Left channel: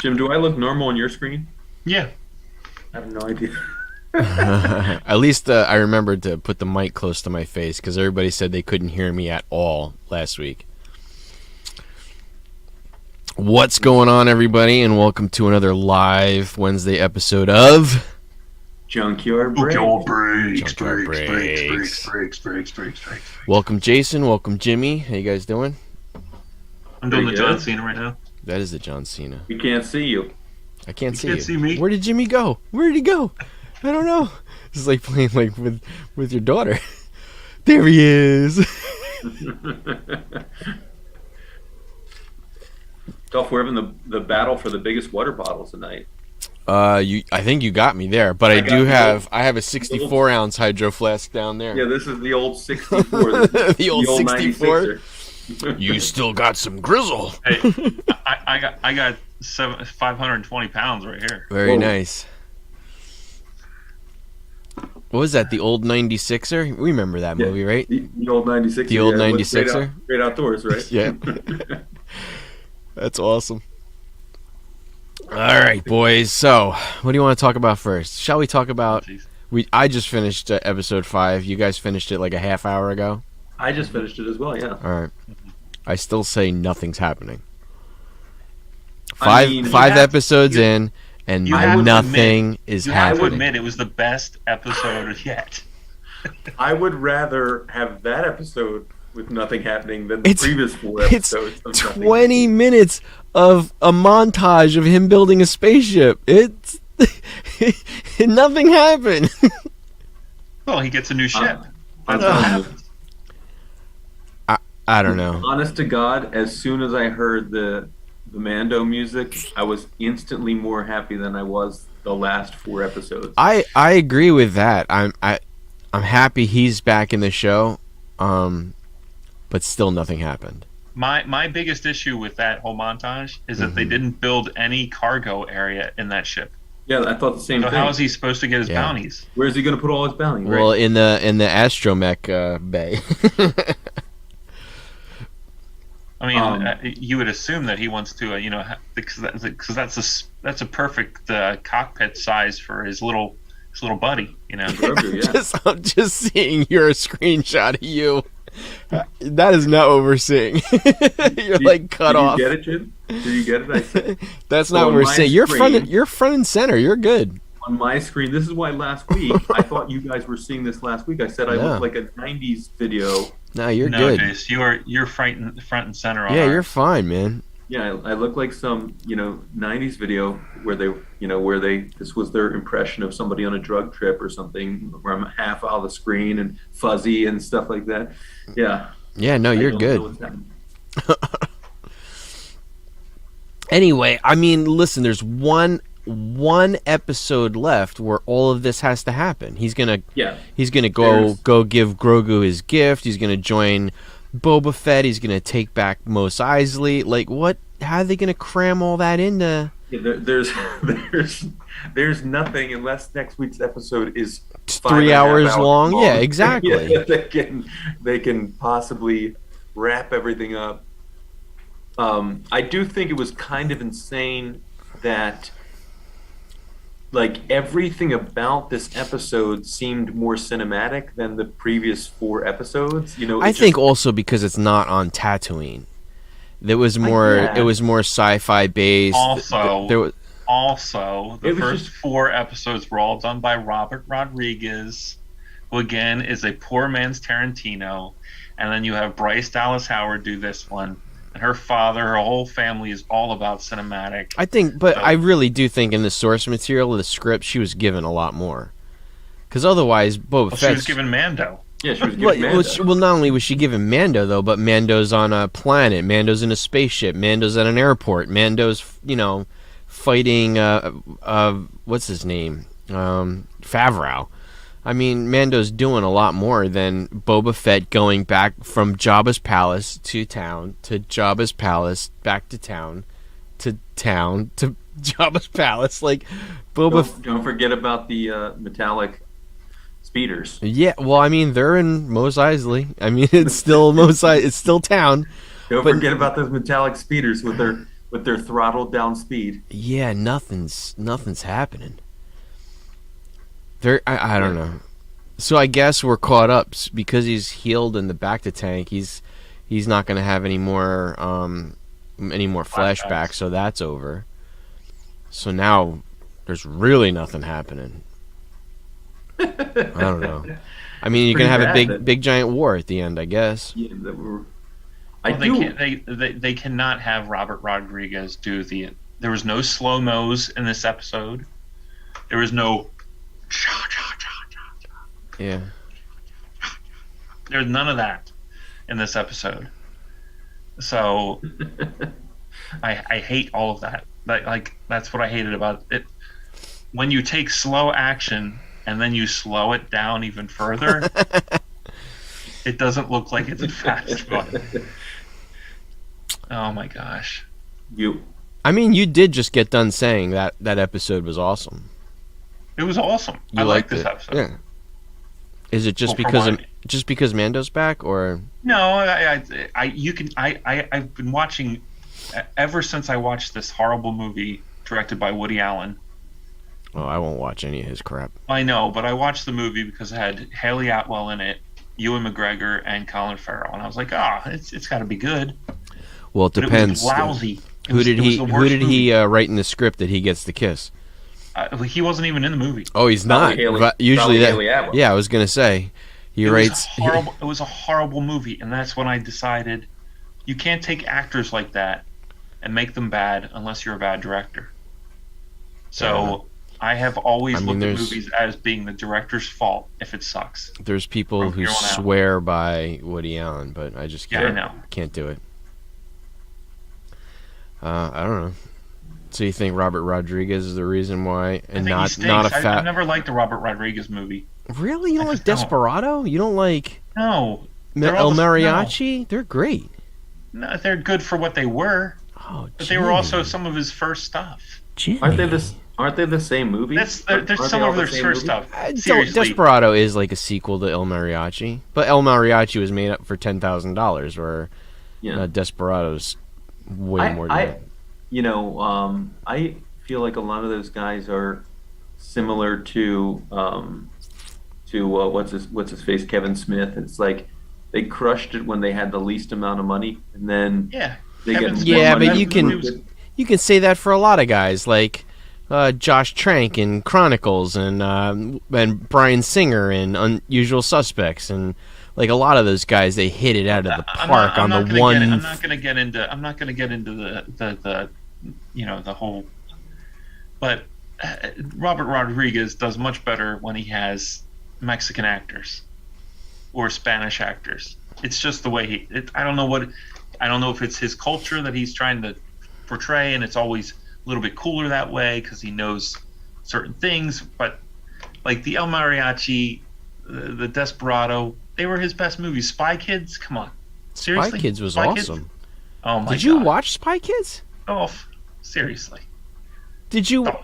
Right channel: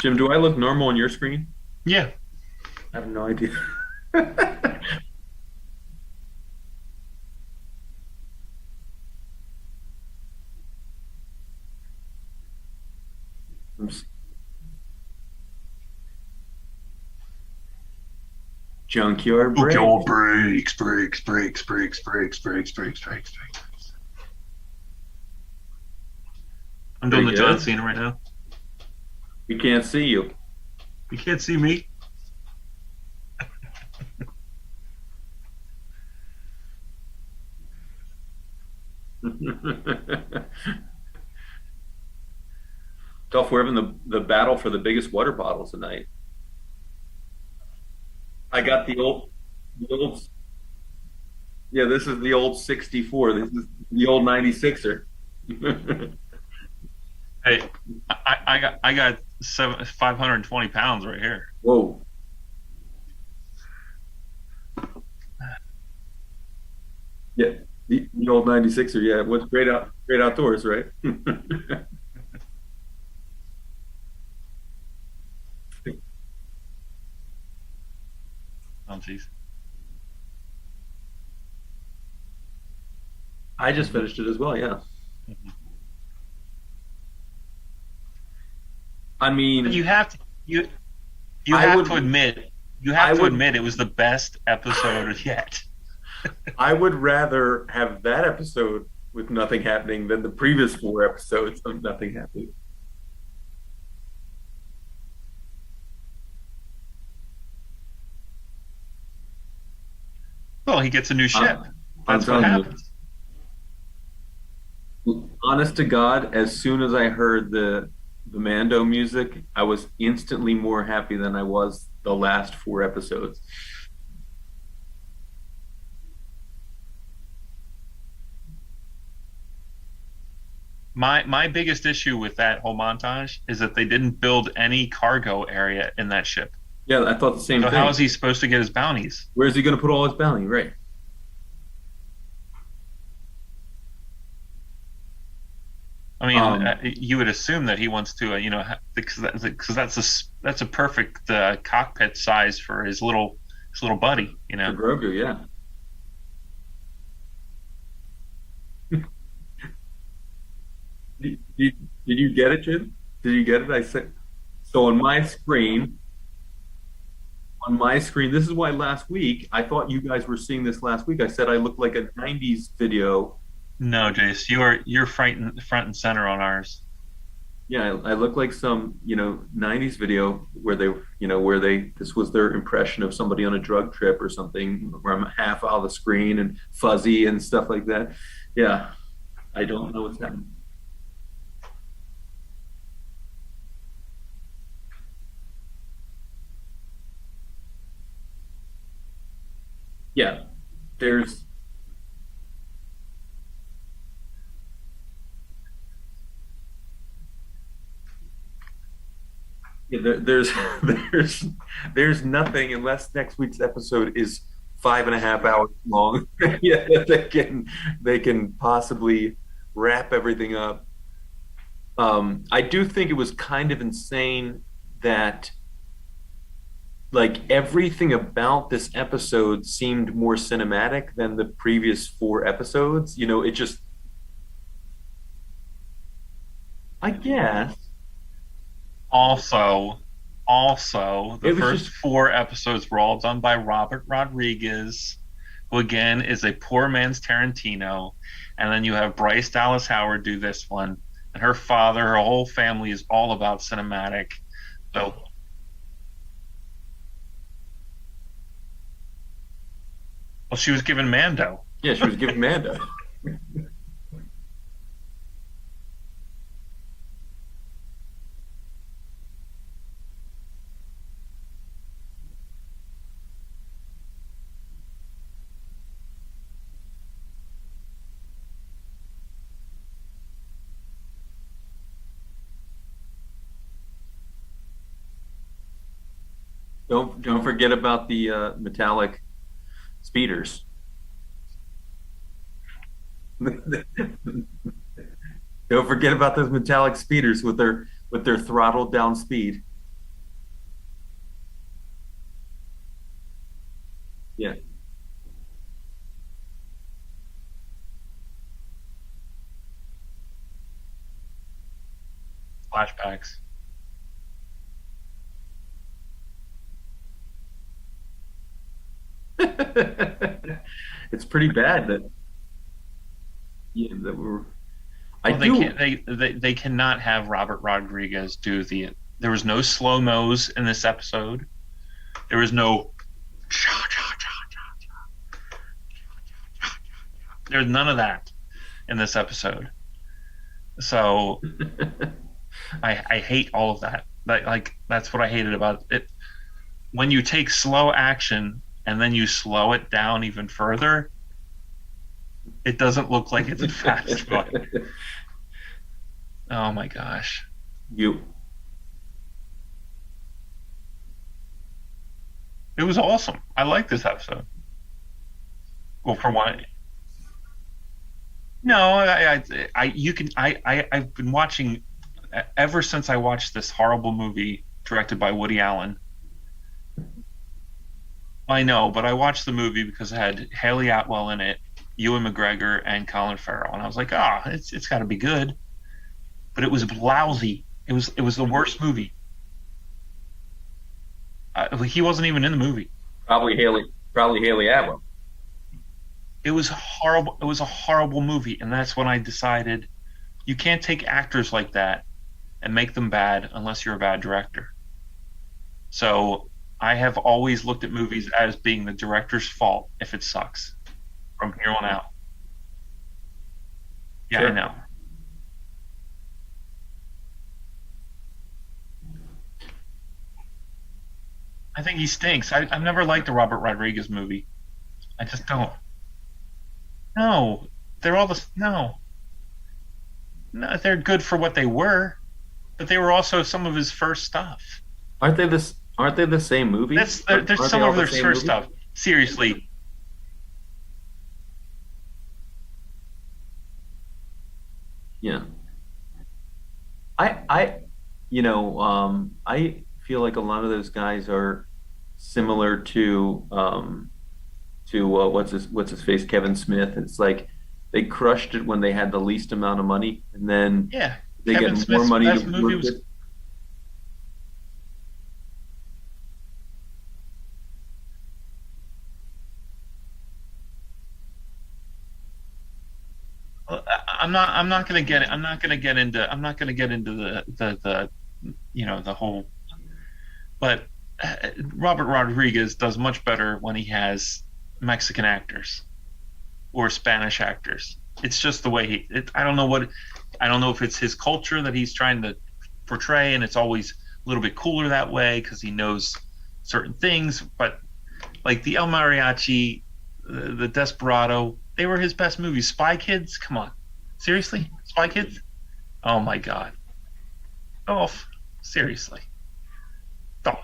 Jim, do I look normal on your screen? Yeah. I have no idea. At least I remembered to put the mic close to my face because everybody said they couldn't hear me at all last week. What's going on, everybody, and welcome to another live Wednesday episode of Junkyard Break. Breaks. Welcome, Jason. Welcome, Jimmy. How you guys doing? I'm doing the Pretty John good. Cena right now. That is the John Cena. We can't see you. I can't You see can't you. see me. Where did Jimmy go? Where did he go? I don't know. This is like playing like with your daughter. There he is. Dolph, we're having the battle for the biggest water bottles tonight. I think you got me there, but I got do the have old- I have a 64-ounce hydro flask down there. Yeah, this is the old 64. This is The old 64? 96er. You still got some grizzle. Hey, I got 520 pounds right here. Very Whoa. nice. What was that? The old 96er? We remember that Yeah. movie, right? The old 96er. The old yeah, with 96er? Great outdoors, right? Yeah. That's awesome. All right, boys. So, what do you want to talk about first? Shall we talk about? Jeez. I just finished episode 5. You guys finished it like a half hour ago. I just finished it as well, yeah. All right. I still say nothing's happening. I mean, Five you have- episods you- in, and you have to nothing is You have to happening. admit it was the best episode yet. I would rather have that episode with nothing happening than the It's- previous 4 It's episodes of nothing 20 minutes of a montage of him building a spaceship. It's nothing happened. Well, he gets a new ship. That's I'm what telling you. happens. I don't know. Honest to God, as soon as I heard the Mando music, I was instantly more happy than I was the last 4 episodes. I agree with that. I'm happy he's back in the show, but still nothing happened. My biggest issue with that whole montage is that they didn't build any cargo area in that ship. Yeah, I thought the same So thing. how is he supposed to get his Yeah. bounties? Where's he going to put all his bounty? Right. Well, in the astromech bay. I mean, Um, you would assume that he wants to, because that's a perfect cockpit size for his little buddy, you know. Grogu, yeah. I'm just seeing your screenshot of you. That is not what we're seeing. You're like cut off. Did you get it, Jim? Did you get it? I said That's So not what on we're my saying. You're screen- front and center. You're good. on my screen. This is why last week I thought you guys were seeing this last week. I said I Yeah. looked like a '90s video. No, you're No, good. Jace, you're front and center on Yeah, ours. you're fine, man. Yeah, I look like some '90s video where this was their impression of somebody on a drug trip or something, where I'm half out of the screen and fuzzy and stuff like that. Yeah, Yeah, no, I you're don't good. know what's happening. Anyway, I mean, listen, there's one episode left where all of this has to happen. He's gonna Yeah, go There's- give Grogu his gift. He's gonna join Boba Fett. He's gonna take back Mos Eisley. Like, what? How are they gonna cram all that into yeah there's nothing unless next week's episode is 3 hours long? Yeah, exactly. Yeah, they can possibly wrap everything up. I do think it was kind of insane that like everything about this episode seemed more cinematic than the previous 4 episodes. I think also because it's not on Tatooine. There was more. yeah. It was more sci-fi based. Also, There was, the It was first just- 4 episodes were all done by Robert Rodriguez, who again is a poor man's Tarantino. And then you have Bryce Dallas Howard do this one. And her father, her whole family is all about cinematic. I think, but So- I really do think in the source material of the script, she was given a lot more. Because otherwise, Boba Well, Fett. she was given Mando. Yeah, she was giving well, Mando. well, not only was she given Mando though, but Mando's on a planet. Mando's in a spaceship. Mando's at an airport. Mando's, fighting. What's his name? Favreau. I mean, Mando's doing a lot more than Boba Fett going back from Jabba's palace to town to Jabba's palace back to town to Jabba's palace. Like, Boba. Don't forget about the metallic speeders. Yeah, well, I mean, they're in Mos Eisley. I mean, it's still it's still town. Don't But- forget about those metallic speeders with their with their throttled down speed. Yeah, nothing's happening. I don't Yeah. know. So I guess we're caught up because he's healed in the back to tank. He's not going to have any more flashbacks, Flashbacks. so that's over. So now there's really nothing happening. I don't know. I mean, It's you're pretty gonna have a bad that big giant war at the end, I guess. yeah, that we're. I Well, they do. can't. They cannot have Robert Rodriguez do the. There was no slow mos in this episode. There was no. Yeah. There's none of that in this episode. So I hate all of that. Like that's what I hated about it. When you take slow action and then you slow it down even further, it doesn't look like it's a fast one. Oh my gosh. You. I mean, you did just get done saying that episode was awesome. It was awesome. You I like liked this it. episode. Yeah. Is it just Well, for one- just because Mando's back, or No, I've been watching ever since I watched this horrible movie directed by Woody Allen. oh, I won't watch any of his crap. I know, but I watched the movie because it had Haley Atwell in it, Ewan McGregor, and Colin Farrell, and I was like, it's got to be good. Well, it But it depends. was lousy. It was the Who worst did movie. he write in the script that he gets the kiss? He wasn't even in the movie. Oh, he's Probably not. Haley- But usually probably that- Haley Atwell. Yeah, I was gonna say he It was writes horrible. It was a horrible movie, and that's when I decided you can't take actors like that and make them bad unless you're a bad director. So I have always I mean, looked at there's- movies as being the director's fault if it sucks. There's people From who here on out. swear by Woody Allen, but I just Yeah, can't, I know. can't do it. I don't know. So you think Robert Rodriguez is the reason why, I and think he not stinks. a fat? I've never liked a Robert Rodriguez movie. Really, you don't I like just don't. Desperado? You don't like No, they're all El the- Mariachi? They're great. no, they're good for what they were, Oh, but they were also some of his first stuff. Jimmy. Aren't they this? Aren't they the same movie? There's Aren't some they all of the their same first movie? stuff. Seriously, Desperado is like a sequel to El Mariachi, but El Mariachi was made up for $10,000, where Yeah. Desperado's way more. I feel like a lot of those guys are similar to what's his face, Kevin Smith. It's like they crushed it when they had the least amount of money, and then yeah. they Kevin get Smith, more Yeah, money. but that you can- movie You can say that for a lot of guys, like Josh Trank in Chronicles, and Bryan Singer in Unusual Suspects, and like a lot of those guys, they hit it out of the park I'm on not the gonna one. get it. I'm not gonna get into the the whole. But Robert Rodriguez does much better when he has Mexican actors or Spanish actors. It's just the way I don't know if it's his culture that he's trying to portray, and it's always a little bit cooler that way because he knows certain things. But like the El Mariachi, the Desperado, they were his best movies. Spy Kids, come on, seriously, Spy Kids was Spy awesome. Kids? Oh my Did you god! watch Spy Kids? Oh, seriously. Did you? Oh.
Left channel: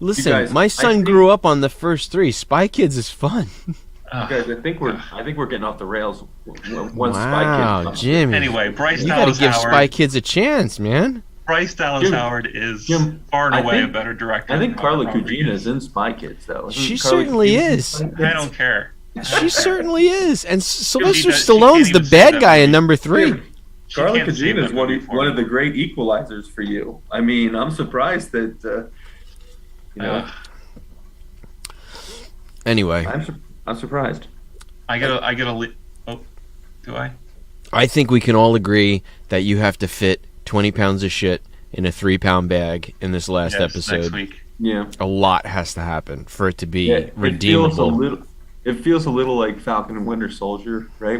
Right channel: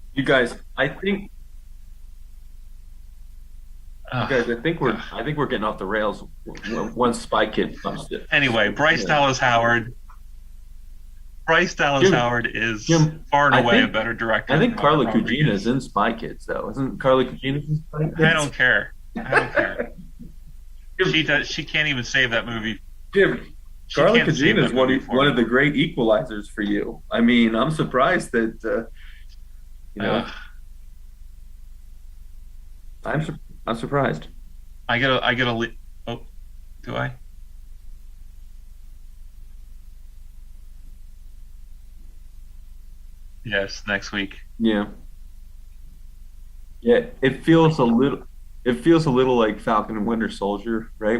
Listen, guys, my I son think- grew up on the first three. Spy Kids is fun. Guys, I think we're getting off the rails once Spy Wow, Kids. Jimmy. Anyway, Bryce You gotta Dallas give Spy Howard. Kids a chance, man. Bryce Dallas Jim- Howard is Jim, far and I away think- a better director. I think than Carla Robert Gugino Rodriguez. is in Spy Kids, though. Isn't She Carla certainly Gugino in is. Spy Kids? I don't care. She certainly is. And Sylvester does- she can't Stallone's the even say bad that guy in movie. number 3. Jim, Carla can't save Gugino is that one movie for of me. the great equalizers for you. I mean, I'm surprised that Anyway, I'm surprised. I gotta. Oh, do I? I think we can all agree that you have to fit 20 pounds of shit in a 3-pound bag in this last Yes, episode. next week. Yeah. A lot has to happen for it to be Yeah, it redeemable. feels a little like Falcon and Winter Soldier, right?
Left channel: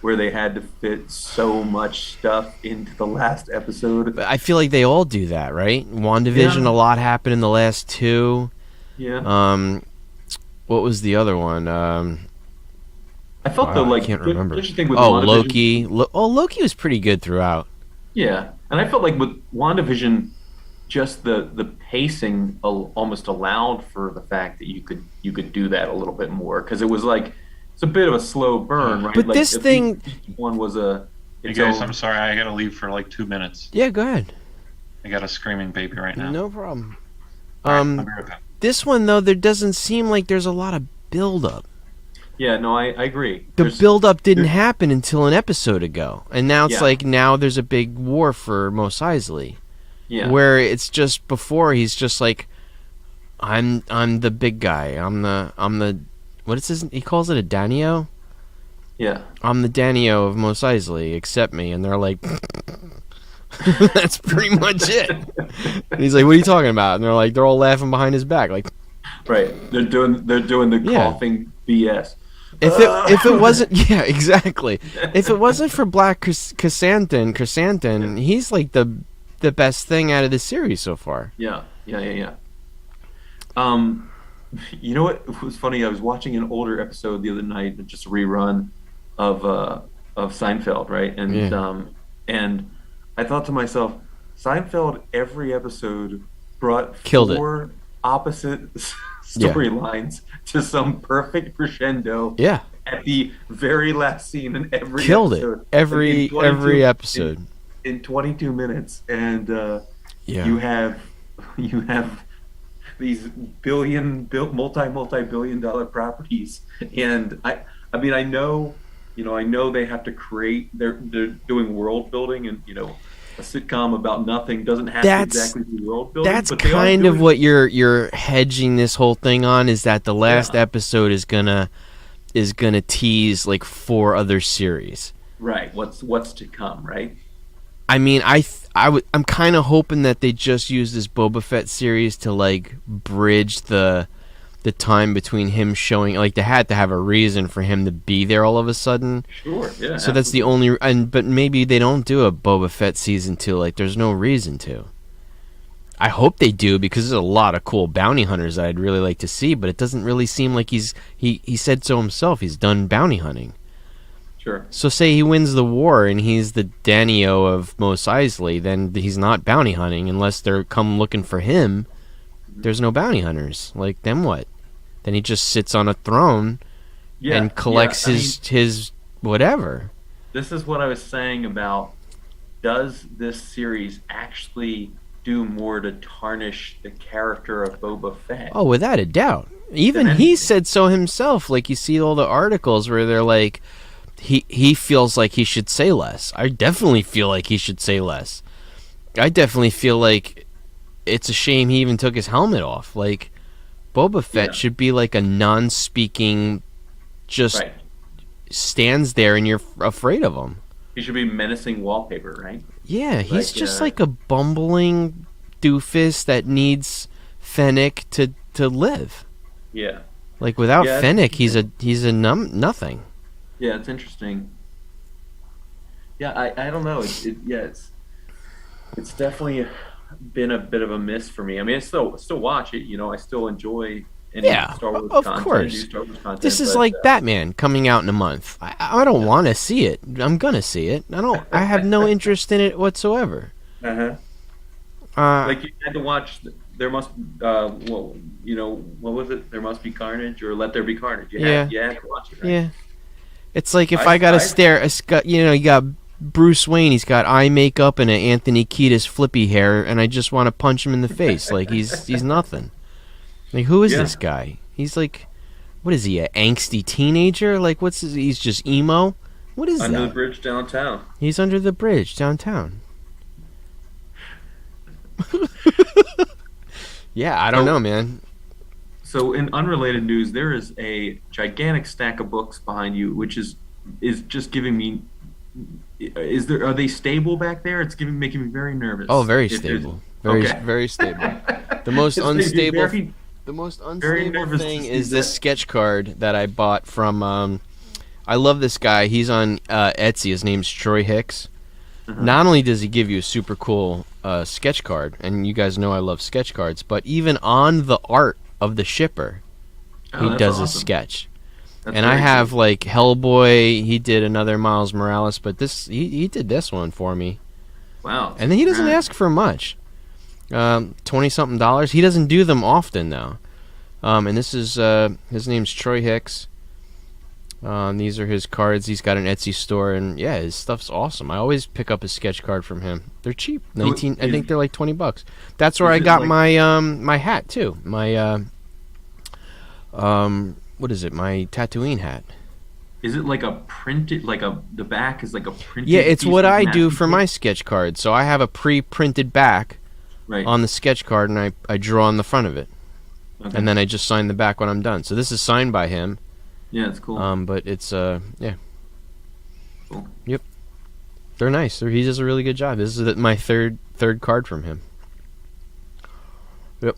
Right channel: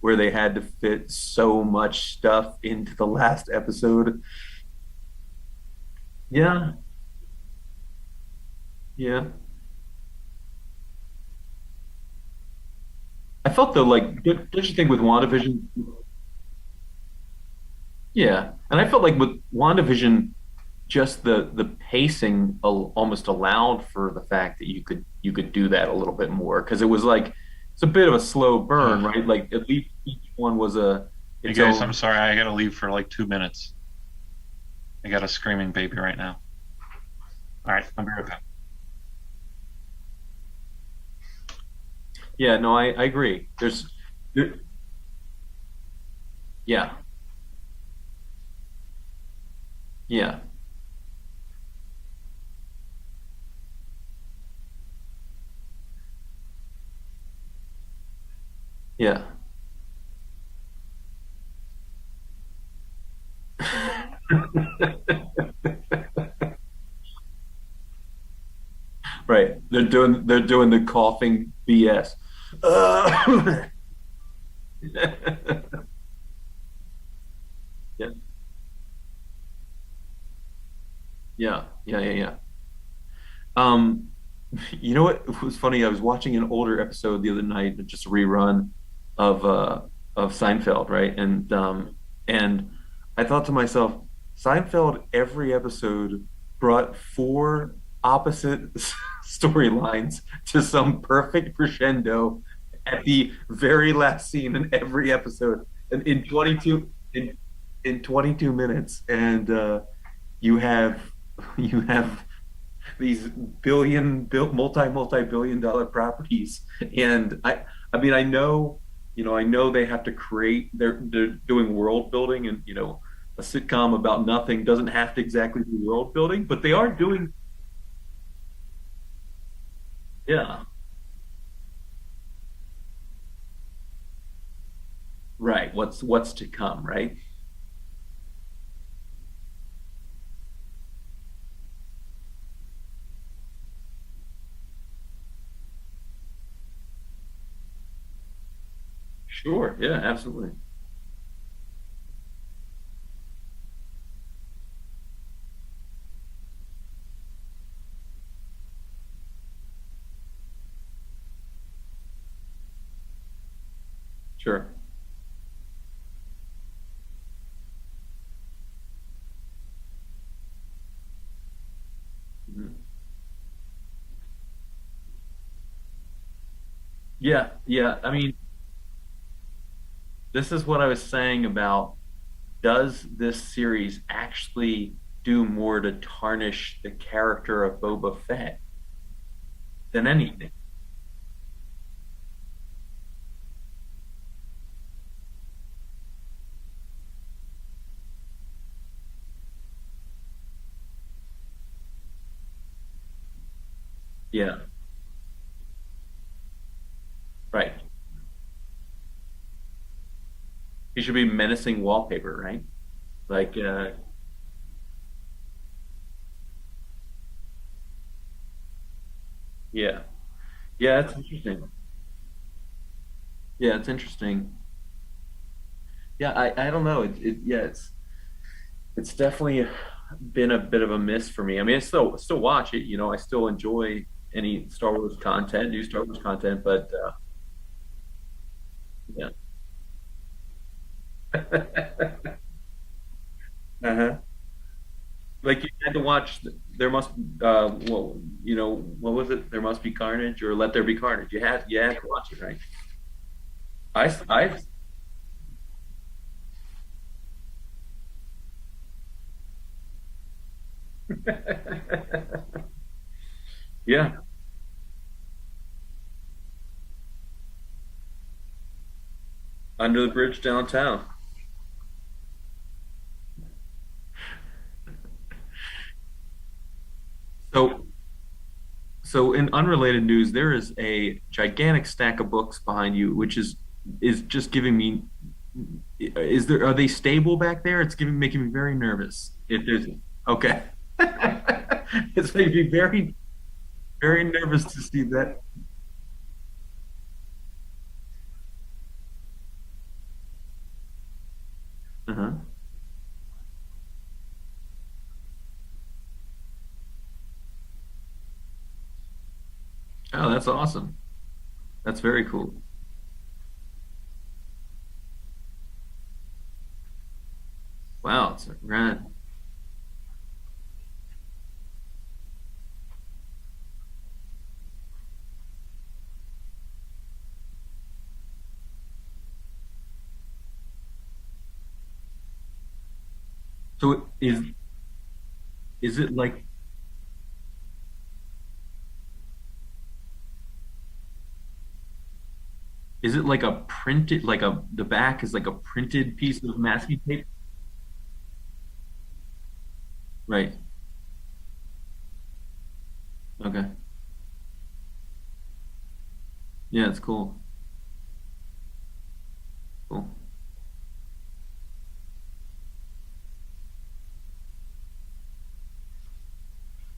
Where they had to fit so much stuff into the last episode. But I feel like they all do that, right? WandaVision, Yeah. a lot happened in the last 2. Yeah. What was the other one? I felt though, I like, can't don't remember. you think with Oh, WandaVision? Loki. Loki was pretty good throughout. Yeah, and I felt like with WandaVision, just the pacing almost allowed for the fact that you could do that a little bit more because it was like it's a bit of a slow burn, right? But like this thing- each one was a Hey It's guys, over. I'm sorry, I gotta leave for like 2 minutes. Yeah, go ahead. I got a screaming baby right now. No problem. All right, I'll be right back. This one though, there doesn't seem like there's a lot of build up. Yeah, no, I agree. The build up didn't there, happen until an episode ago, and now it's yeah, like now there's a big war for Mos Eisley, yeah, where it's just before he's just like, I'm the big guy. I'm the what is his? He calls it a Danio. yeah. I'm the Danio of Mos Eisley. Accept me, and they're like, that's pretty much it. And he's like, what are you talking about? And they're all laughing behind his back, like, Right. They're doing the Yeah. coughing BS. if it wasn't, yeah, exactly. If it wasn't for Black Chrysanthemum, Yeah. he's like the best thing out of the series so far. Yeah. Um, you know what was funny? I was watching an older episode the other night, just a rerun of Seinfeld, right? And Yeah. and I thought to myself, Seinfeld every episode brought Killed it. four opposite Yeah. storylines to some perfect crescendo Yeah, at the very last scene in every killed episode. it. Every 22 episode. in 22 minutes, and Yeah. you have these multi-billion dollar properties, and I mean, I know they have to create, they're doing world building, and a sitcom about nothing doesn't have to That's exactly be world building, that's but they are kind doing of what you're hedging this whole thing on, is that the last Yeah. episode is gonna tease like 4 other series. right. What's to come, right? I mean, I'm kind of hoping that they just use this Boba Fett series to like bridge the time between him showing, like they had to have a reason for him to be there all of a sudden. Sure, yeah. So that's the absolutely. only, but maybe they don't do a Boba Fett season 2. Like there's no reason to. I hope they do, because there's a lot of cool bounty hunters that I'd really like to see, but it doesn't really seem like he said so himself. He's done bounty hunting. Sure. So say he wins the war and he's the Danio of Mos Eisley, then he's not bounty hunting unless they're come looking for him. There's no bounty hunters. Like, then what? Then he just sits on a throne Yeah, and collects yeah. I mean, his whatever. this is what I was saying about, does this series actually do more to tarnish the character of Boba Fett Oh, without a doubt. than Even he anything? said so himself. Like, you see all the articles where they're like, he feels like he should say less. I definitely feel like he should say less. I definitely feel like it's a shame he even took his helmet off. Like, Boba Fett Yeah. should be like a non-speaking, just Right. stands there and you're afraid of him. He should be menacing wallpaper, right? Yeah, he's Like, just like a bumbling doofus that needs Fennec to live. Yeah. Like, without Yeah, it's Fennec, interesting. he's a nothing. Yeah, it's interesting. Yeah, I don't know. It's definitely been a bit of a miss for me. I mean, I still watch it. I still enjoy any Yeah, Star Wars of content, course. new Star Wars content. This is but, like Batman coming out in a month. I don't Yeah. want to see it. I'm gonna see it. I have no interest in it whatsoever. uh-huh. Like, you had to watch. There must. Well, what was it? There must be carnage, or Let There Be Carnage. You had to watch it, right? Yeah. It's like if I- I gotta I- stare. You got Bruce Wayne. He's got eye makeup and an Anthony Kiedis flippy hair, and I just want to punch him in the face. Like he's nothing. Like, who is Yeah. this guy? He's like, what is he? An angsty teenager? Like, he's just emo. What is Under that? the Bridge Downtown. He's under the bridge downtown. Yeah, I don't So- know, man. So, in unrelated news, there is a gigantic stack of books behind you, which is just giving me. Are they stable back there? It's making me very nervous. Oh, very If there's- stable. Very, Okay. very stable. The most It's making me unstable. very- The most Very unstable nervous to thing see is this that. sketch card that I bought from. I love this guy. He's on Etsy. His name's Troy Hicks. Uh-huh. Not only does he give you a super cool sketch card, and you guys know I love sketch cards, but even on the art of the shipper, Oh, he that's does awesome. a sketch. That's And I very have cool. like Hellboy. He did another Miles Morales, but he did this one for me. Wow. And then he doesn't Right. ask for much. $20-something. He doesn't do them often though. And this is his name's Troy Hicks. These are his cards. He's got an Etsy store, and yeah, his stuff's awesome. I always pick up a sketch card from him. They're cheap. So 19. I think they're like $20. That's where I is it got like- my hat too. My what is it? My Tatooine hat. Is it like a printed, the back is like a printed? Yeah, it's piece what of I do masking for tape? my sketch cards. So I have a pre-printed back Right. on the sketch card, and I draw on the front of it, Okay. and then I just sign the back when I'm done. So this is signed by him. Yeah, it's cool. But it's yeah, Cool. they're nice. He does a really good job. This is my third card from him. Yep.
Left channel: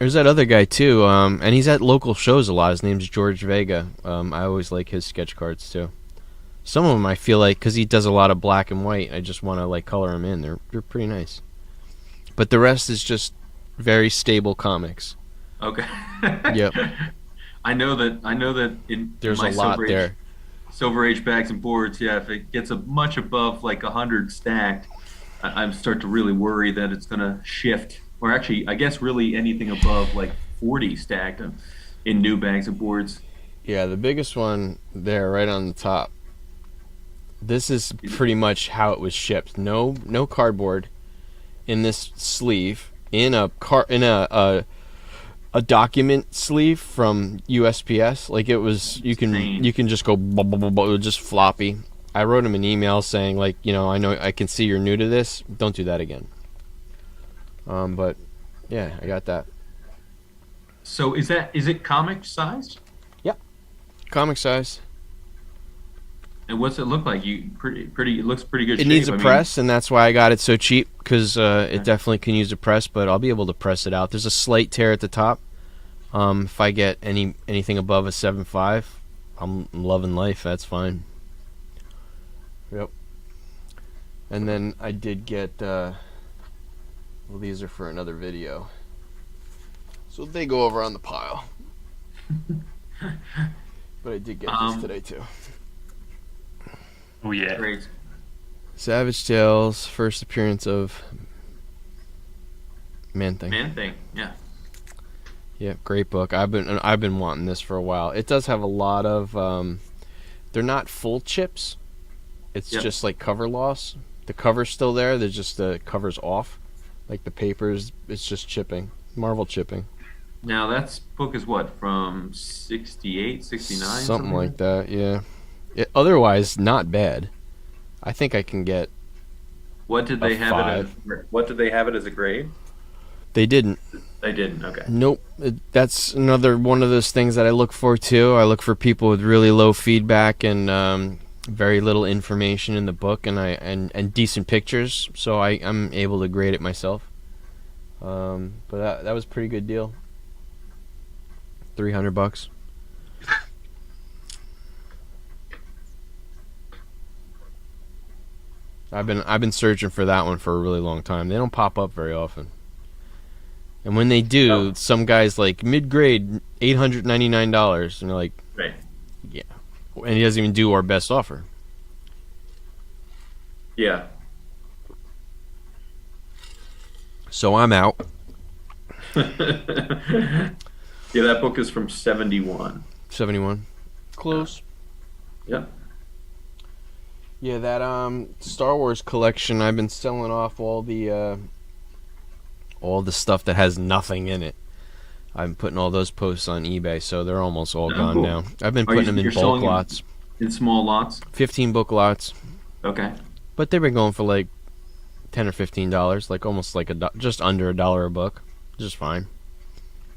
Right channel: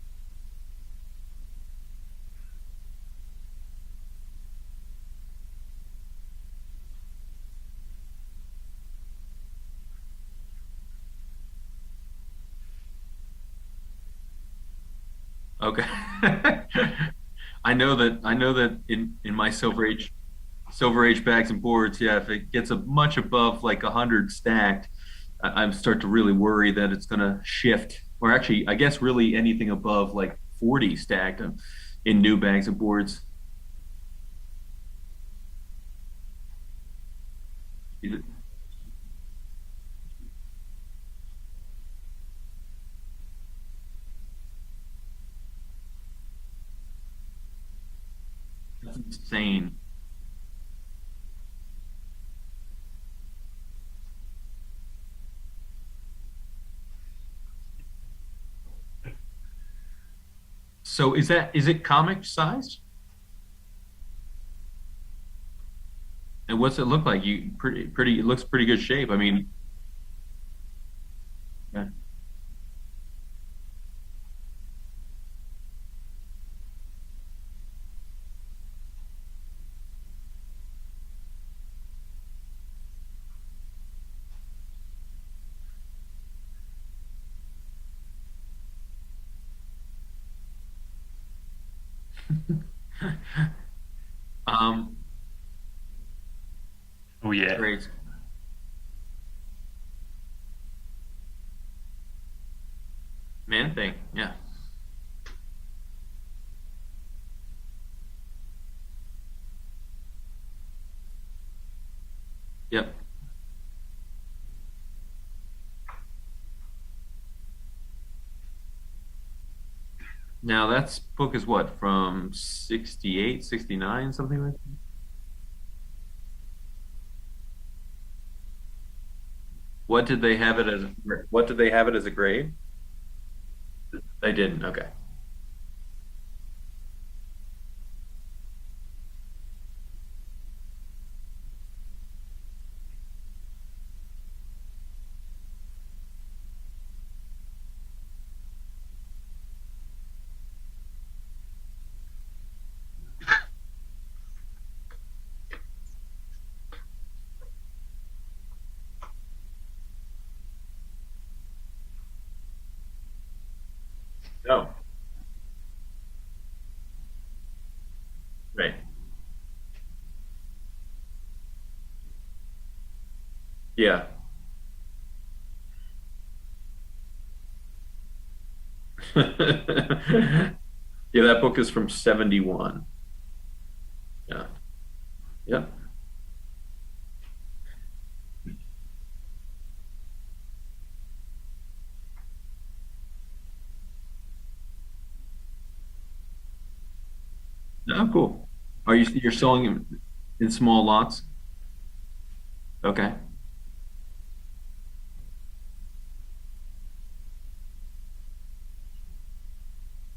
There's that other guy too, and he's at local shows a lot. His name's George Vega. I always like his sketch cards too. Some of them I feel like, because he does a lot of black and white, I just want to like color them in. They're pretty nice. But the rest is just very stable comics. Okay. Yep. I know that in There's my a lot there. Silver Age bags and boards, yeah, if it gets much above like 100 stacked, I'm start to really worry that it's gonna shift. Or actually, I guess really anything above like 40 stacked in new bags and boards. Yeah, the biggest one there, right on the top. This is pretty much how it was shipped. No cardboard in this sleeve. In a document sleeve from USPS. Like it was, you Insane. can just go, it was just floppy. I wrote him an email saying like, I know I can see you're new to this. Don't do that again. But yeah, I got that. So is it comic sized? Comic size. And what's it look like? It looks pretty good It shape. needs a I mean, press, and that's why I got it so cheap, because Okay. it definitely can use a press, but I'll be able to press it out. There's a slight tear at the top. If I get anything above a 7.5, I'm loving life. That's fine. Yep. And then I did get, well, these are for another video, so they go over on the pile. But I did get these today too. Oh yeah. great. Savage Tales, first appearance of Man Thing. Man thing. Yeah. Yeah, great book. I've been wanting this for a while. It does have a lot of they're not full chips. It's Yep. just like cover loss. The cover's still there. There's just the cover's off. Like the papers, it's just chipping. Marvel chipping. Now that book is what, from 68, 69? Something like that, yeah. Otherwise, not bad. I think I can get. What did they have What did they have it as a grade? They didn't. They didn't. Okay. Nope. That's another one of those things that I look for too. I look for people with really low feedback and very little information in the book, and decent pictures, so I'm able to grade it myself. But that was a pretty good deal. $300. I've been searching for that one for a really long time. They don't pop up very often. And when they do, No. some guy's like mid-grade, $899, and you're like, Right. and he doesn't even do our best offer. Yeah. So I'm out. Yeah, that book is from 71. 71. Close. Yep. Yeah, that Star Wars collection, I've been selling off all the stuff that has nothing in it. I'm putting all those posts on eBay, so they're almost all Oh, gone cool. now. I've been Are you- putting them in you're bulk selling them- lots. In small lots. 15 book lots. Okay. But they've been going for like $10 or $15, like almost like just under $1 a book. Just fine.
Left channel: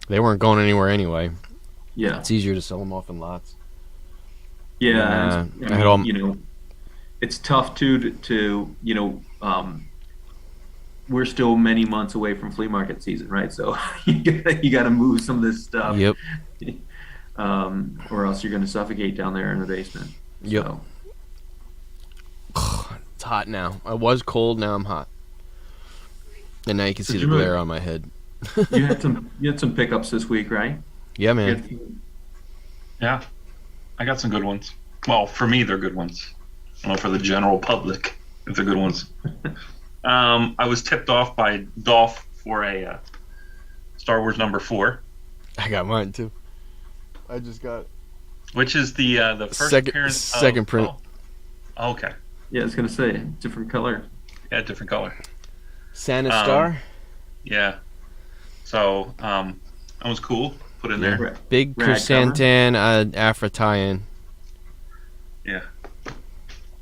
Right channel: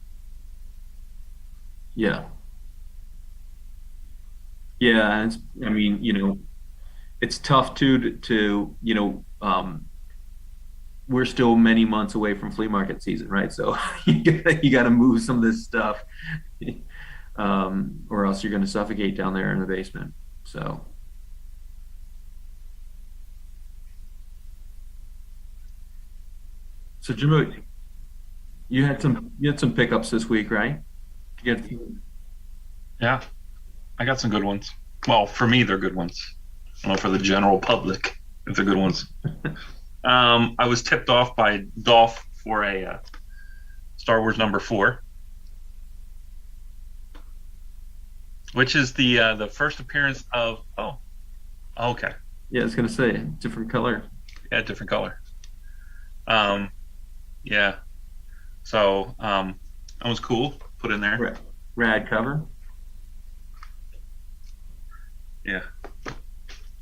They weren't going anywhere anyway. Yeah. It's easier to sell them off in lots. Yeah. And, I I had all- mean, it's tough too to we're still many months away from flea market season, right? So you got to move some of this stuff. Yep. Or else you're going to suffocate down there in the basement. Yep. So It's hot now. I was cold, now I'm hot. And now you can So see the Jimmy- glare on my head. you had some pickups this week, right? Yeah, You man. had- Yeah. I got some good ones. Well, for me, they're good ones. I don't know for the general public if they're good ones. I was tipped off by Dolph for a Star Wars number 4. I got mine too. I just got it. Which is the first Second appearance of second print. Oh, okay. Yeah, I was gonna say different color. Yeah, different color. Santa Um, Star. Yeah. So that was cool. Put in there. Big Rad cover. chrysanthemum Afra tie-in. Yeah.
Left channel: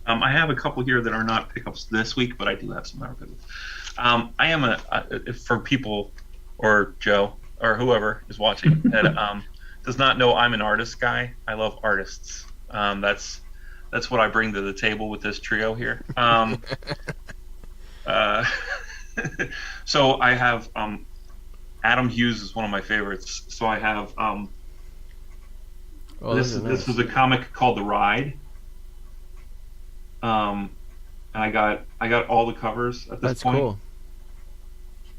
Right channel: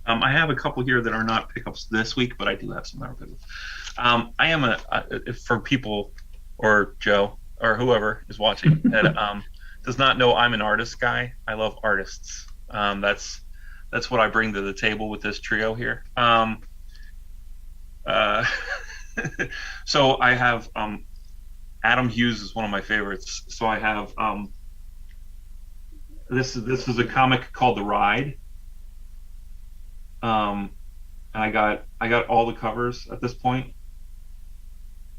I have a couple here that are not pickups this week, but I do have some other pickups. I am for people or Joe or whoever is watching that does not know I'm an artist guy. I love artists. That's what I bring to the table with this trio here. So I have Adam Hughes is one of my favorites. So I have this is a comic called The Ride. I got all the covers at this point. Cool.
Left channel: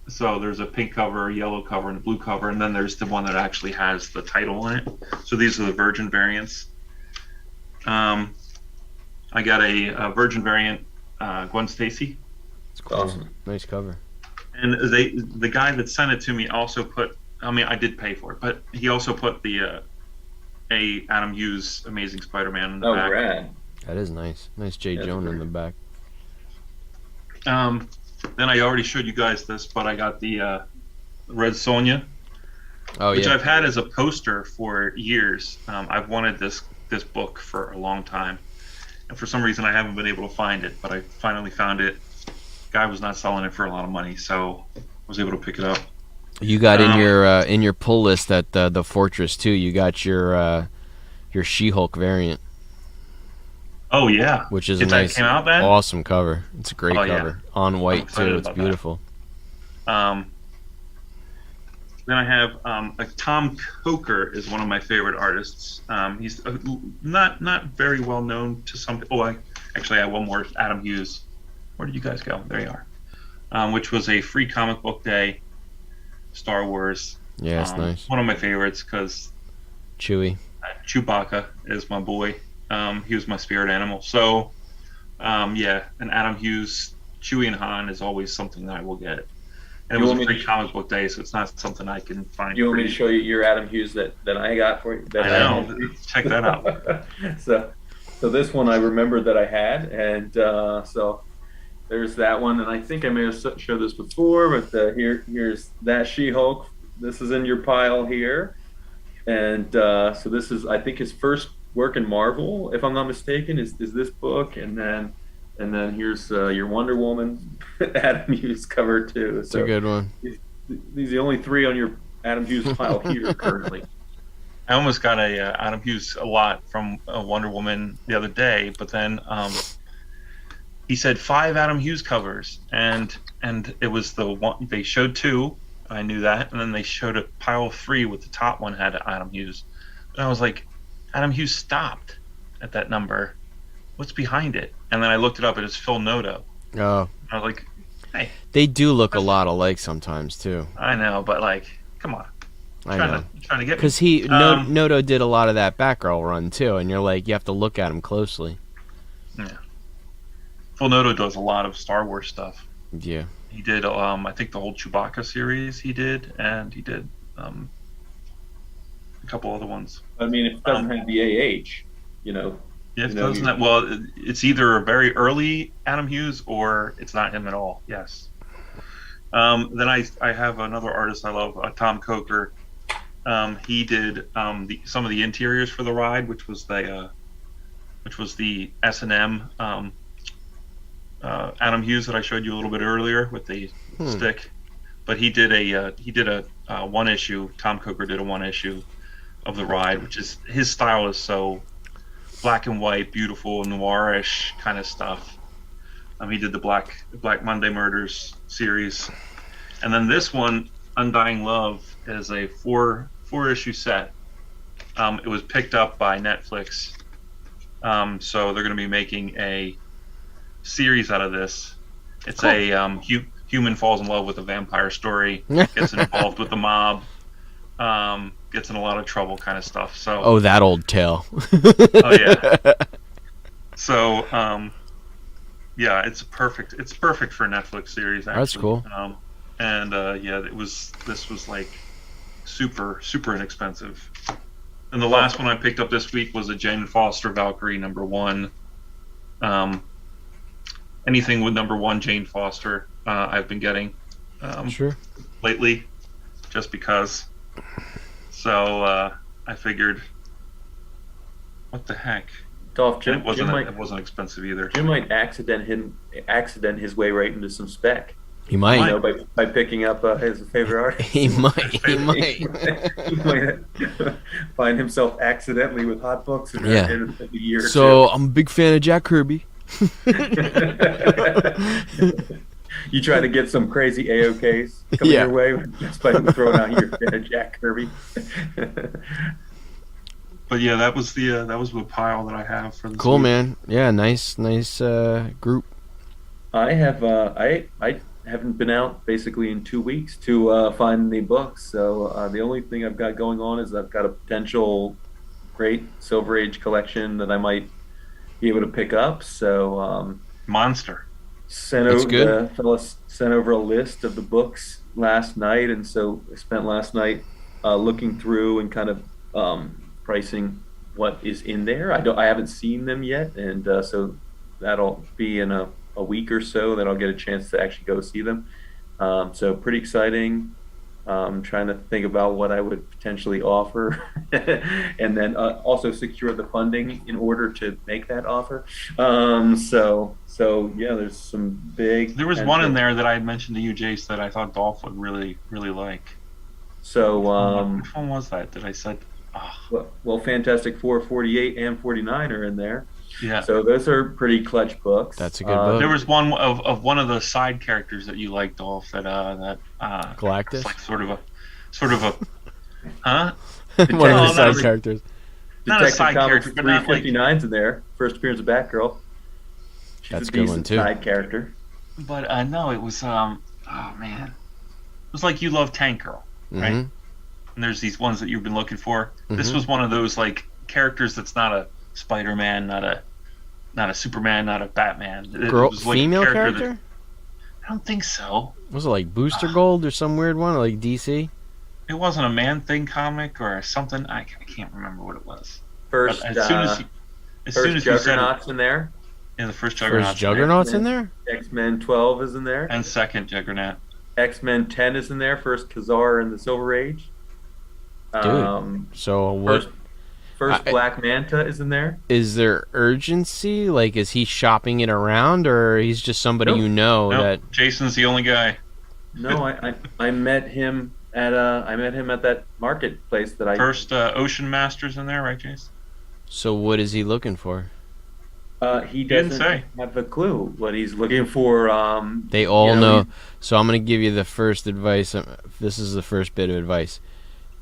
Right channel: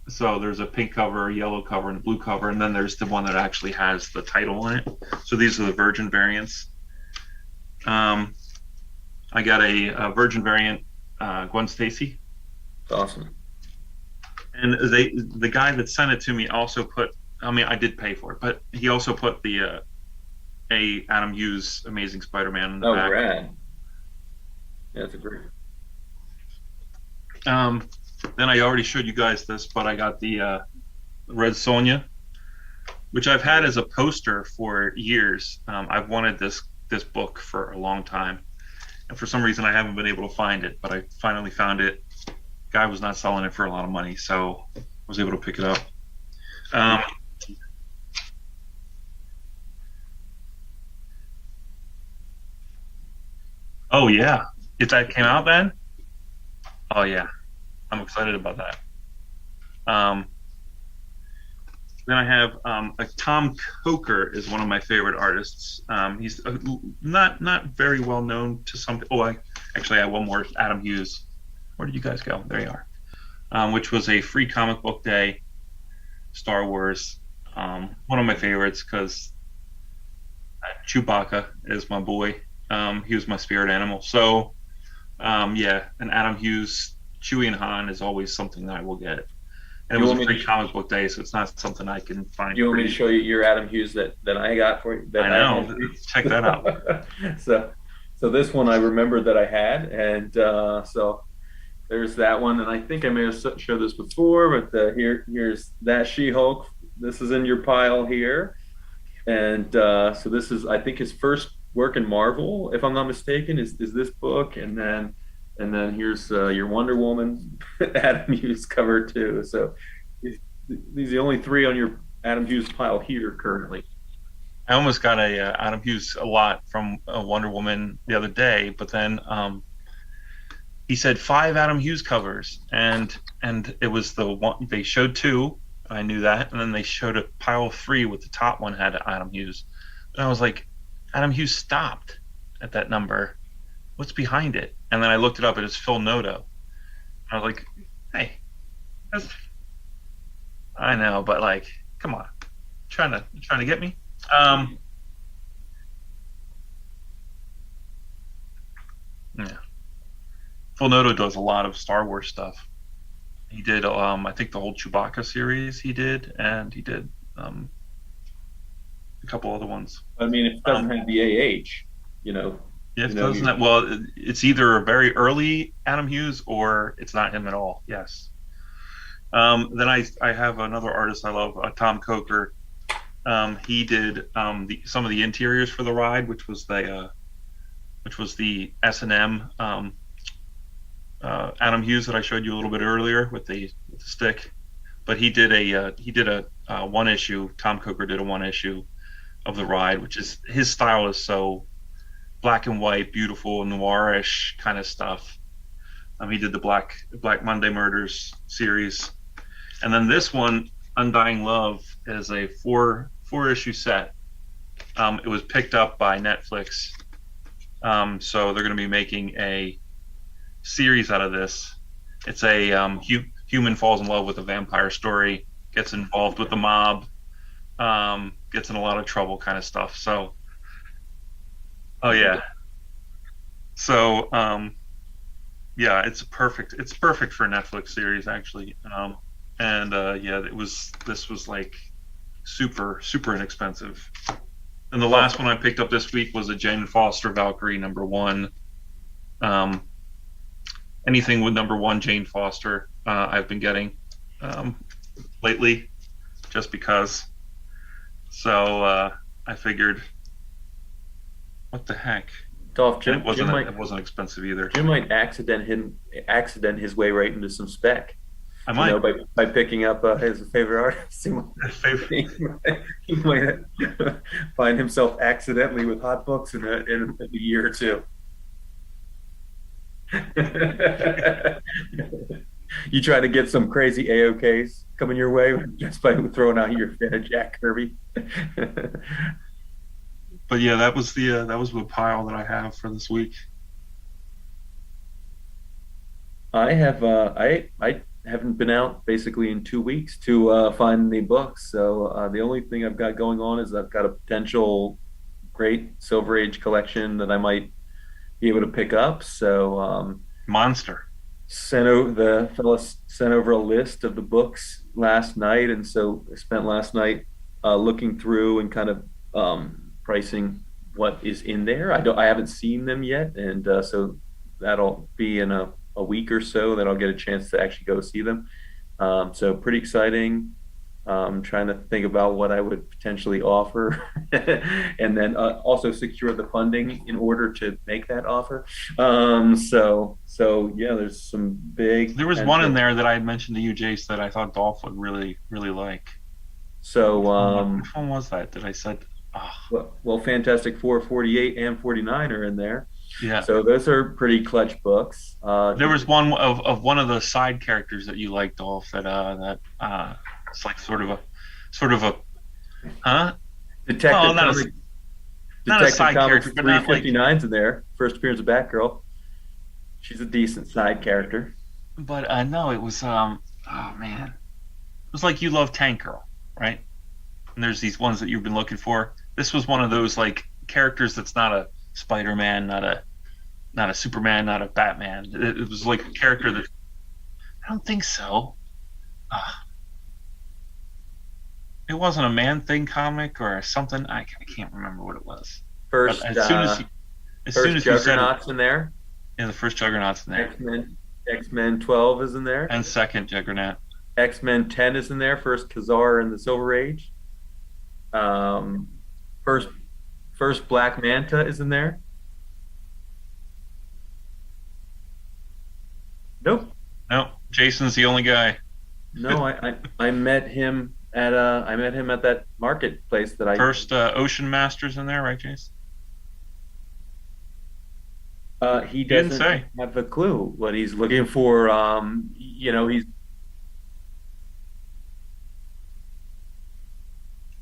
So there's a pink cover, a yellow cover, and a blue cover, and then there's the one that actually has the title in it. So these are the Virgin variants. I got a Virgin variant, Gwen Stacy. Cool. Awesome. Nice cover. And the guy that sent it to me also put. I mean, I did pay for it, but he also put the a Adam Hughes Amazing Spider-Man in the back. Rad. That is nice. Nice J. That's Jonah in great. the back. Then I already showed you guys this, but I got the Red Sonja, which I've had as a poster for years. I've wanted this book for a long time, and for some reason I haven't been able to find it. But I finally found it. Guy was not selling it for a lot of money, so I was able to pick it up. You got in your pull list at the Fortress too. You got your She-Hulk variant. Oh yeah, which is that came out then? Awesome cover. It's a great cover. Yeah. On white too. It's beautiful. Then I have Tom Coker is one of my favorite artists. He's not very well known to some. Oh, I have one more. Adam Hughes. Where did you guys go? There you are. Which was a free comic book day. Star Wars. Yeah, it's nice. One of my favorites because Chewie. Chewbacca is my boy. He was my spirit animal. So, yeah, and Adam Hughes, Chewie and Han is always something that I will get. And it was a free comic book day, so it's not something I can find. You want me to show you your Adam Hughes that I got for you? I know. Check that out. So this one I remember that I had, and so there's that one. And I think I may have showed this before, but here's that She-Hulk. This is in your pile here, and so this is I think his first work in Marvel, if I'm not mistaken, is this book, and then here's your Wonder Woman Adam Hughes cover too. That's so a good one. These are the only three on your Adam Hughes pile here currently. I almost got a Adam Hughes a lot from Wonder Woman the other day, but then he said 5 Adam Hughes covers, and it was the one they showed 2. I knew that, and then they showed a pile of 3 with the top one had Adam Hughes, and I was like, Adam Hughes stopped at that number. What's behind it? And then I looked it up. It is Phil Noto. Oh. I was like, hey. They do look a lot alike sometimes too. I know, but like, come on. Trying to get me. Because Noto did a lot of that Batgirl run too, and you're like, you have to look at him closely. Yeah. Phil Noto does a lot of Star Wars stuff. Yeah. He did, I think the whole Chewbacca series he did, and he did a couple other ones. I mean, it doesn't have the AH, Yeah, it doesn't have, well, it's either a very early Adam Hughes or it's not him at all. Yes. Then I have another artist I love, Tom Coker. He did some of the interiors for the ride, which was the S&M Adam Hughes that I showed you a little bit earlier with the stick. But he did a one issue. Tom Coker did a one issue of the ride, which is his style is so black and white, beautiful, noirish kind of stuff. He did the Black Monday Murders series, and then this one, Undying Love, is a four issue set. It was picked up by Netflix, so they're going to be making a series out of this. It's a human falls in love with a vampire story, gets involved with the mob, gets in a lot of trouble kind of stuff. So that old tale. Oh yeah. So yeah, it's perfect for a Netflix series actually. That's cool. Yeah, this was like super inexpensive. And the last one I picked up this week was a Jane Foster Valkyrie #1. Anything with #1 Jane Foster, I've been getting Sure. lately, just because. So I figured, what the heck? Dolph, And Jim, it wasn't expensive either. Jim might accident his way right into some spec. He might. You know, by picking up his favorite artist. He might. He might. He might find himself accidentally with hot books in a year or So I'm a big fan of Jack Kirby. You try to get some crazy AOKs coming your way just by throwing out your fan of Jack Kirby. But yeah, that was the pile that I have for this Cool, week. man. Yeah, nice group. I have I haven't been out basically in 2 weeks to find the books. So the only thing I've got going on is I've got a potential great Silver Age collection that I might be able to pick up. So Monster. the fella sent over a list of the books last night, and so I spent last night looking through and kind of pricing what is in there. I haven't seen them yet, and so that'll be in a week or so that I'll get a chance to actually go see them. So pretty exciting. Trying to think about what I would potentially offer, and then also secure the funding in order to make that offer. So yeah, there's some big. There was one in there that I had mentioned to you, Jace, that I thought Dolph would really, really like. So which one was that? That I said. Oh. Well, Fantastic Four 48 and 49 are in there. Yeah. So those are pretty clutch books. That's a good book. There was one of one of the side characters that you liked, Dolph. That Galactus. It's like sort of a, huh? Detective characters. Not a side character, but not like. 359's in there. First appearance of Batgirl. She's That's a decent side character. But no, it was oh man, it was like You Love Tank Girl, right? Mm-hmm. And there's these ones that you've been looking for. Mm-hmm. This was one of those like characters that's not a Spider-Man, not a Superman, not a Batman. It was like female a character character? that I don't think so. Was it like Booster Gold or some weird one, like DC? It wasn't a Man Thing comic or something. I can't remember what it was. First, but as soon as you said Juggernaut's in there. Yeah, the first Juggernaut's in there. X-Men 12 is in there. And second Juggernaut. X-Men 10 is in there. First Khazar in the Silver Age. So what? First Black Manta is in there. Is there urgency? Like, is he shopping it around, or he's just somebody you know? Nope. Jason's the only guy. No, I met him at that marketplace that I first Ocean Masters in there, right, Jason? So what is he looking for? He doesn't have a clue what he's looking for. They all know. So I'm going to give you the first advice. This is the first bit of advice.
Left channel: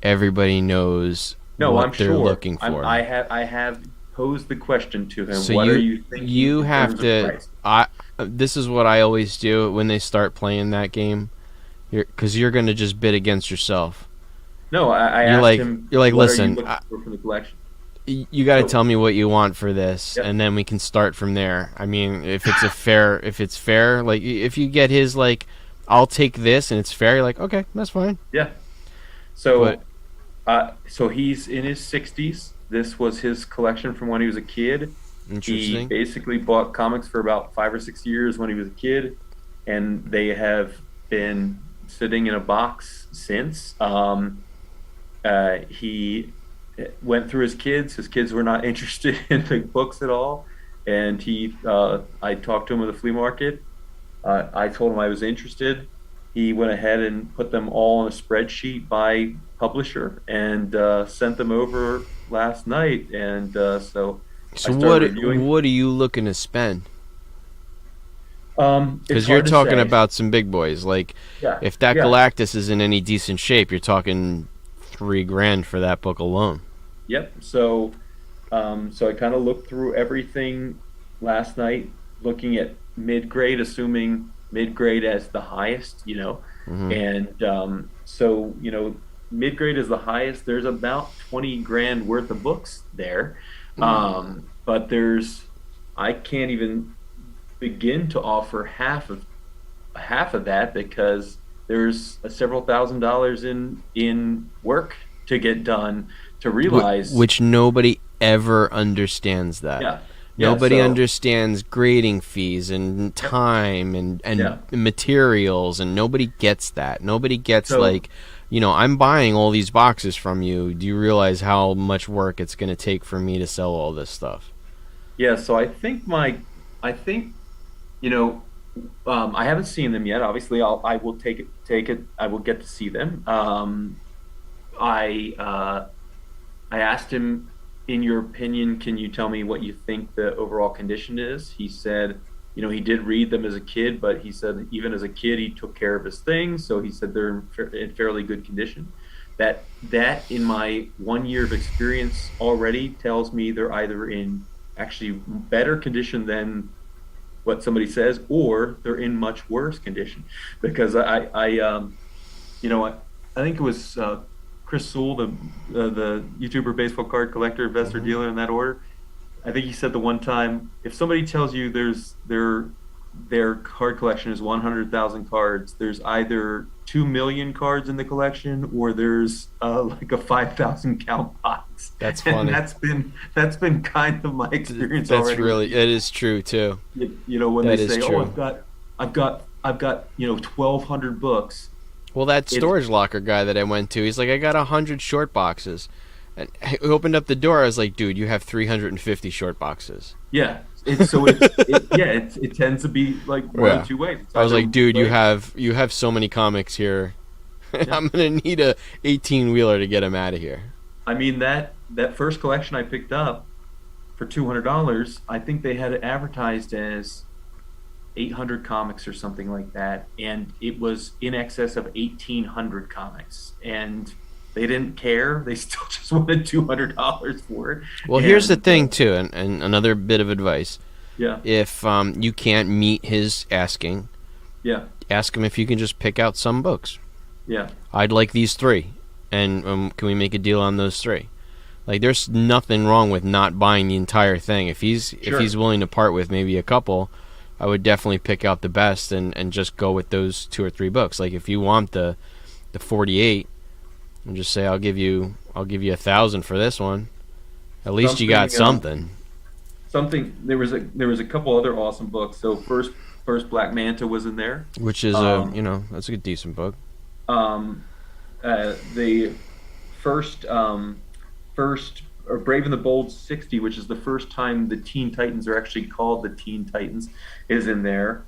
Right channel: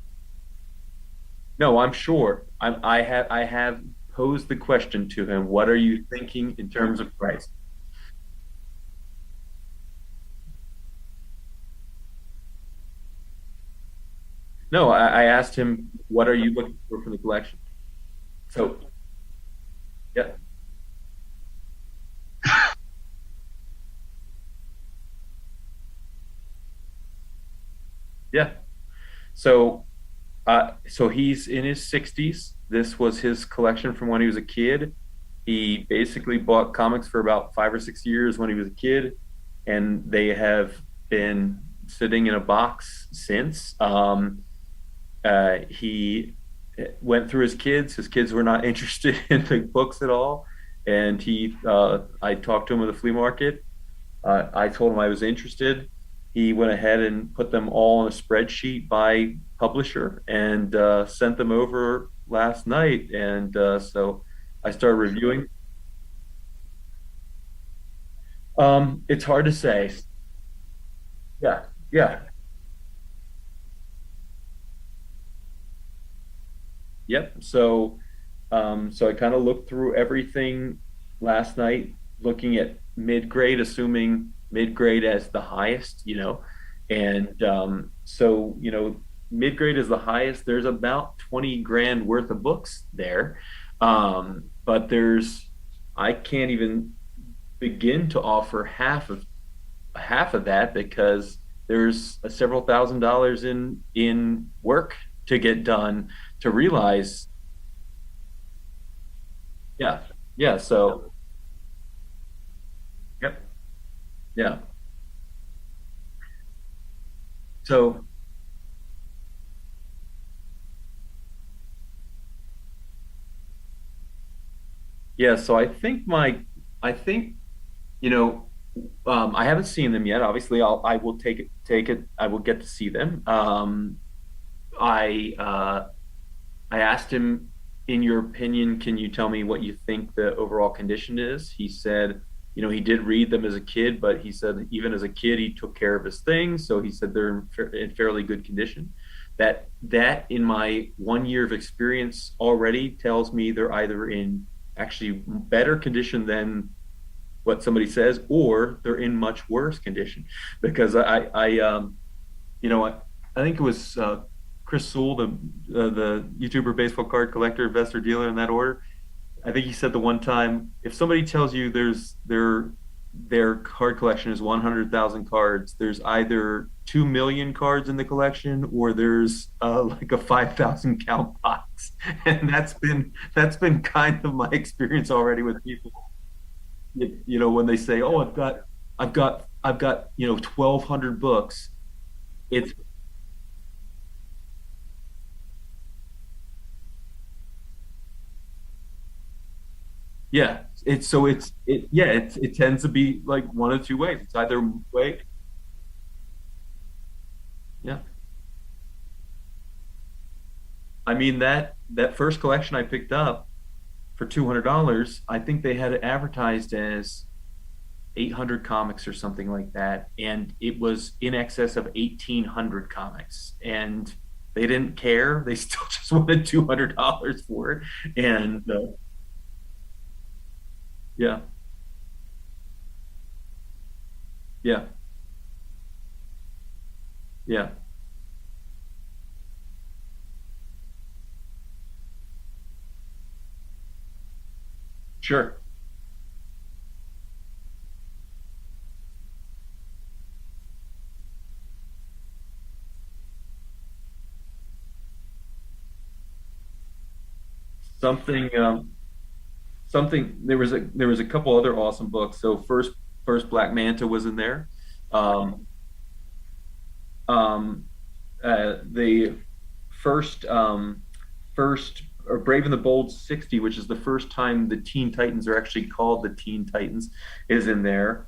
Everybody knows. No, what I'm they're sure. Looking for. I have posed the question to him. So what are you thinking? You have to. Price? This is what I always do when they start playing that game, because you're going to just bid against yourself. No, I asked him. You're like, what listen, are you looking for the collection? You got to tell me what you want for this, and then we can start from there. I mean, if it's fair, like if you get his like, I'll take this and it's fair. You're like, okay, that's fine. Yeah. So, so he's in his 60s. This was his collection from when he was a kid. He basically bought comics for about 5 or 6 years when he was a kid, and they have been sitting in a box since. He went through his kids. His kids were not interested in the books at all, and I talked to him at the flea market. I told him I was interested. He went ahead and put them all on a spreadsheet by publisher and sent them over last night. And so I started reviewing. What are you looking to spend? It's hard you're talking to say. about some big boys. Like, if that Galactus is in any decent shape, you're talking $3,000 for that book alone. Yep. So I kind of looked through everything last night, looking at mid-grade, assuming mid-grade as the highest, and so mid-grade is the highest. There's about $20,000 worth of books there, but I can't even begin to offer half of that, because there's several $1,000s in work to get done to realize. Which nobody ever understands that. Yeah. Yeah. Nobody So, understands grading fees and yep. time and Yeah. materials, and nobody gets that. Nobody gets So, like, I'm buying all these boxes from you. Do you realize how much work it's going to take for me to sell all this stuff? yeah. So I think, you know, I haven't seen them yet. Obviously, I will take it. I will get to see them. I, uh, I asked him, in your opinion, can you tell me what you think the overall condition is? He said, he did read them as a kid, but he said even as a kid he took care of his things, so he said they're in fairly good condition. That in my 1 year of experience already tells me they're either in actually better condition than what somebody says, or they're in much worse condition. Because I think it was Chris Sewell, the YouTuber, baseball card collector, investor, dealer, in that order. I think he said the one time, if somebody tells you their card collection is 100,000 cards, there's either 2 million cards in the collection, or there's like a 5,000 count box. That's funny. And that's been kind of my experience That's already. really, it is true too. When That they is say, true. "Oh, I've got 1,200 books." Well, that It's storage locker guy that I went to, he's like, I got 100 short boxes. And I opened up the door. I was like, dude, you have 350 short boxes. Yeah, it tends to be like one Yeah. of two ways. It's I was either like, dude, way- you have so many comics here. Yeah. I'm gonna need a 18-wheeler to get him out of here. I mean, that first collection I picked up for $200, I think they had it advertised as 800 comics or something like that, and it was in excess of 1,800 comics, and they didn't care. They still just wanted $200 for it. Well, here's the And, thing too, and another bit of advice: yeah, if you can't meet his asking, yeah, ask him if you can just pick out some books. yeah, I'd like these 3, and can we make a deal on those 3? Like, there's nothing wrong with not buying the entire thing. If he's Sure. willing to part with maybe a couple, I would definitely pick out the best and just go with those 2 or 3 books. Like, if you want the 48, and just say I'll give you 1,000 for this one. At least you got something. something. There was a couple other awesome books. So first Black Manta was in there. Which is that's a good decent book. Um, the first Brave and the Bold 60, which is the first time the Teen Titans are actually called the Teen Titans, is in there.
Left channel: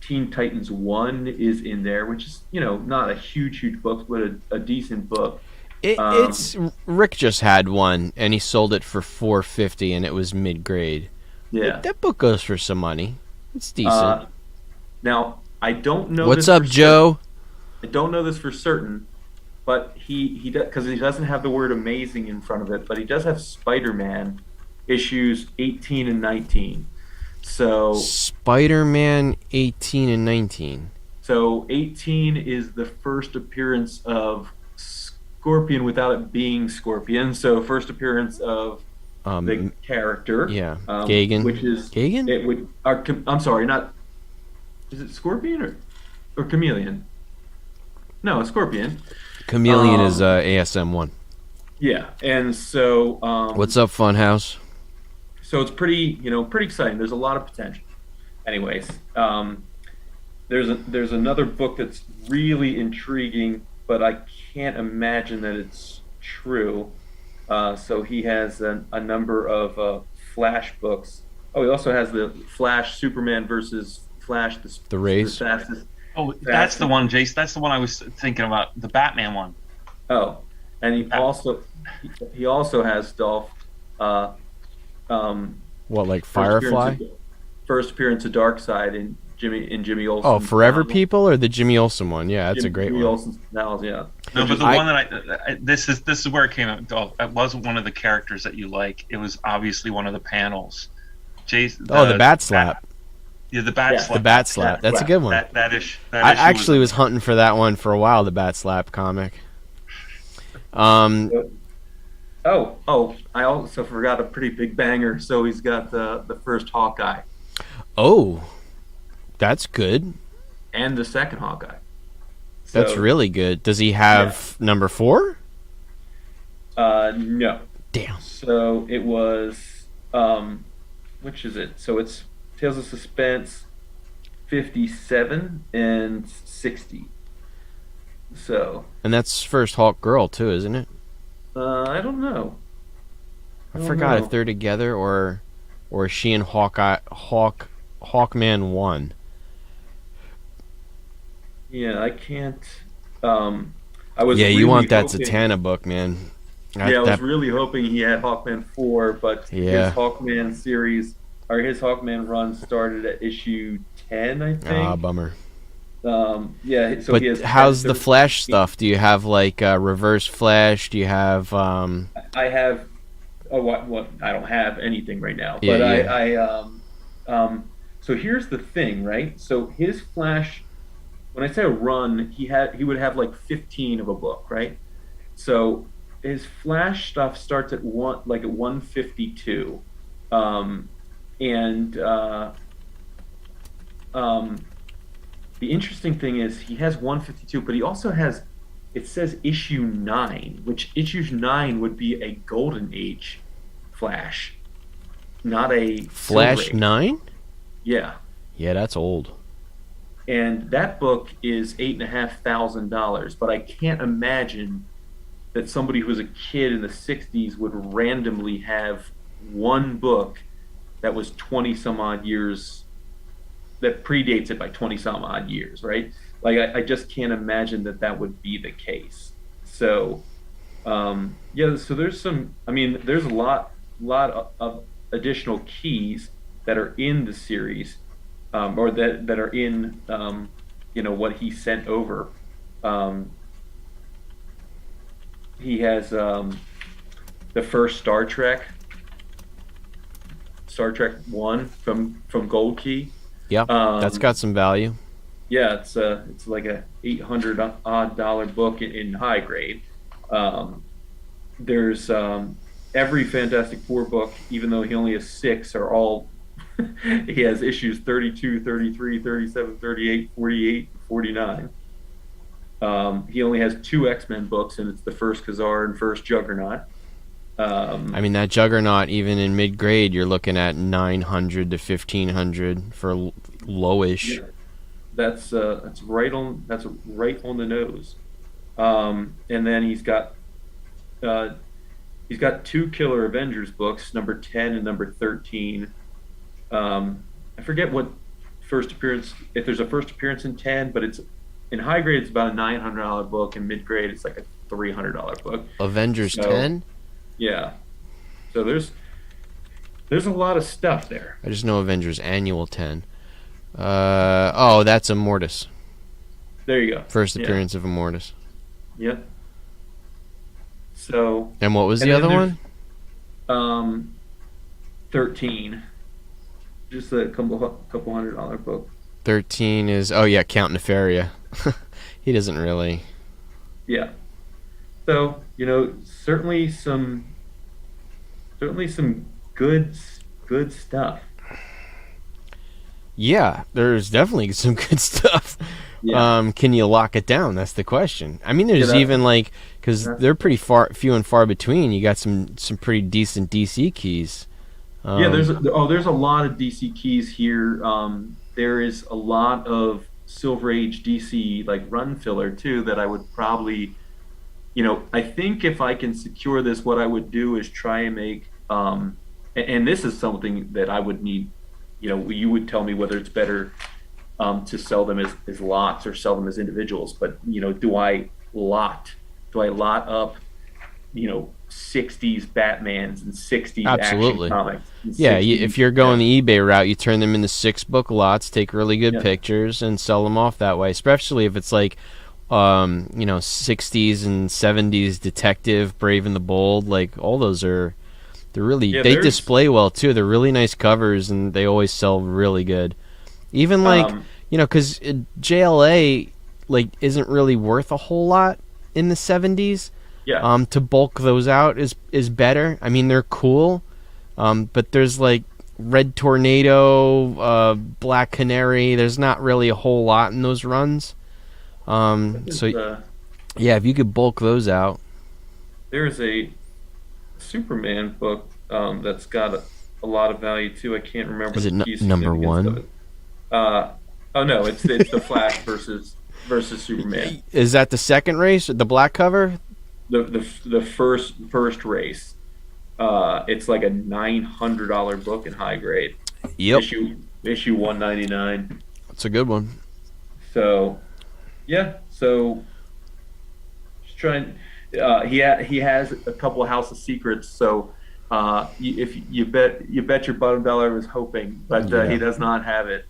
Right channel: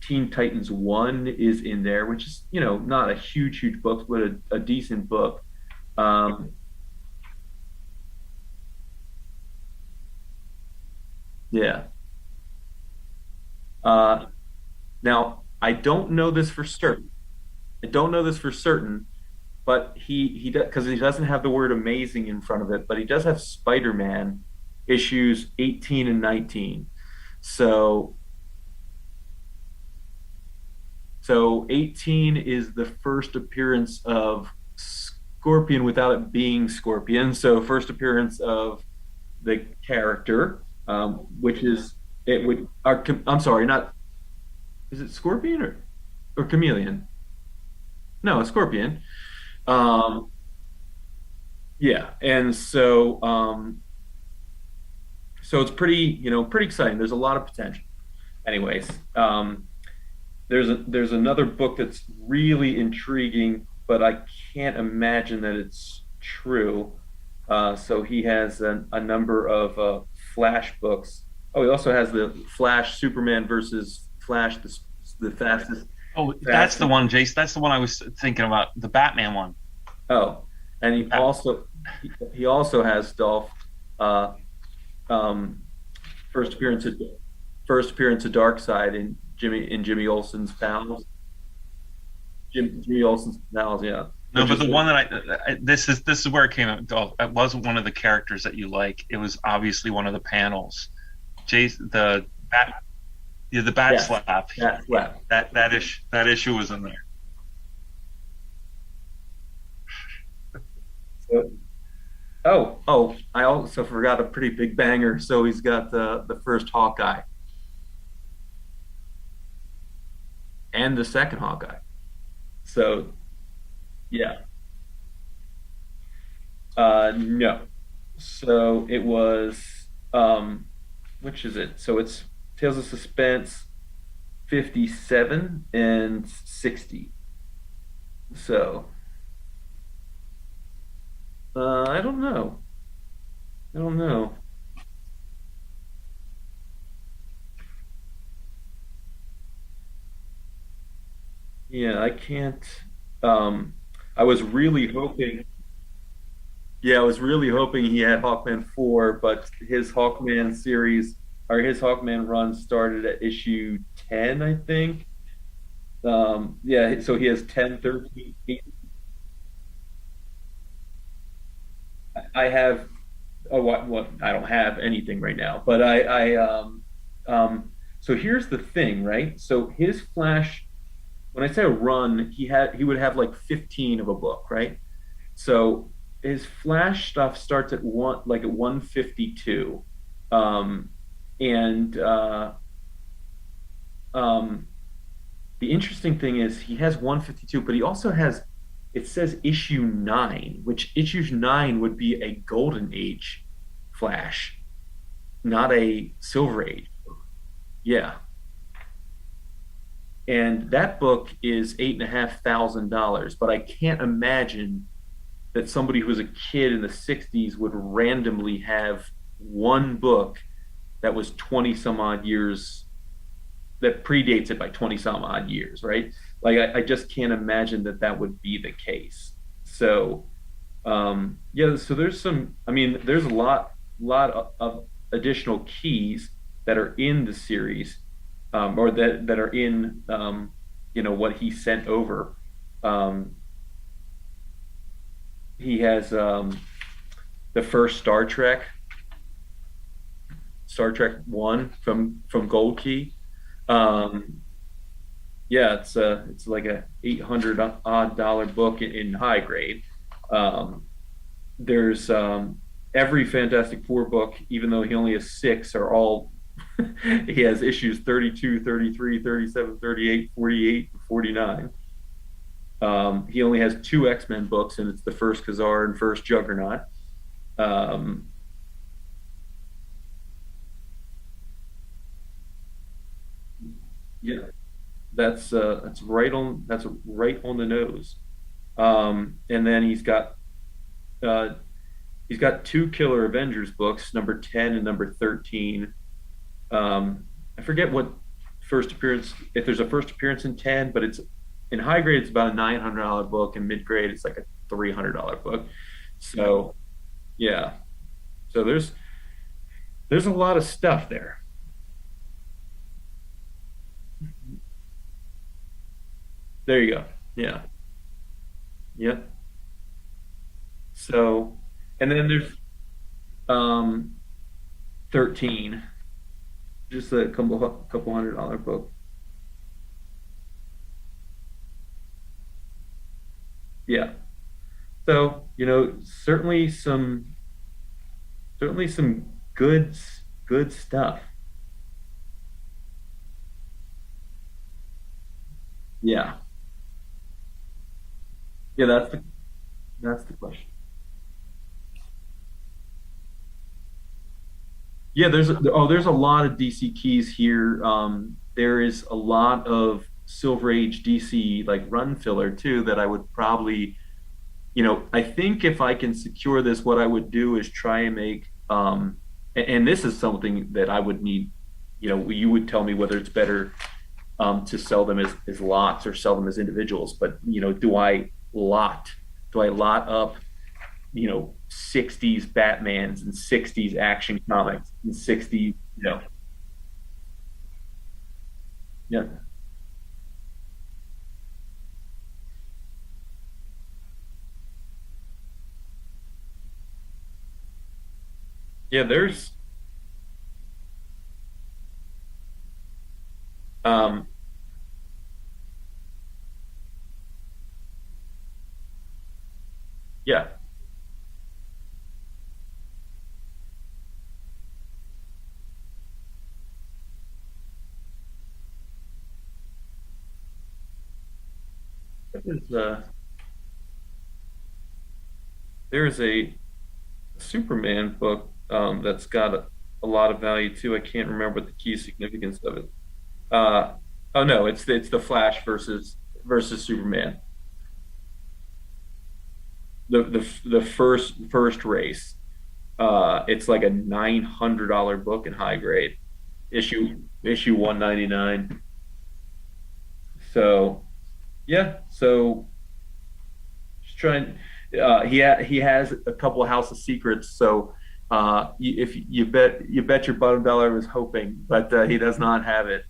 Teen Titans 1 is in there, which is, not a huge book, but a decent book. It's Rick just had one and he sold it for $4.50 and it was mid-grade. Yeah. That book goes for some money. It's decent. Now, I don't know What's this up, for Joe? I don't know this for certain, but he does, because he doesn't have the word amazing in front of it, but he does have Spider-Man issues 18 and 19. So Spider-Man 18 and 19. So 18 is the first appearance of Scorpion without it being Scorpion. So first appearance of the character. Yeah. Gagan. Which is Gagan? It would. I'm sorry, not. Is it Scorpion or Chameleon? No, Scorpion. Chameleon is ASM 1. Yeah, and so. What's up, Funhouse? So it's pretty exciting. There's a lot of potential. Anyways, there's another book that's really intriguing, but I can't imagine that it's true. So he has a number of Flash books. Oh, he also has the Flash Superman versus Flash, the Rays. the fastest. Oh, that's the one, Jace. That's the one I was thinking about, the Batman one. Oh, and he also has Dolph. What, like Firefly? First appearance of Darkseid in Jimmy Olsen. Oh, Forever People or the Jimmy Olsen one? Yeah, that's a great Jimmy one. Olsen's novels, yeah. No, but the one that this is where it came out. Oh, it wasn't one of the characters that you like. It was obviously one of the panels. Jason. The Bat Slap. The Bat Slap. The Bat Slap. That's a good one. That issue. I actually was hunting for that one for a while. The Bat Slap comic. Oh, I also forgot a pretty big banger. So he's got the first Hawkeye. Oh, that's good. And the second Hawkeye. That's really good. Does he have number 4? No. Damn. So it was which is it? So it's Tales of Suspense 57 and 60. So And that's first Hawk Girl too, isn't it? I don't know. I I don't forgot if know. they're together or is she and Hawkman one. Yeah, I can't. Um, I was Yeah, you really want that hoping. Satana book, man. Yeah, I was That really hoping he had Hawkman 4, but his yeah. Hawkman series or his Hawkman run started at issue 10, I Ah, think. bummer. Yeah, so But he has 10, how's the 13, Flash 8. stuff? Do you have like Reverse Flash? Do you have I have, oh, what, I don't have anything right now, yeah, but yeah. so here's the thing, right? So his Flash, when I say a run, he would have like 15 of a book, right? So his Flash stuff starts at like at 152. Um, and um, the interesting thing is he has 152, but he also has, it says issue 9, which issue 9 would be a golden age Flash, not a silver Flash age. 9? Yeah. Yeah, that's old. And that book is $8,500, but I can't imagine that somebody who was a kid in the 60s would randomly have one book that was 20 some odd years, that predates it by 20 some odd years, right? Like, I just can't imagine that that would be the case. So, yeah, so there's some, I mean, there's a lot of additional keys that are in the series, or that are in, what he sent over. Um, he has the first Star Trek One from Gold Key. Yep, that's Um, got some value. yeah, it's like a $800 book in high grade. Um, there's every Fantastic Four book, even though he only has six, are all he has issues 32, 33, 37, 38, 48, 49. He only has two X-Men books, and it's the first Khazar and first Juggernaut. I Um, mean that Juggernaut, even in mid grade, you're looking at 900 to 1500 for lowish. yeah, that's right on the nose. And then uh, he's got two Killer Avengers books, number 10 and number 13. I forget what first appearance, if there's a first appearance in 10, but it's in high grade, it's about a $900 book. In mid grade, it's like a $300 book. Avengers So, 10. yeah. So there's a lot of stuff there. I just know Avengers Annual 10. Oh, that's Immortus. There you go. First Yeah. appearance of Immortus. Yep. So, And what was and the then other there's one? um 13, just a couple $100 book. 13 is oh yeah, Count Nefaria. He doesn't really. Yeah. So, certainly some good stuff. Yeah, there's definitely some good stuff. Yeah. Can you lock it down? That's the question. I mean, Yeah, there's even like because that's they're pretty few and far between. You got some pretty decent DC keys. yeah, Um, there's a lot of DC keys here. There is a lot of Silver Age DC like run filler too that I would probably, I think if I can secure this, what I would do is try and make, and this is something that I would need, you would tell me whether it's better to sell them as lots or sell them as individuals. But, do I lot up, 60s Batmans and 60s Action Absolutely. Comics and Yeah, 60s, if you're going the eBay route, you turn them into 6 book lots, take really good yeah. pictures, and sell them off that way. Especially if it's like, 60s and 70s detective, Brave and the Bold. Like all those they're really Yeah, they there's display well too. They're really nice covers, and they always sell really good. Even like um because JLA like isn't really worth a whole lot in the 70s. yeah. To bulk those out is better. I mean they're cool, but there's like Red Tornado, Black Canary. There's not really a whole lot in those runs. There's So yeah, if you could bulk those out. there's a Superman book that's got a lot of value too. I can't remember Is the it key number significance of one? it. Uh, oh no, it's the Flash versus Superman. Is that the second race, the black cover? The first race. It's like a $900 book in high grade. Yep, Issue 199. it's a good one. So yeah, so just trying. He has a couple of House of Secrets. So if you bet your bottom dollar I was hoping, but Yeah. he does not have it.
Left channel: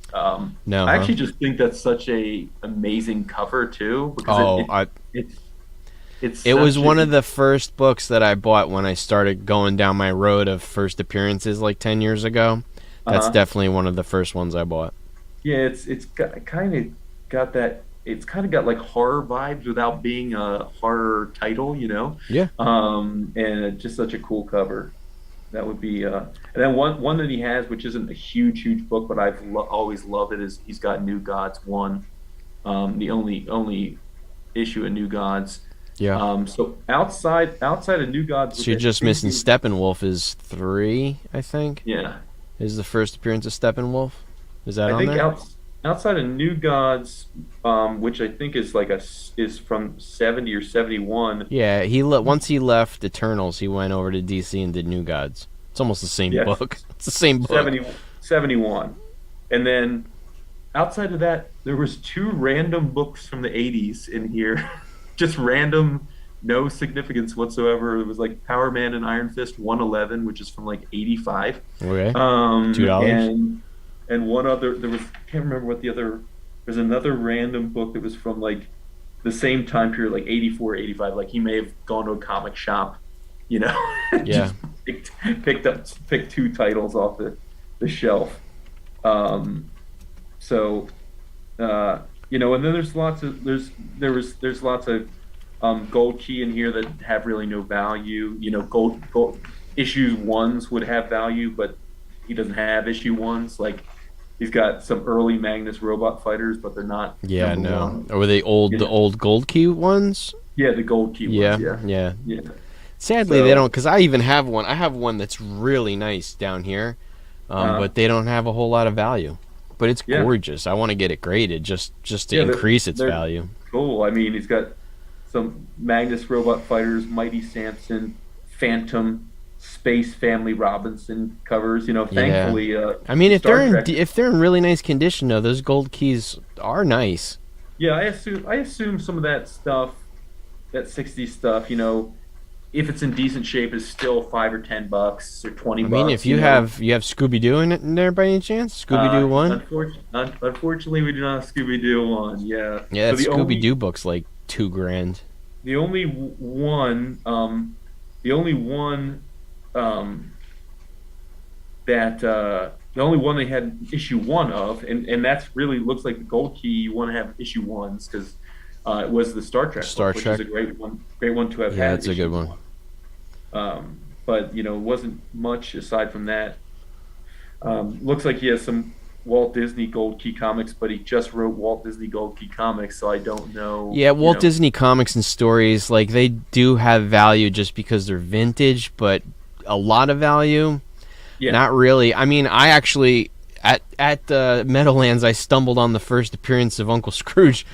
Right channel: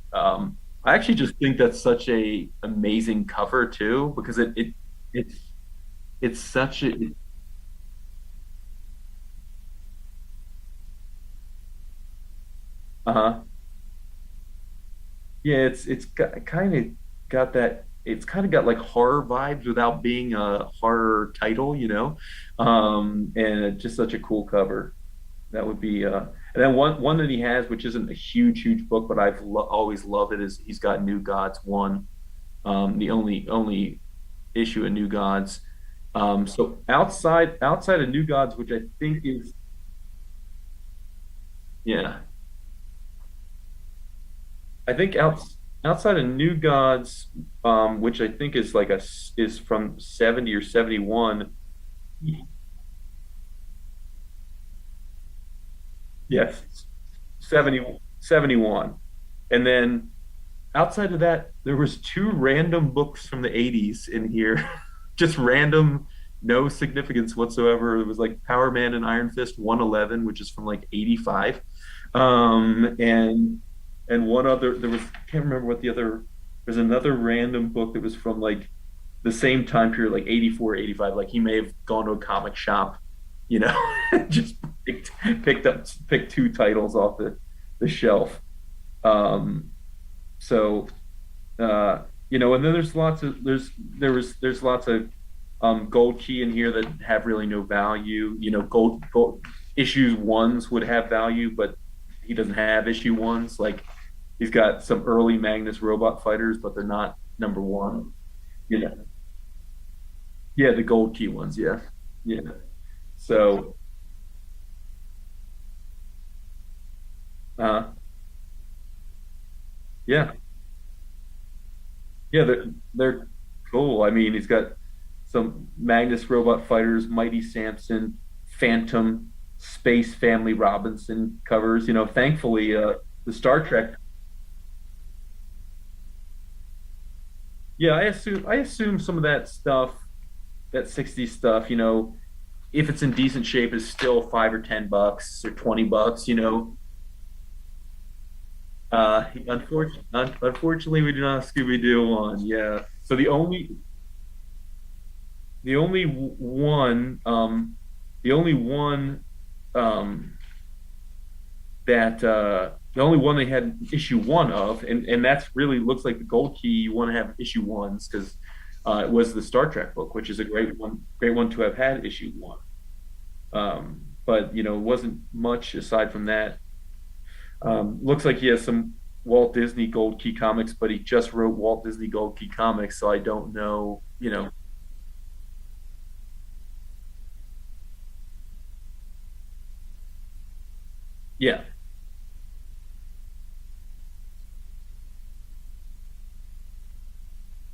No, I huh? actually just think that's such a amazing cover too because Oh, it's it's it was such one of a the first books that I bought when I started going down my road of first appearances like 10 years ago. That's uh definitely one of the first ones I bought. yeah it's kind of got that it's kind of got like horror vibes without being a horror title, Yeah. and it's just such a cool cover. That would be and then one that he has, which isn't a huge book, but always loved it, is he's got New Gods one, the only issue of New Gods. Yeah. So outside of New Gods, So which you're I just think missing is Steppenwolf is 3, I think. yeah, Is the first appearance of Steppenwolf? Is that I on think there? outside of New Gods, which I think is is from 70 or 71. Yeah, once he left Eternals, he went over to DC and did New Gods. It's almost the same Yes, book. It's the same book. 70 71, and then outside of that, there was two random books from the 80s in here, just random, no significance whatsoever. It was like Power Man and Iron Fist 111, which is from like 85. Okay. Um, $2. and one other, there was, I can't remember what the other, there's another random book that was from like the same time period, like 84, 85. Like he may have gone to a comic shop, you know, Yeah. just picked two titles off the shelf. Um, so and then there's lots of there's lots of gold key in here that have really no value. Gold issues ones would have value, but he doesn't have issue ones. Like he's got some early Magnus robot fighters, but they're not Yeah, number no. one. Or were they You the know? old Gold Key ones? Yeah, the gold key Yeah, ones. Yeah, yeah. yeah. Sadly, they don't, So because I even have one. I have one that's really nice down here, uh, but they don't have a whole lot of value. But it's yeah, gorgeous. I want to get it graded just to yeah, increase its they're value. cool. I mean, he's got some Magnus robot fighters, Mighty Samson, Phantom, Space Family Robinson covers. Yeah. Thankfully, I mean, the Star Trek. if they're in really nice condition though, those gold keys are nice. Yeah, I assume some of that stuff, that 60s stuff, if it's in decent shape, is still $5 or $10 or 20 I mean, bucks. if you have Scooby Doo in there by any chance, Scooby Doo one. Unfortunately, we do not have Scooby Doo one. Yeah. Yeah, So that Scooby Doo book's like 2 grand. the only one, the only one um, that the only one they had issue one of, and that's really looks like the gold key. You want to have issue ones because it was the Star Trek Star book, which Trek. is a great one to have Yeah, had that's a issue good one. one. But it wasn't much aside from that. Looks like he has some Walt Disney Gold Key comics, but he just wrote Walt Disney Gold Key comics, so I don't know. Yeah, Walt Disney comics and stories, like they do have value just because they're vintage, but a lot of value, Yeah, not really. I mean, I actually at Meadowlands, I stumbled on the first appearance of Uncle Scrooge,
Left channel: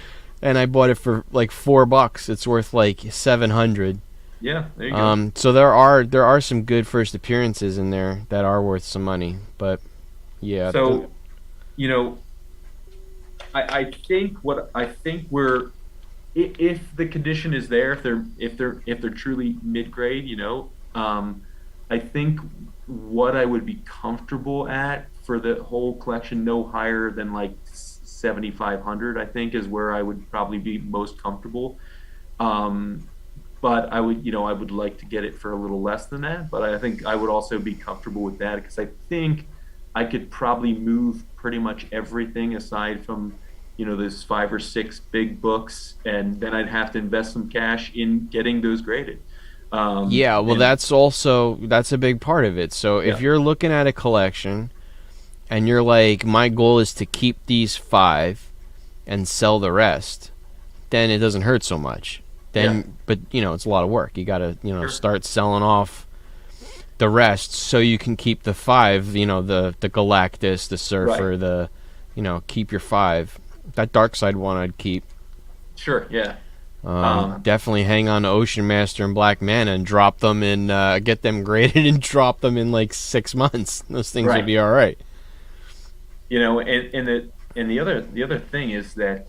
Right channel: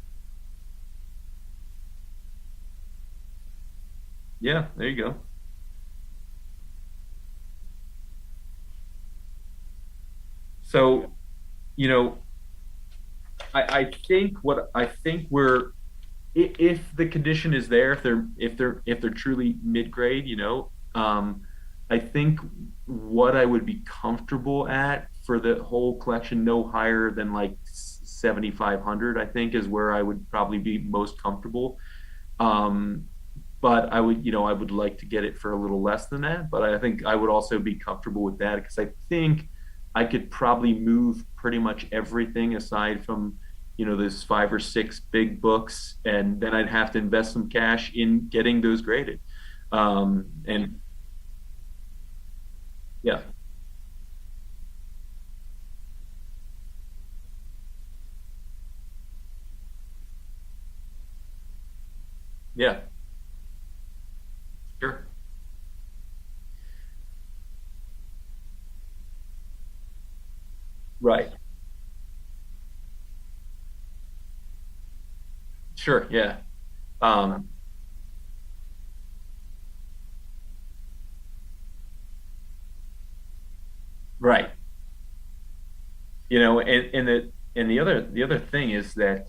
and I bought it for like $4. It's worth like 700. yeah. There you go. So there are some good first appearances in there that are worth some money, but yeah. So, you know, I think we're if the condition is there, if they're truly mid grade, I think what I would be comfortable at for the whole collection, no higher than like 7,500, I think is where I would probably be most comfortable. Um, but I would like to get it for a little less than that. But I think I would also be comfortable with that because I think I could probably move pretty much everything aside from, those 5 or 6 big books, and then I'd have to invest some cash in getting those graded. Yeah, well, And that's a big part of it. So if yeah, you're looking at a collection and you're like, my goal is to keep these 5 and sell the rest, then it doesn't hurt so much. yeah, But it's a lot of work. You gotta sure. start selling off the rest so you can keep the 5, the Galactus, the Surfer, keep your 5. That dark side one I'd keep. Sure, yeah. Definitely hang on to Ocean Master and Black Mana and drop them in, get them graded and drop them in like 6 months. Those things would be all right. And the other thing is that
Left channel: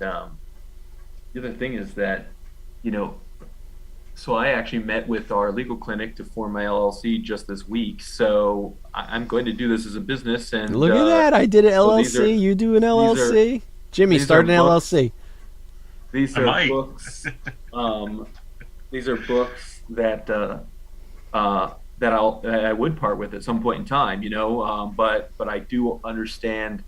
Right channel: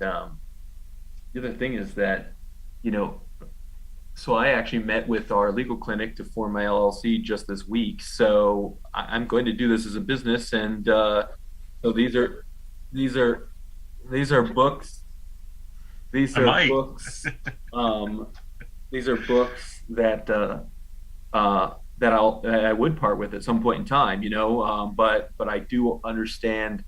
so I actually met with our legal clinic to form my LLC just this week. So I'm going to do this as a business. And look at that! I did an LLC. You do an LLC. Jimmy started an LLC. These are books. These are books that I would part with at some point in time, but I do understand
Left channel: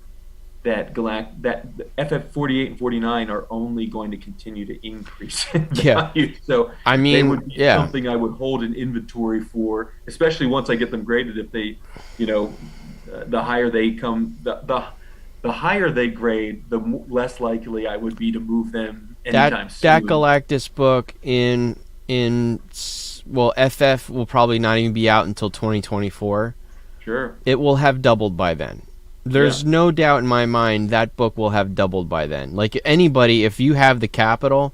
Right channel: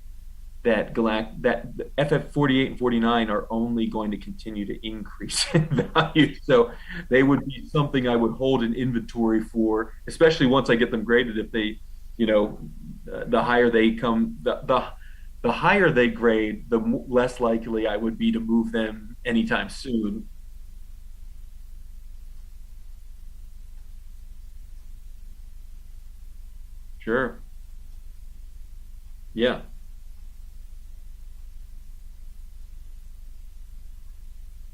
that FF48 and 49 are only going to continue to increase in value. So they would be something I would hold in inventory for, especially once I get them graded. If they, the higher they come, the higher they grade, the less likely I would be to move them anytime soon. That Galactus book FF will probably not even be out until 2024. Sure. It will have doubled by then. There's no doubt in my mind that book will have doubled by then. Like anybody, if you have the capital,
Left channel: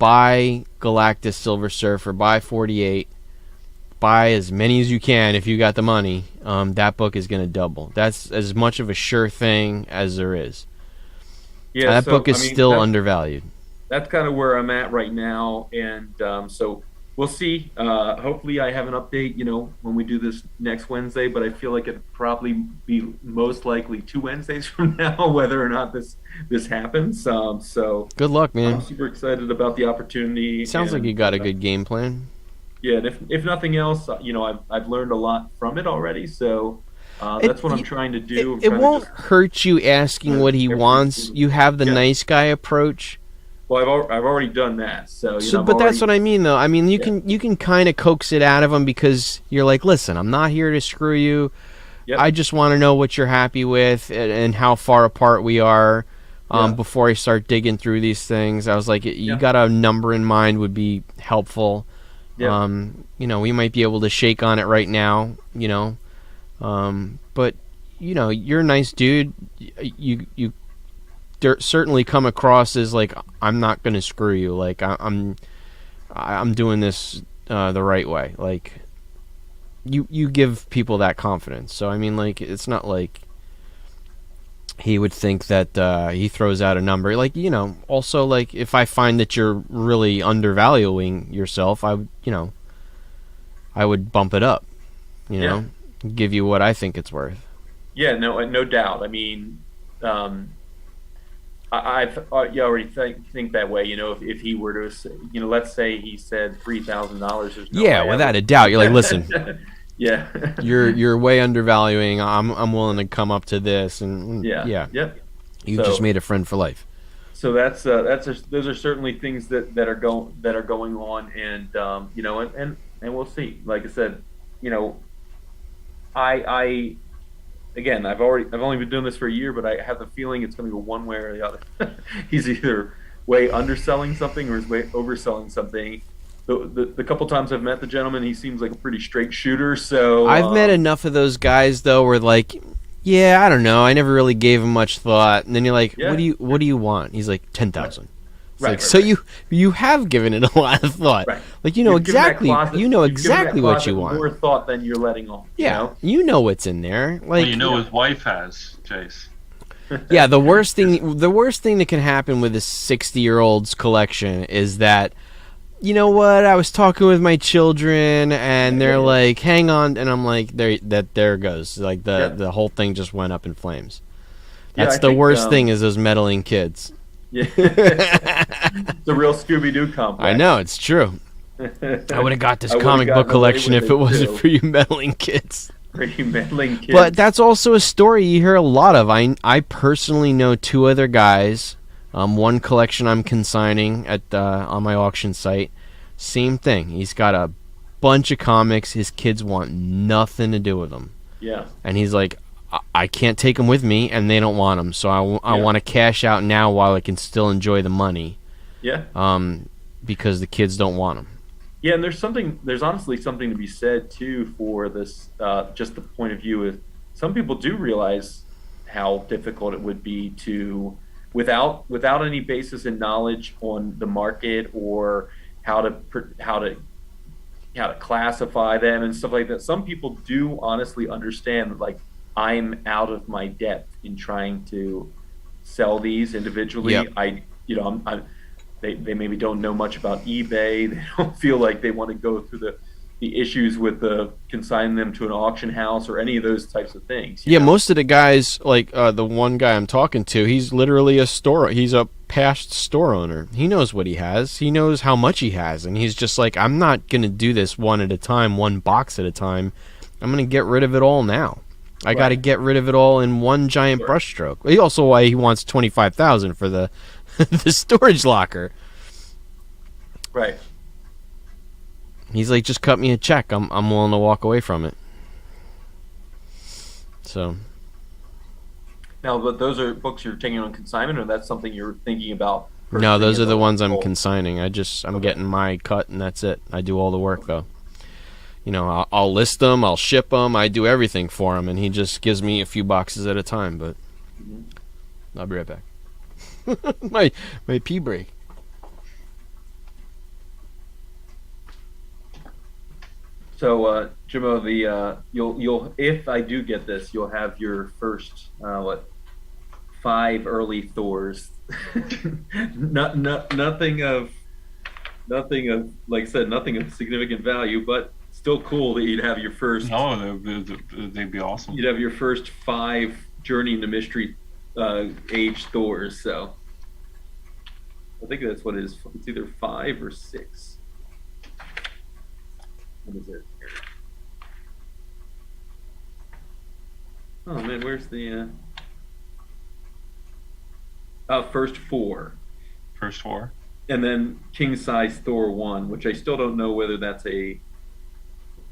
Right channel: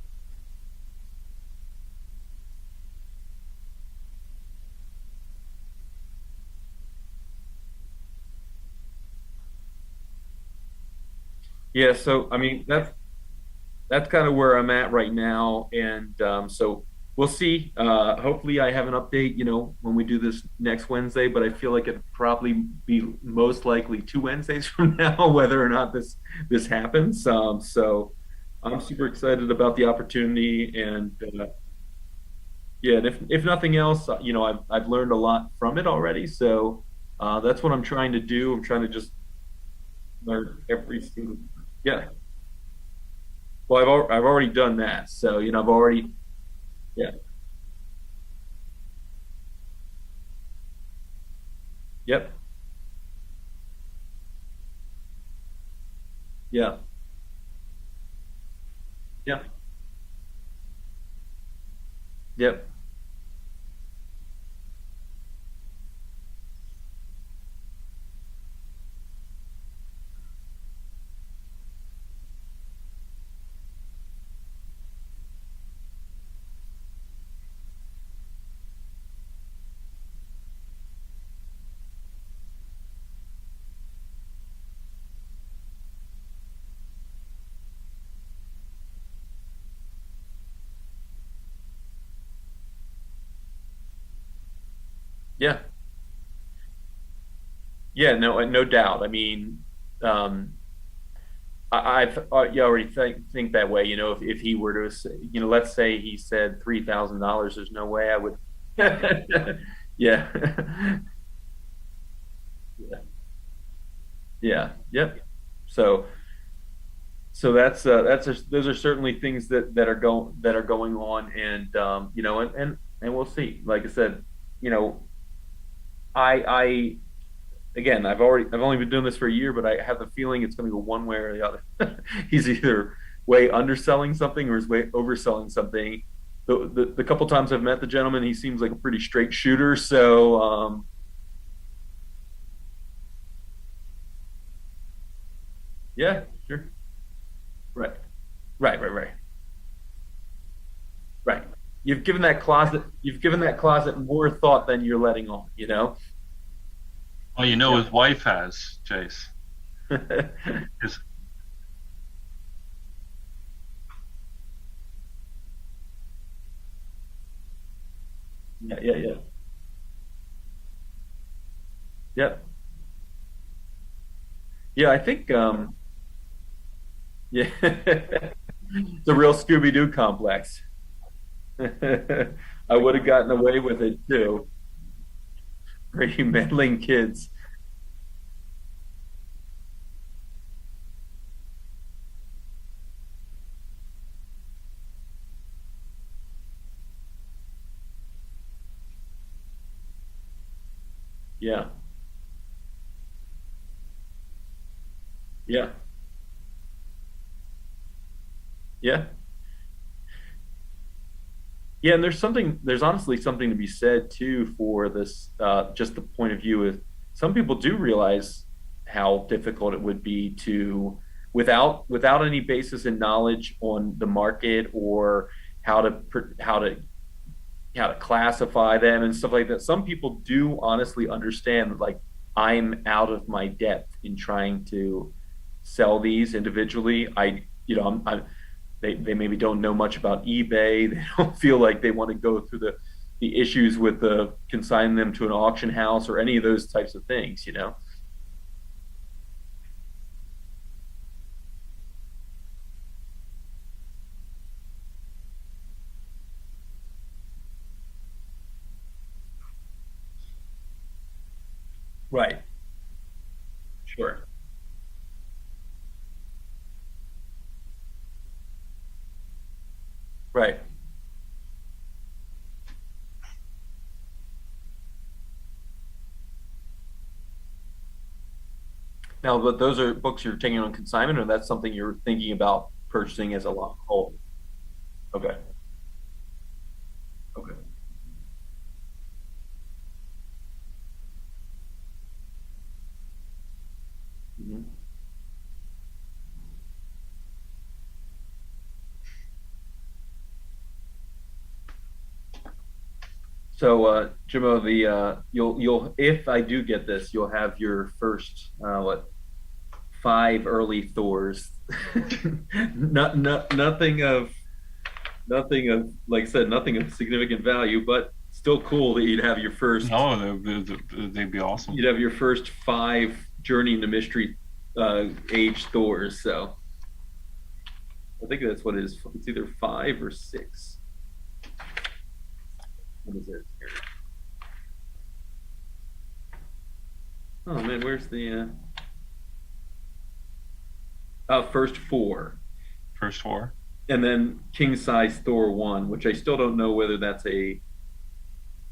buy Galactus Silver Surfer, buy 48, buy as many as you can if you got the money. That book is going to double. That's as much of a sure thing as there is. Yeah, that book is still undervalued. That's kind of where I'm at right now, and so we'll see. Hopefully, I have an update, when we do this next Wednesday. But I feel like it'd probably be most likely 2 Wednesdays from now, whether or not this happens. So good luck, man. I'm super excited about the opportunity. Sounds like you got a good game plan. Yeah, and if nothing else, I've learned a lot from it already. So that's what I'm trying to do. It won't hurt you asking what he wants. You have the nice guy approach. Well, I've already done that, so that's what I mean, though. I mean, you can kind of coax it out of him because you're like, listen, I'm not here to screw you. Yep. I just want to know what you're happy with and how far apart we are before I start digging through these things. I was like, you got a number in mind would be helpful. Yep. We might be able to shake on it right now, but you're a nice dude. You certainly come across as like, I'm not gonna screw you. Like I'm doing this the right way. Like you give people that confidence. So I mean, like, it's not like he would think that he throws out a number. Like, also, like, if I find that you're really undervaluing yourself, I would bump it up. Give you what I think it's worth. Yeah, no doubt. I mean, I've already think that way. If he were to say, let's say he said $3,000, there's no way. Yeah, without a doubt. You're like, listen. Yeah. you're way undervaluing. I'm willing to come up to this, and Yep. You just made a friend for life. So those are certainly things that are going on, and and we'll see. Like I said, I again, I've only been doing this for a year, but I have the feeling it's going to go one way or the other. He's either way underselling something or he's way overselling something. The couple times I've met the gentleman, he seems like a pretty straight shooter. So I've met enough of those guys though, where like, yeah, I don't know, I never really gave him much thought. And then you're like, what do you want? He's like, 10,000. Right. So you have given it a lot of thought. Right. Like exactly what you want. More thought than you're letting on. Yeah. You know what's in there. Like, well, his wife has, Chase. Yeah. The worst thing that can happen with a 60-year-old's collection is that, you know what? I was talking with my children, and they're like, "Hang on," and I'm like, "There it goes." Like the whole thing just went up in flames. That's the worst thing is those meddling kids. Yeah, it's a real Scooby-Doo complex. I know, it's true. I would have got this comic book collection if it wasn't for you meddling kids. For you meddling kids. But that's also a story you hear a lot of. I personally know 2 other guys. One collection I'm consigning at on my auction site. Same thing. He's got a bunch of comics. His kids want nothing to do with them. Yeah. And he's like, I can't take them with me, and they don't want them. So I want to cash out now while I can still enjoy the money. Yeah. Because the kids don't want them. Yeah, and there's honestly something to be said too for this, just the point of view of some people do realize how difficult it would be to, without any basis in knowledge on the market or how to how to classify them and stuff like that. Some people do honestly understand that, like, I'm out of my depth in trying to sell these individually. Yep. They maybe don't know much about eBay. They don't feel like they want to go through the issues with the consigning them to an auction house or any of those types of things, you Yeah, know? most of the guys, like the one guy I'm talking to, he's literally a store. He's a past store owner. He knows what he has. He knows how much he has, and he's just like, I'm not gonna do this one at a time, one box at a time. I'm gonna get rid of it all now. I got to Right. get rid of it all in one giant Sure. brushstroke. He also why he wants 25,000 for the the storage locker. Right. He's like, just cut me a check. I'm willing to walk away from it. So Now, but those are books you're taking on consignment, or that's something you're thinking about no, purchasing those as are a the ones I'm goal? consigning. I'm Okay. getting my cut and that's it. I do all the work Okay. though. I'll list them, I'll ship them, I do everything for him, and he just gives me a few boxes at a time. But Mhm. I'll be right back. my pee break. So, Jimmo, you'll if I do get this, you'll have your first five early Thors. Nothing of like I said, nothing of significant value, but still cool that No, they'd be awesome. you'd have your first five Journey into Mystery age Thors. So I think that's what it is. It's either five or six. What is it? Here. Oh man, where's the first four? First four. And then king size Thor one, which I still don't know whether that's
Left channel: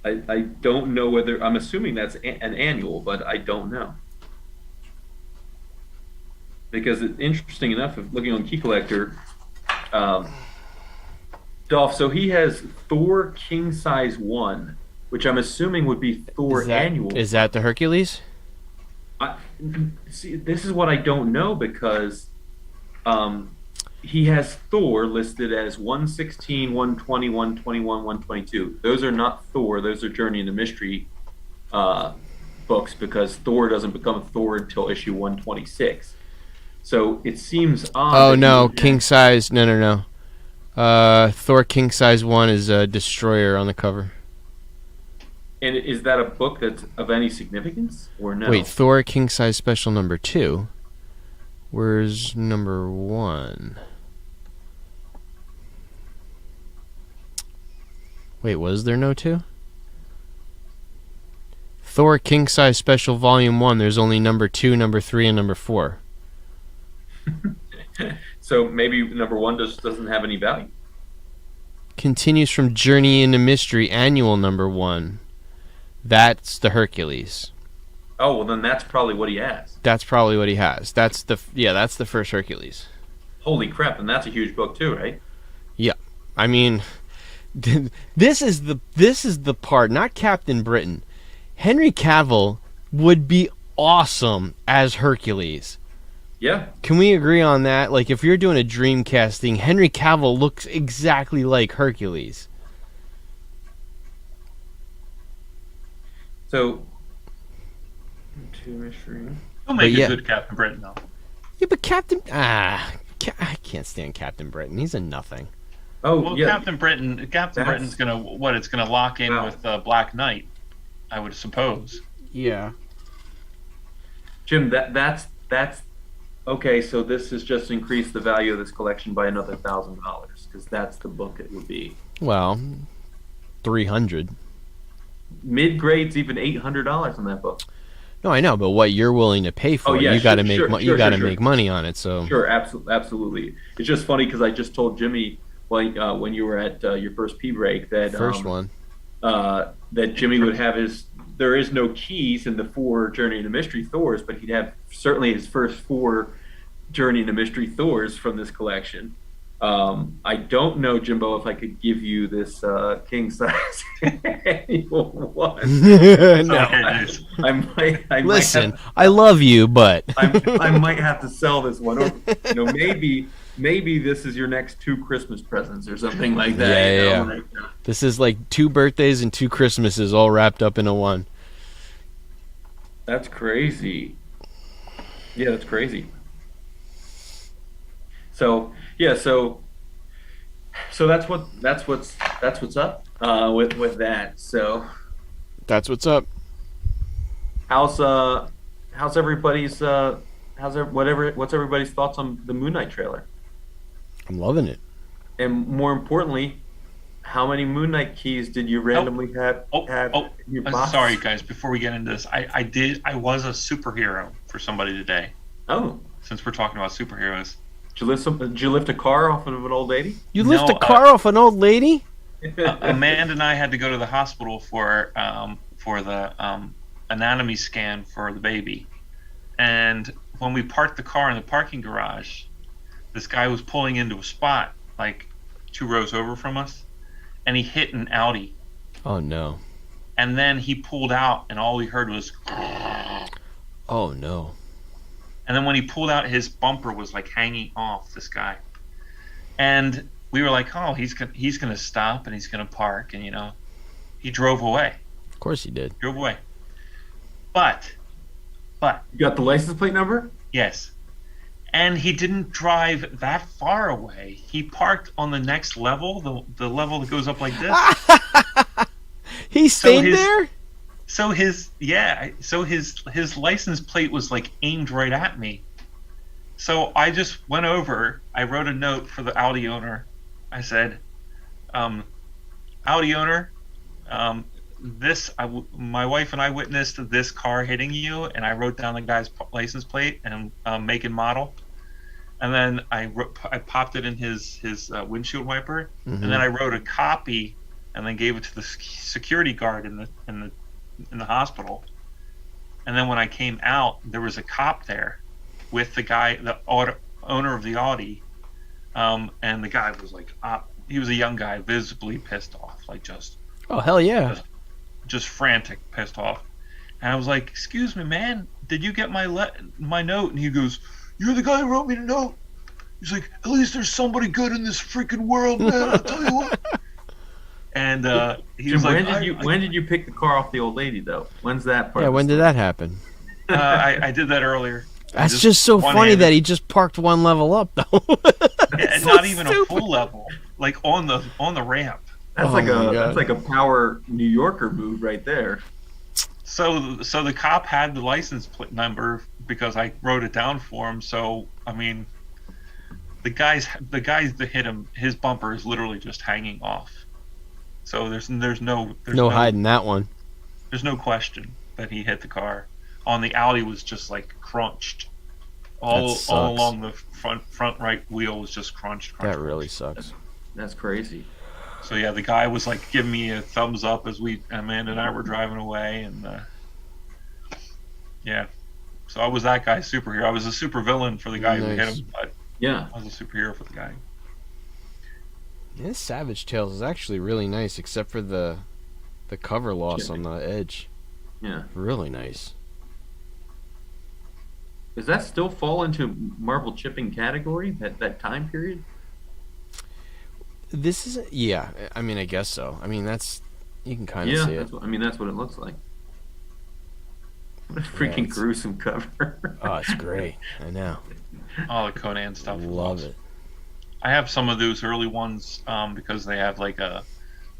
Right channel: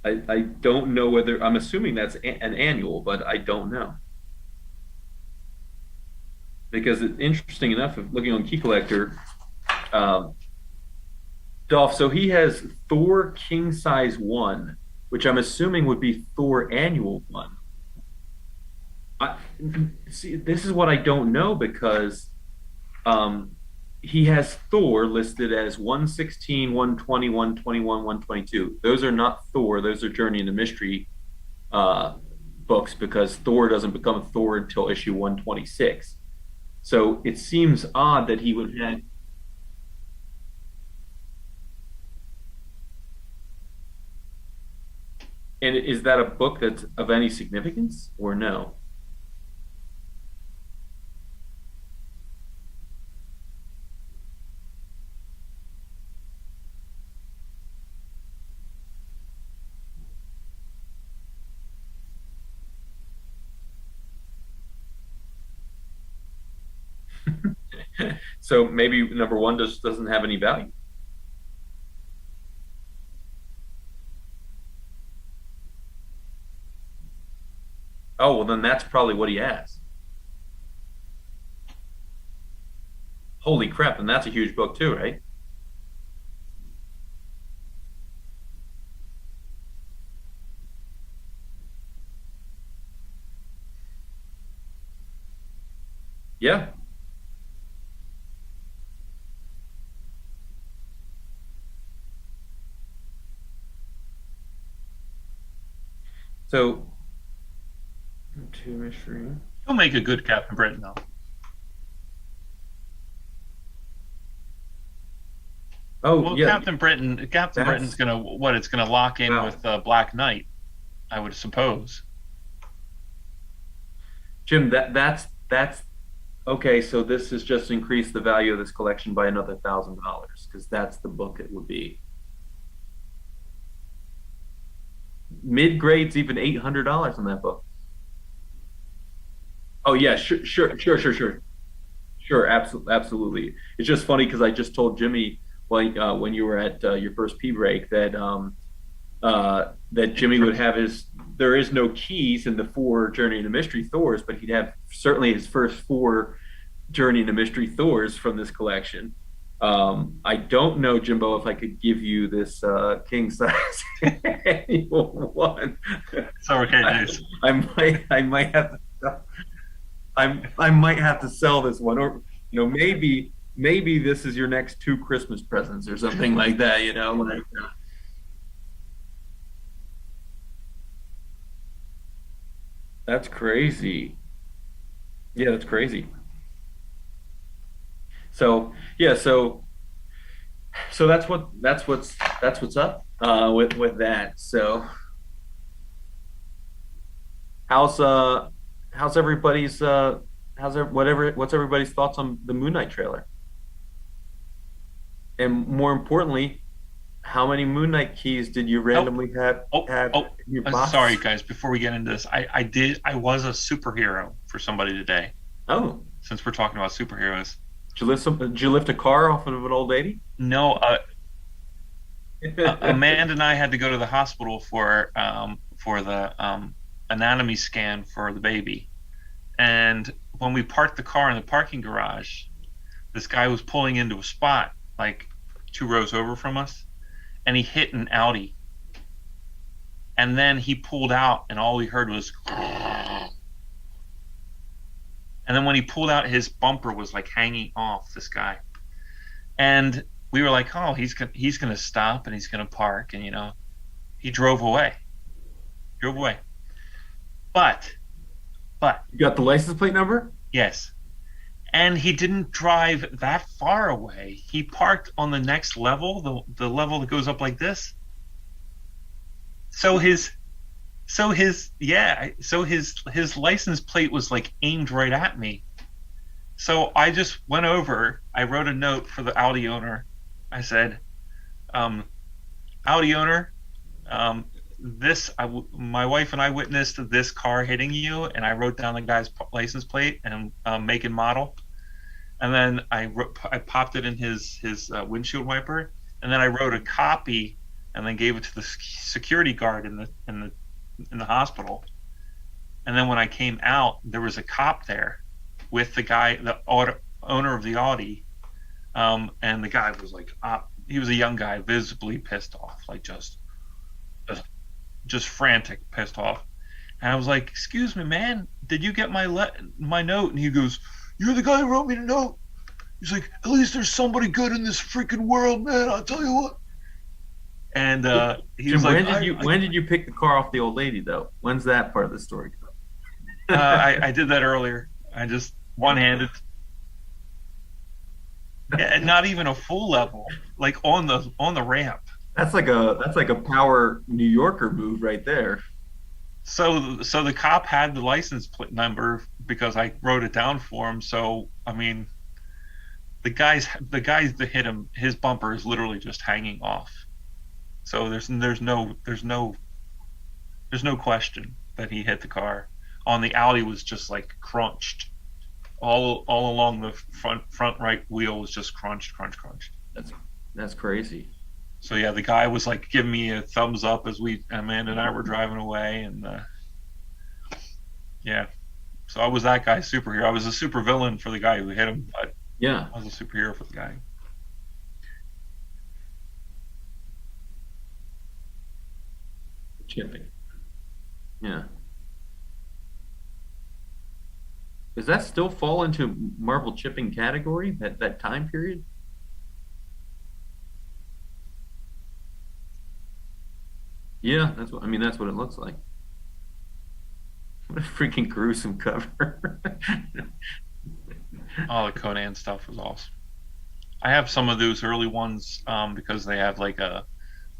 I don't know whether I'm assuming that's an annual, but I don't know because it's interesting enough. If looking on Key Collector, um, Dolph, so he has Thor king size one, which I'm assuming would be Thor annual. Is that the Hercules? I, See, this is what I don't know because um, he has Thor listed as 116, 120, 121, 122. Those are not Thor. Those are Journey into Mystery uh, books because Thor doesn't become Thor until issue 126. So it seems odd Oh that he no, would king have, size. No, no, no. Thor king size one is a destroyer on the cover. and is that a book that's of any significance or Wait, no? Thor king size special number two. Where's number one? Wait, was there no two? Thor king size special volume one. There's only number two, number three, and number four. So maybe number one just doesn't have any value. Continues from Journey into Mystery annual number one. That's the Hercules. Oh, well, then that's probably what he has. That's probably what he has. That's the first Hercules. Holy crap, and that's a huge book too, right? Yeah. I mean, this is the part, not Captain Britain. Henry Cavill would be awesome as Hercules. Yeah. Can we agree on that? Like, if you're doing a dream casting, Henry Cavill looks exactly like Hercules. So, two mystery. He'll make Yeah. a good Captain Britain, though. Yeah, but I can't stand Captain Britain. He's a nothing. Oh, Well, yeah. Captain Britain's gonna what? It's gonna lock in Wow. with Black Knight, I would suppose. Yeah. Jim, that's okay. So this has just increased the value of this collection by another $1,000 because that's the book it would be. Well, 300. Mid grade's even $800 on that book. No, I know, but what you're willing to pay for Oh, it, yeah, you got to sure, make sure, sure. make money on it. So Sure, absolutely. It's just funny because I just told Jimmy when you were at your first pee break that first one. that Jimmy would have his. There is no keys in the four Journey into Mystery Thors, but he'd have certainly his first four Journey into Mystery Thors from this collection. I don't know, Jimbo, if I could give you this king size annual one. So No. okay, nice. I might have Listen, I love you, but I might have to sell this one, or maybe this is your next two Christmas presents or something like that. yeah, yeah. Like, This is like 2 birthdays and 2 Christmases all wrapped up into one. that's crazy. Yeah, that's crazy. So yeah, so that's what's up with that. So That's what's up. how's uh how's everybody's what's everybody's thoughts on the Moon Knight trailer? I'm loving it. And more importantly, how many Moon Knight keys did you Oh, randomly have oh, in your box? sorry guys. Before we get into this, I was a superhero for somebody today. Oh, Since we're talking about superheroes, did you lift a car off of an old lady? You No, lift a car off an old lady? Amanda and I had to go to the hospital for the anatomy scan for the baby, and when we parked the car in the parking garage, this guy was pulling into a spot like 2 rows over from us, and he hit an Audi, Oh no. and then he pulled out, and all we heard was, Oh no. and then when he pulled out, his bumper was like hanging off this guy, and we were like, oh, he's gonna stop and he's gonna park, and he drove away, Of course he did. but You got the license plate number? yes. And he didn't drive that far away. He parked on the next level, the level that goes up like this. He So stayed there? So his license plate was like aimed right at me. So I just went over. I wrote a note for the Audi owner. I said, Audi owner, my wife and I witnessed this car hitting you, and I wrote down the guy's license plate and make and model, and then I popped it in his windshield wiper, and then I wrote a copy, and then gave it to the security guard in the hospital, and then when I came out, there was a cop there with the guy, the owner of the Audi, and the guy was like, he was a young guy, visibly pissed off, like Oh hell yeah. just frantic, pissed off. And I was like, "Excuse me, man, did you get my note?" And he goes, "You're the guy who wrote me the note." He's like, "At least there's somebody good in this freaking world, man. I'll tell you what." And he was Jim, like, when did you pick the car off the old lady though? When's that part? Yeah, of the when did story? that happen? I did that earlier. That's just so funny one-handed. that he just parked one level up though. And So not even stupid. a full level, like on the ramp. That's Oh like my a God. that's like a power New Yorker move right there. So the cop had the license plate number because I wrote it down for him. So I mean, the guys that hit him, his bumper is literally just hanging off. So there's no hiding that one. there's no question that he hit the car. On the Audi was just like crunched. All sucks. along the front right wheel was just crunched. That really sucks. That's crazy. So yeah, the guy was like giving me a thumbs up as Amanda and I were driving away, and yeah. So I was that guy's superhero. I was a super villain for the guy who hit Nice. him, but Yeah. I was a superhero for the guy. This Savage Tales is actually really nice, except for the cover loss Chipping. on the edge. Yeah. Really nice. Does that still fall into Marvel chipping category? That time period? This is yeah. I mean, I guess so. I mean, that's you can kind of Yeah, see it. that's what it looks like. What a freaking it's- gruesome cover. Oh, it's great. I know. All the Conan stuff was Love awesome. it. I have some of those early ones because they have like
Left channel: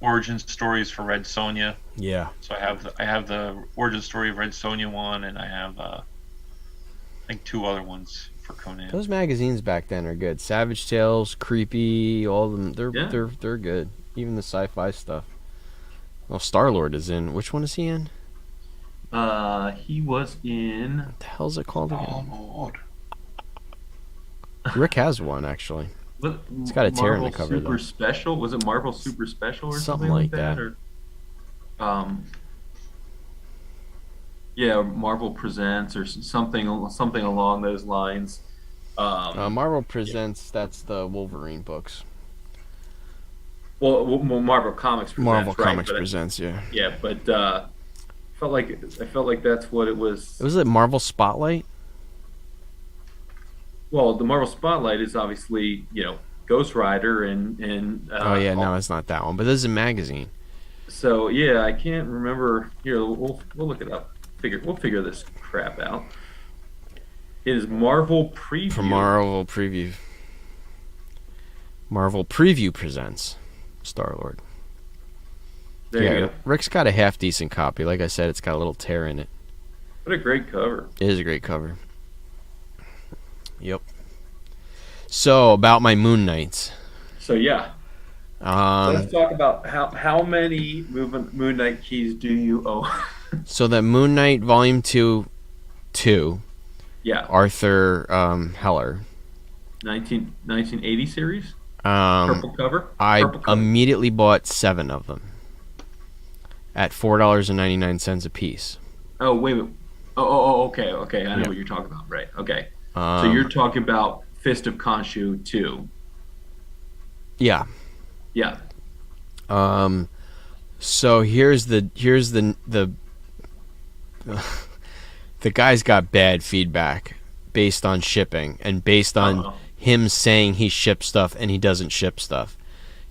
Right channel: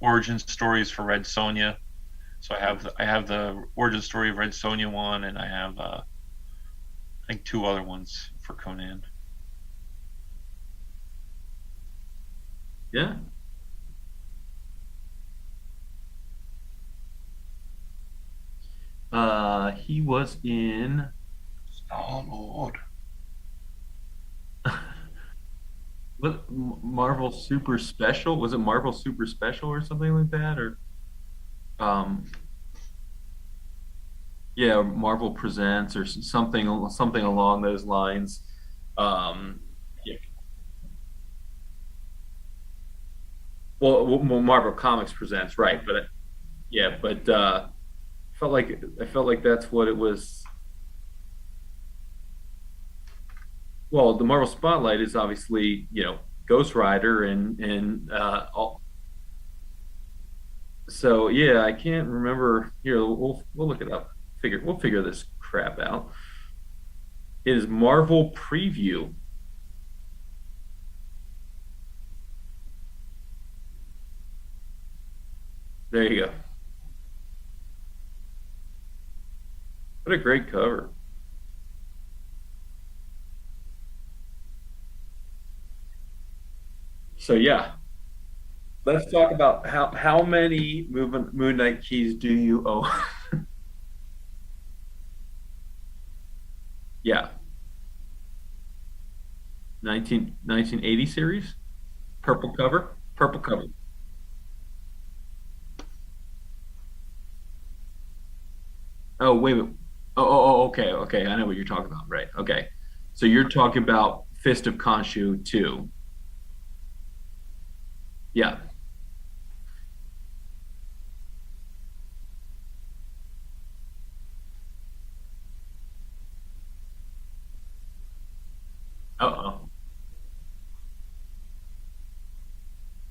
origin stories for Red Sonja. Yeah. So I have the origin story of Red Sonja one, and I have I think 2 other ones for Conan. Those magazines back then are good. Savage Tales, Creepy, all of them. Yeah. They're good. Even the sci-fi stuff. Well, Star-Lord is in. Which one is he in? He was in. What the hell's it called? Oh Lord! Rick has one actually. It's got a tear in the Marvel cover, Super though. Special. Was it Marvel Super Special or Something something like like that? Or yeah, Marvel Presents or something along those lines. Marvel Yeah. Presents, that's the Wolverine books. Well, Marvel Comics Marvel presents, right? Comics But Presents, yeah. yeah, but I felt like that's what it was. Was it Marvel Spotlight? Well, the Marvel Spotlight is obviously, Ghost Rider and Oh yeah, no, it's not that one. But this is a magazine. so yeah, I can't remember. Here, we'll look it up. We'll figure this crap out. It is Marvel From Preview. Marvel Preview. Marvel Preview presents Star Lord. There you go. Rick's got a half decent copy. Like I said, it's got a little tear in it. What a great cover. It is a great cover. Yep. So about my Moon Knights. So yeah, Um, let's talk about how many Moon Knight keys do you own? so that Moon Knight Volume 2, Yeah, Arthur Heller. 1980 series, purple cover. I Purple cover. immediately bought 7 of them at $4.99 a piece. Oh wait, wait. Okay. I know what you're talking about. Right. Okay. So Um, you're talking about Fist of Khonshu 2. yeah. Yeah. So here's the the guy's got bad feedback based on shipping and based on Uh-oh. him saying he ships stuff and he doesn't ship stuff.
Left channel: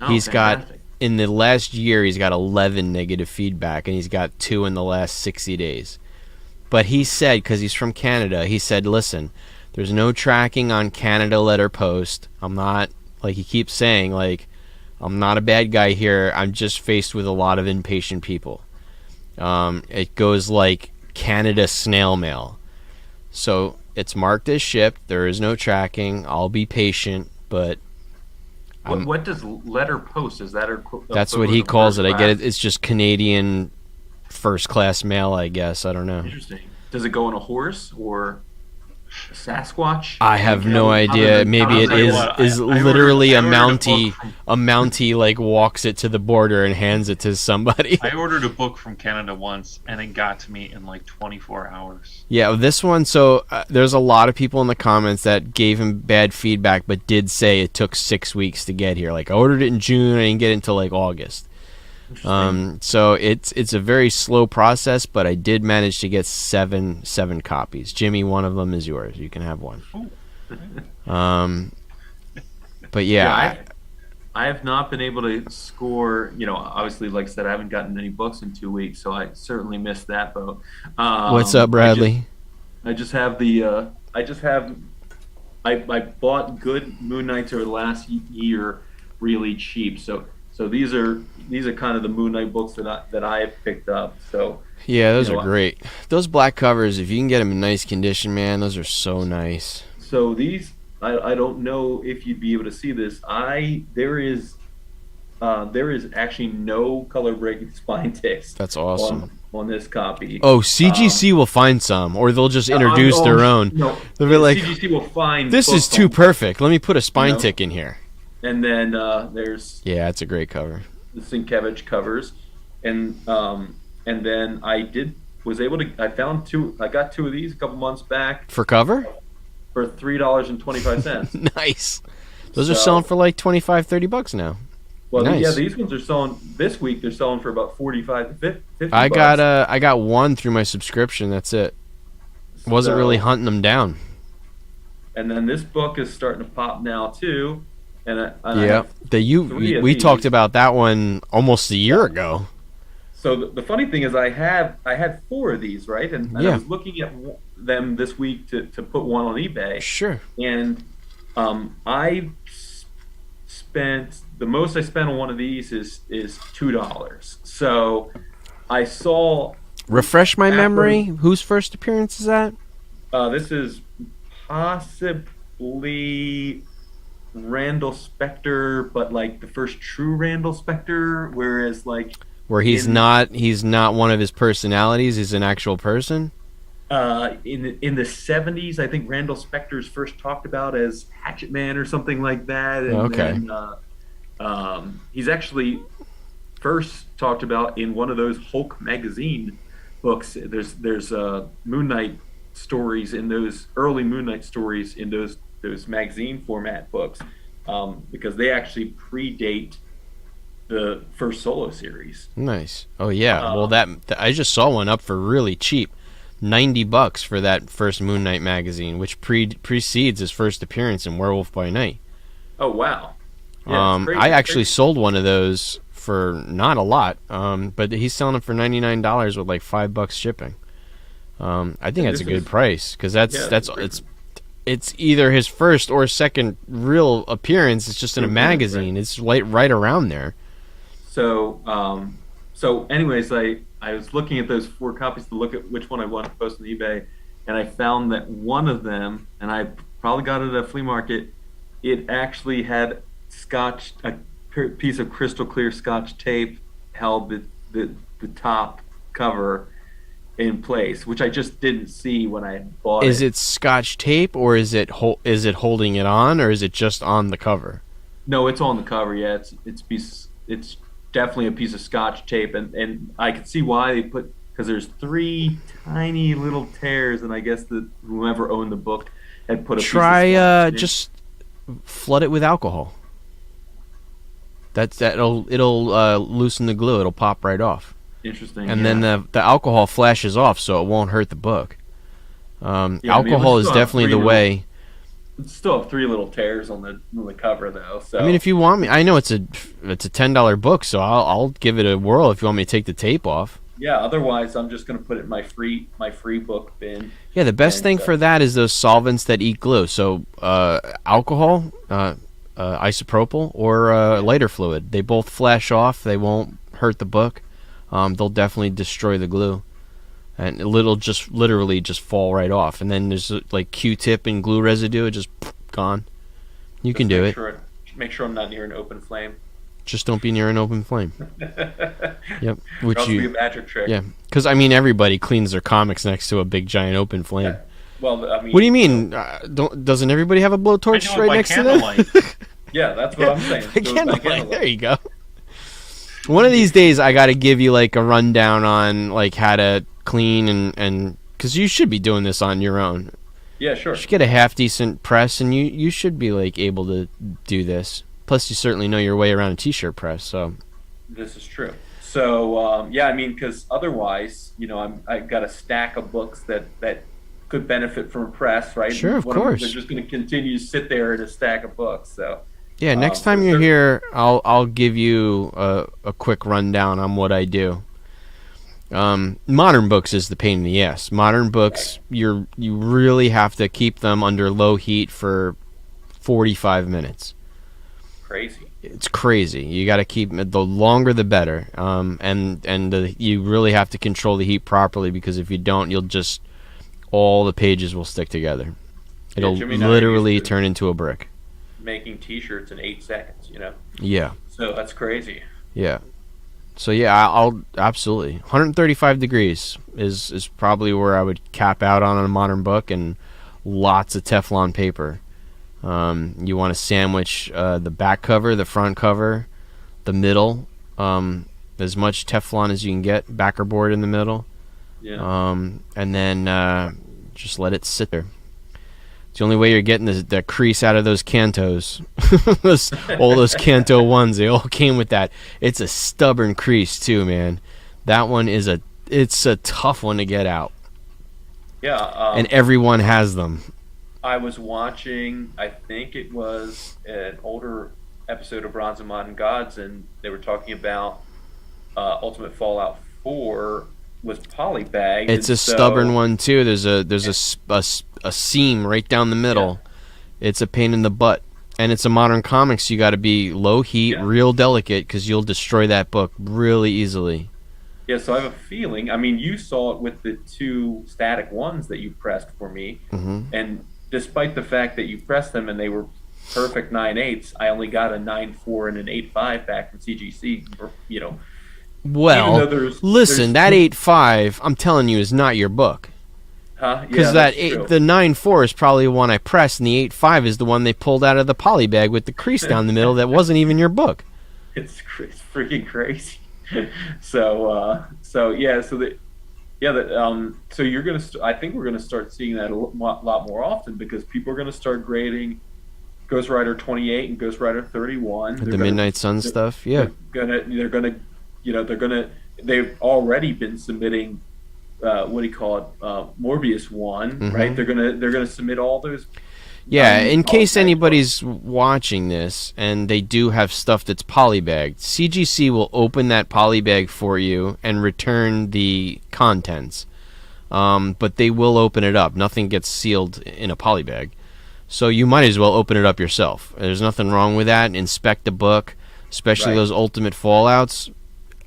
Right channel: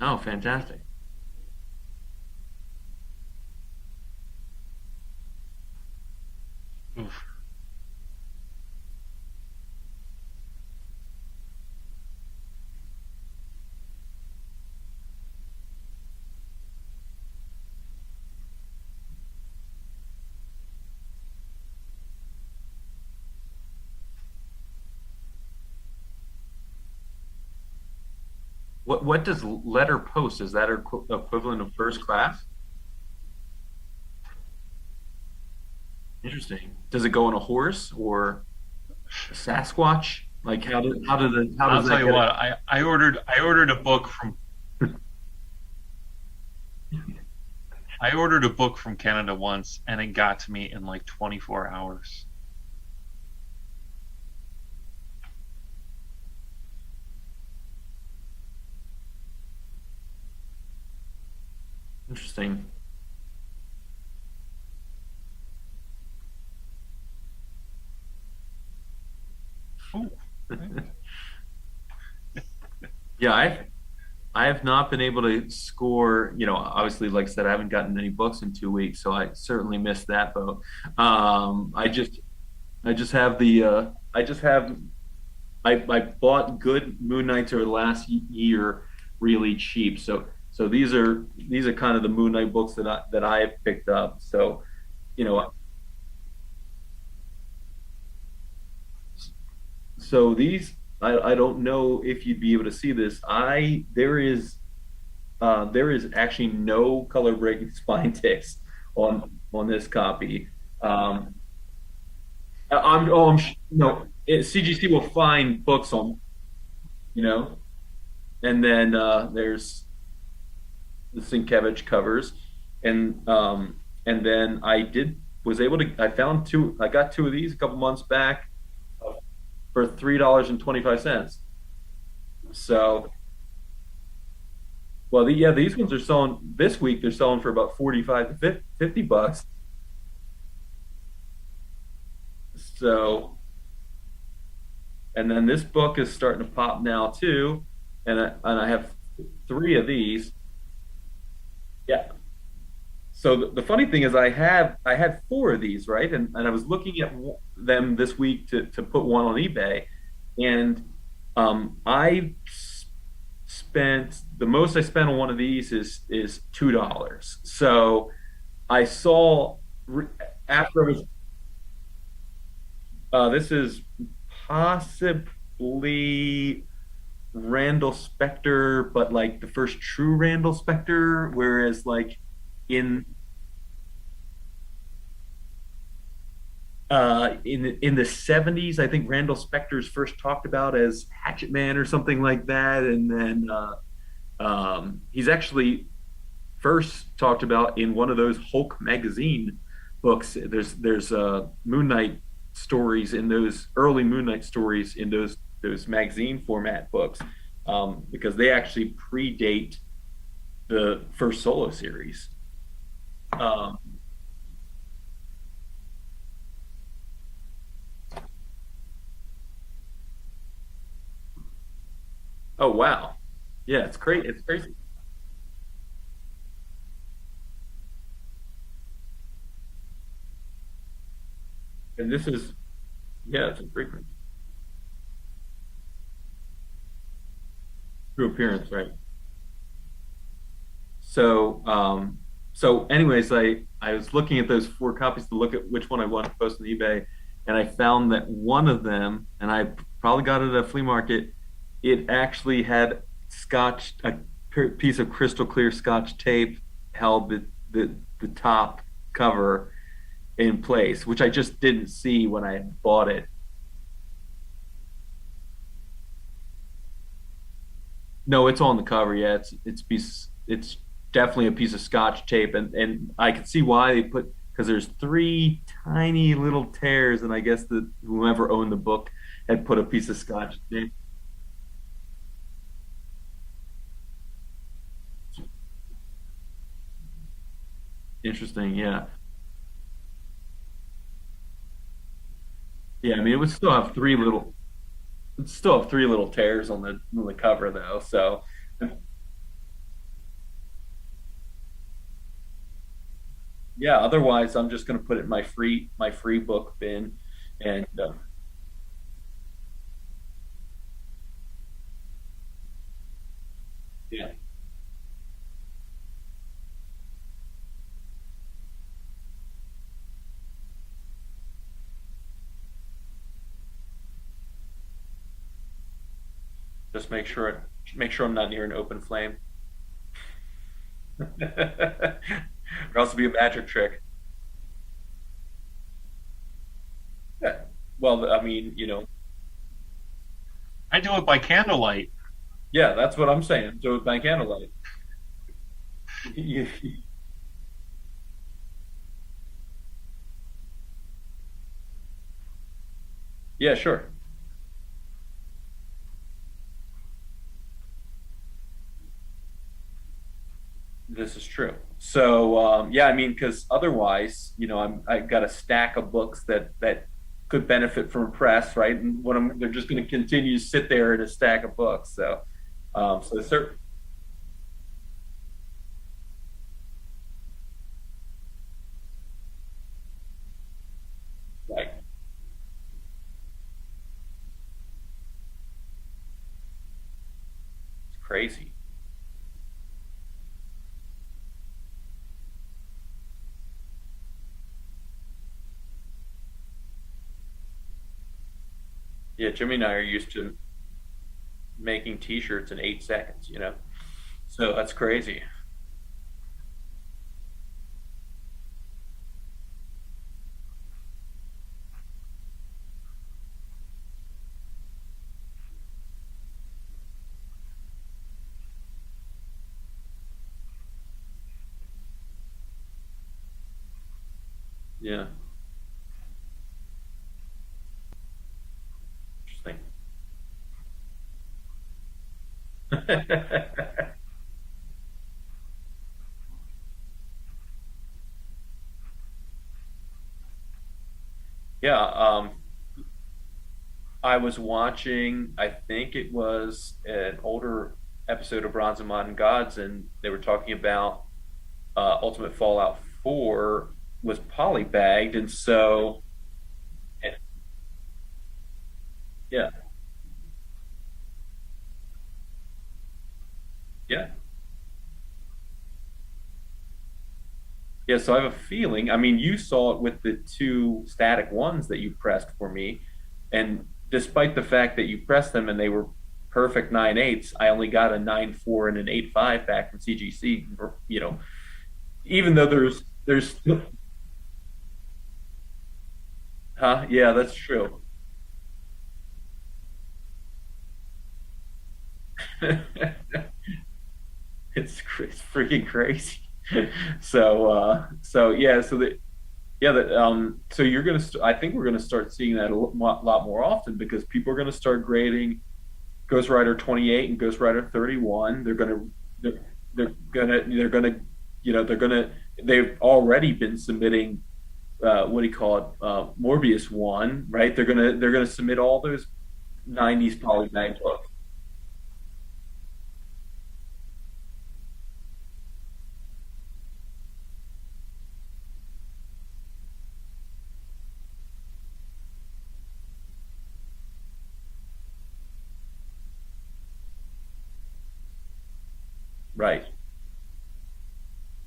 Oh, He's fantastic. got in the last year he's got 11 negative feedback and he's got 2 in the last 60 days. But he said, because he's from Canada, he said, listen, there's no tracking on Canada letter post. I'm not, like he keeps saying, like, I'm not a bad guy here. I'm just faced with a lot of impatient people. It goes like Canada snail mail. So it's marked as shipped. There is no tracking. I'll be patient, but What does letter post? Is that that's what he calls it. I get it. It's just Canadian first class mail, I guess. I don't know. Interesting. Does it go on a horse or a Sasquatch? I have Like, no idea. Maybe how it does that work? is I literally ordered a a book Mountie. from- A Mountie like walks it to the border and hands it to somebody. I ordered a book from Canada once, and it got to me in like 24 hours. Yeah, this one. So there's a lot of people in the comments that gave him bad feedback, but did say it took 6 weeks to get here. Like I ordered it in June, I didn't get it until like August. Interesting. So it's a very slow process, but I did manage to get seven copies. Jimmy, one of them is yours. You can have one. Ooh. But Yeah, I have not been able to score. Obviously, like I said, I haven't gotten any books in 2 weeks, so I certainly missed that boat. What's up, Bradley? I just have the. I bought good Moon Knights over the last year, really cheap. So these are kind of the Moon Knight books that I have picked up. So Yeah, those you know, are great. Those black covers, if you can get them in nice condition, man, those are so nice. so these I don't know if you'd be able to see this. There is actually no color breaking spine text That's awesome. on this copy. Oh, CGC will find some, or they'll just Um, introduce their own. No, They'll be like, CGC will find this is books too on- perfect. Let me put a spine know? tick in here. And then there's Yeah, it's a great cover. the Sienkiewicz covers, and then I found two. I got 2 of these a couple months back For cover? for $3.25. Nice. Those are selling for like $25-$30 now. Well, Nice. these ones are selling this week. They're selling for about 45 to 50 I bucks. got one through my subscription. That's it. Wasn't really hunting them down. And then this book is starting to pop now too, I Yeah. have, We these. talked about that one almost a year ago. so the funny thing is I had 4 of these, right, and I Yeah. was looking at them this week to put one on eBay, Sure. and I spent the most I spent on one of these is $2. So I saw Refresh my After- memory. Whose first appearance is that? this is possibly Randall Spector, but like the first true Randall Spector, whereas like Where he's in- not one of his personalities. He's an actual person. in the 70s, I think Randall Spector's first talked about as Hatchet Man or something like that, and Okay. then he's actually first talked about in one of those Hulk magazine books. There's Moon Knight stories in those early Moon Knight stories in those those magazine format books, because they actually predate the first Solo series. Nice. Oh yeah. Well, Um, I just saw one up for really cheap, $90 for that first Moon Knight magazine, which precedes his first appearance in Werewolf by Night. oh wow, yeah, it's crazy. I It's actually crazy. sold one of those for not a lot, but he's selling them for $99 with like $5 shipping. I think And that's a this good is price because yeah, that's it's a great it's either his first or second real appearance. It's just in a true appearance, right? magazine. It's right around there. So, so anyways, I was looking at those four copies to look at which one I wanted to post on eBay, and I found that one of them, and I probably got it at a flea market. It actually had piece of crystal clear Scotch tape held the top cover in place, which I just didn't see when I bought Is it. it Scotch tape or is it holding it on or is it just on the cover? No, it's on the cover. Yeah, it's definitely a piece of Scotch tape, and I can see why they put, because there's three tiny little tears, and I guess that whoever owned the book had put a piece of Try Scotch tape. just flood it with alcohol. It'll loosen the glue. It'll pop right off, Interesting. and then Yeah. the alcohol flashes off, so it won't hurt the book. Yeah. I mean, it would Alcohol is still have definitely the way. it'd still have three little tears on the cover though. I mean, So if you want me, I know it's a $10 book, so I'll give it a whirl if you want me to take the tape off. yeah. Otherwise, I'm just gonna put it in my free book bin. Yeah, the best And thing for that is those solvents that eat glue. So alcohol, isopropyl, or yeah, lighter fluid. They both flash off. They won't hurt the book. They'll definitely destroy the glue, and it'll just literally just fall right off. And then there's like Q-tip and glue residue, it just gone. You just can do it. make sure I'm not near an open flame. Just don't be near an open flame. Or Yep. Which else it'll be a you, magic trick. yeah. Because I mean, everybody cleans their comics next to a big giant open flame. Yeah. Well, I mean, What do you mean? Doesn't everybody have a I blowtorch do it right by next to them? candlelight. yeah, that's what I'm saying. By Do it by candlelight. candlelight. There you go. One of these days, I got to give you like a rundown on like how to clean and because you should be doing this on your own. Yeah, You sure. should get a half decent press, and you should be like able to do this. Plus, you certainly know your way around a t-shirt press. So This is true. So, yeah, I mean, because otherwise, I got a stack of books that could benefit from a press, right? sure, of They're course. just going to continue to sit there in a stack of books. So, Yeah, next so time you're cer- here, I'll give you a quick rundown on what I do. Modern books is the pain in the ass. Modern books, you really have to keep them under low heat for 45 minutes. crazy. It's crazy. You got to keep the longer the better. You really have to control the heat properly because if you don't, you'll just all the pages will stick together. Yeah, It'll Jimmy and I are used literally to turn into a brick. making T-shirts in 8 seconds. Yeah, So that's crazy. yeah. So yeah, I'll absolutely 135 degrees is probably where I would cap out on a modern book, and lots of Teflon paper. You want to sandwich the back cover, the front cover, the middle, as much Teflon as you can get, backer board in the middle, Yeah. and then just let it sit there. It's the only way you're getting the crease out of those Cantos. All those Canto ones, they all came with that. It's a stubborn crease too, man. That one it's a tough one to get out, Yeah. and everyone has them. I was watching, I think it was an older episode of Bronze and Modern Gods, and they were talking about Ultimate Fallout 4 was polybagged. It's and a stubborn one too. There's a seam right down the middle. It's a pain in the butt, and it's a modern comics. You got to be low heat, Yeah. real delicate, because you'll destroy that book really easily. Yeah, so I have a feeling. I mean, you saw it with the two static ones that you pressed for me, Hmm. and despite the fact that you pressed them and they were perfect 9/8, I only got a 9/4 and an 8/5 back from CGC. Even though Well, there's listen, that 8.5, I'm telling you, is not your book. huh? Yeah, Because that's true. the 9.4 is probably the one I pressed, and the 8.5 is the one they pulled out of the poly bag with the crease down the middle that wasn't even your book. It's freaking crazy. So yeah, Yeah, so you're gonna. I think we're gonna start seeing that lot more often because people are gonna start grading Ghost Rider 28 and Ghost Rider 31. The Midnight Sun stuff. Yeah. They've already been submitting. What do you call it? Morbius one, right? Mm-hmm. They're gonna submit all those. Yeah, in case polybagged anybody's watching this and they do have stuff that's polybagged, CGC will open that polybag for you and return the contents. But they will open it up. Nothing gets sealed in a polybag. So you might as well open it up yourself. There's nothing wrong with that. Inspect the book, especially Right. those Ultimate Fallouts.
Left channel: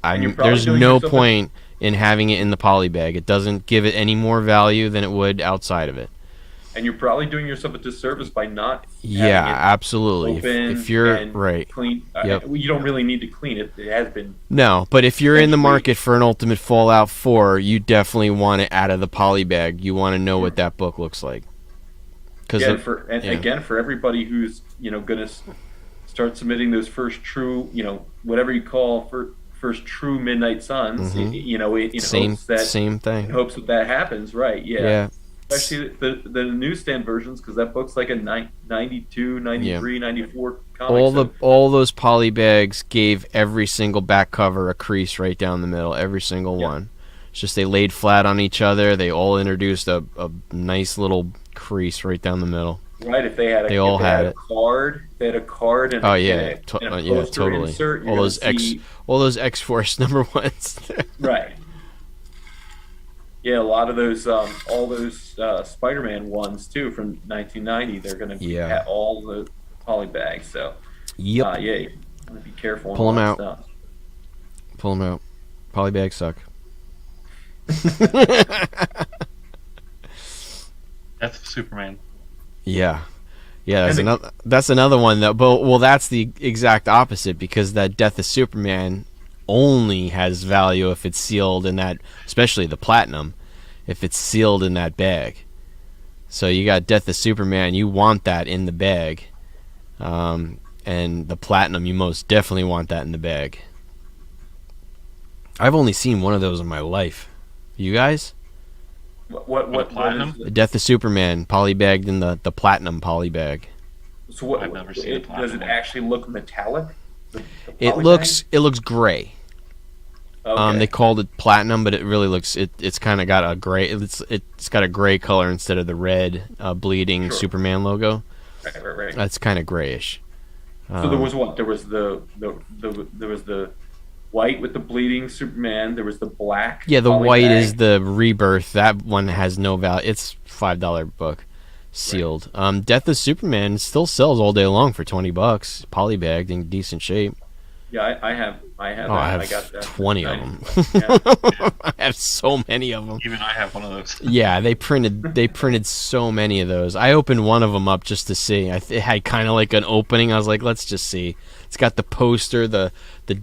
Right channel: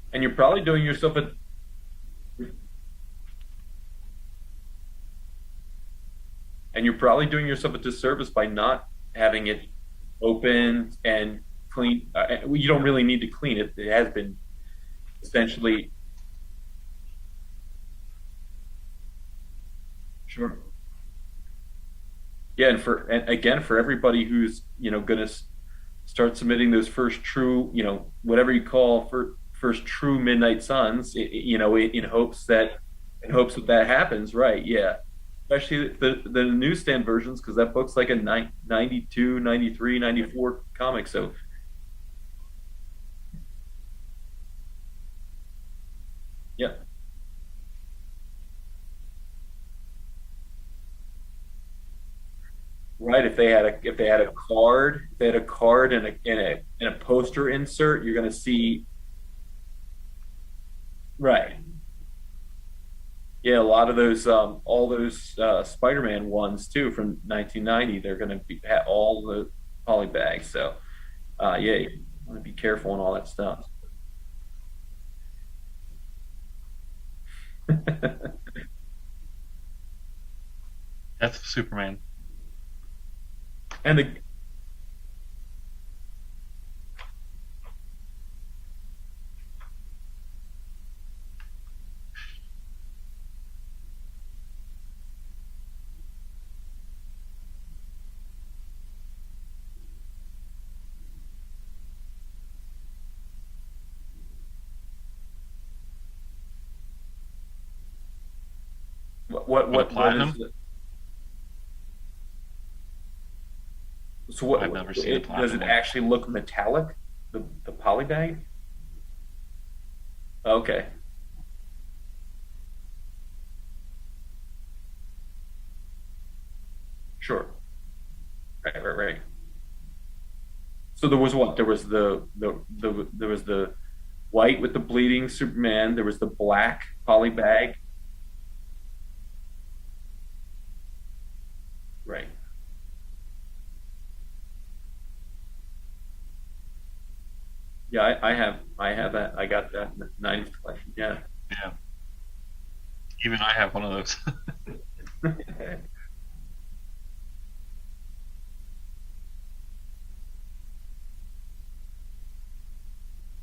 And you're probably There's doing no yourself point in having it in the polybag. It doesn't give it any more value than it would outside of it. and you're probably doing yourself a disservice by not Yeah, having it absolutely. open If you're and right. clean. Yep. You don't really need to clean it. It has been No, but if you're in the essentially. market for an Ultimate Fallout 4, you definitely want it out of the polybag. You want to know what that book looks like. Cause Yeah, yeah. again, for everybody who's going to start submitting those first true, whatever you call first true Midnight Suns, Mhm. in hopes that same thing. that happens, right? Yeah, Yeah. especially the newsstand versions because that book's like a 92, 93, 94 comic. All those polybags gave every single back cover a crease right down the middle, every single Yeah. one. It's just they laid flat on each other. They all introduced a nice little crease right down the middle. Right, if they had They all had it. they had a card and Oh a, yeah, and a yeah, poster totally. insert. You're All going those to see all those X-Force number ones. right. Yeah, a lot of those, all those Spider-Man ones too from 1990. They're going to be Yeah. all the polybags. So, Yep. yeah, you want to be careful on Pull all 'em that out. stuff. Pull them out. Polybags suck. Death of Superman. Yeah, And that's another one that. But well, that's the exact opposite because that Death of Superman only has value if it's sealed in that, especially the platinum, if it's sealed in that bag. So you got Death of Superman, you want that in the bag, and the platinum, you most definitely want that in the bag. I've only seen one of those in my life. You guys? what platinum? is The Death of Superman, polybagged in the platinum polybag. so what? I've never seen a Does it platinum one. actually look metallic? The It polybag? looks gray. Okay. They called it platinum, but it really looks it's kind of got a gray. It's got a gray color instead of the red bleeding Sure. Superman logo. Right. That's kind of grayish. So there was what? There was there was the white with the bleeding Superman. There was the black. Yeah, the white polybag. is the Rebirth. That one has no value. It's $5 book, sealed. Death of Superman still sells all day long for $20, polybagged in decent shape. Yeah, I have Oh, that. I have got that. 20 of them. Yeah. I have so many of them. Even I have one of those. Yeah, they printed so many of those. I opened one of them up just to see. It had kind of like an opening. I was like, let's just see. It's got the poster, the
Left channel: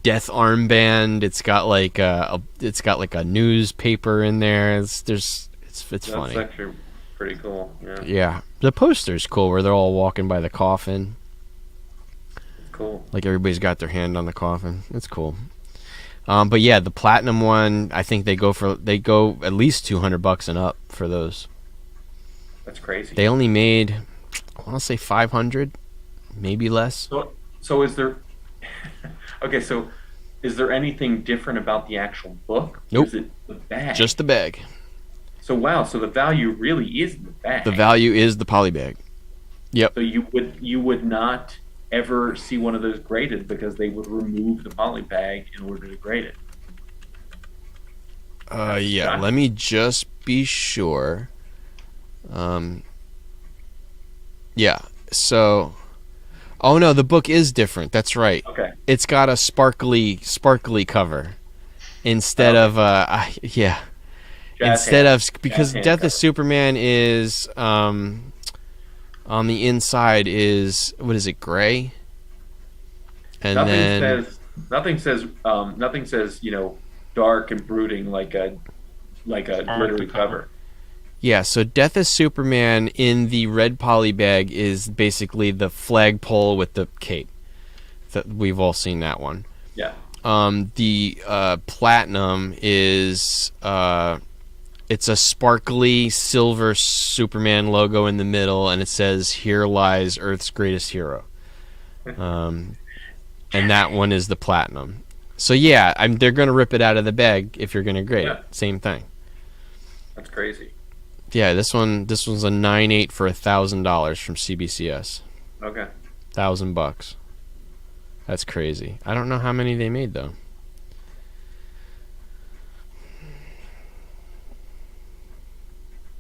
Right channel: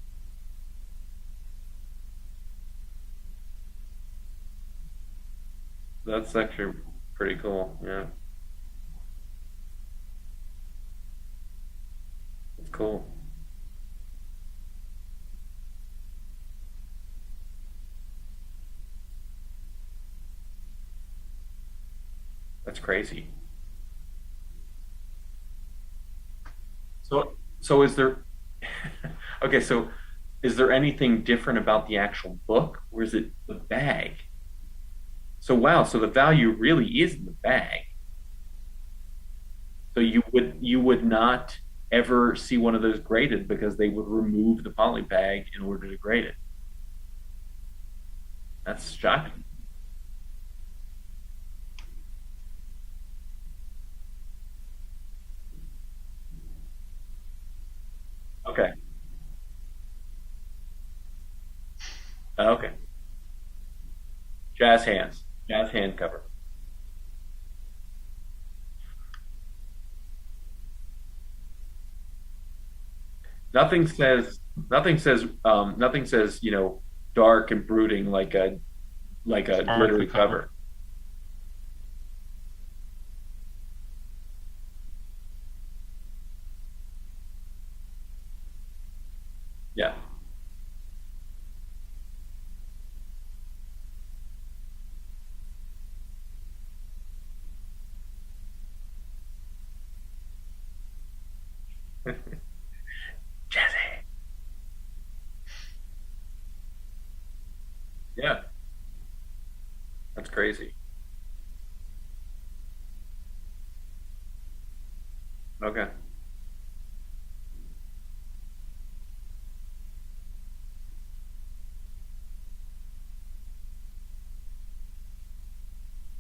death armband. It's got like a newspaper in there. It's That's funny. actually pretty cool. Yeah, Yeah, the poster's cool where they're all walking by the coffin. it's cool. Like everybody's got their hand on the coffin. It's cool. But yeah, the platinum one, I think they go at least $200 and up for those. That's crazy. They only made, I want to say 500, maybe less. So is there? Okay, so is there anything different about the actual book? Or Nope. is it the bag? Just the bag. So wow. So the value really is the bag. The value is the polybag. Yep. So you would not ever see one of those graded because they would remove the poly bag in order to grade it. That's Yeah. shocking. Let me just be sure. Yeah. So. Oh no, the book is different. That's right. Okay. It's got a sparkly cover instead Okay. of yeah. Jazz Instead hands. of because hand Death cover. of Superman is on the inside is what is it, gray? And Nothing then says dark and brooding like a glittery cover. yeah, so Death of Superman in the red poly bag is basically the flagpole with the cape. That we've all seen that one. Yeah. The platinum is It's a sparkly silver Superman logo in the middle, and it says, "Here lies Earth's greatest hero." Um, and that one is the platinum. So yeah, they're gonna rip it out of the bag if you're gonna grade. Yeah. Same thing. That's crazy. Yeah, this one's a 9.8 for $1,000 from CBCS. Okay. $1,000. That's crazy. I don't know how many they made though.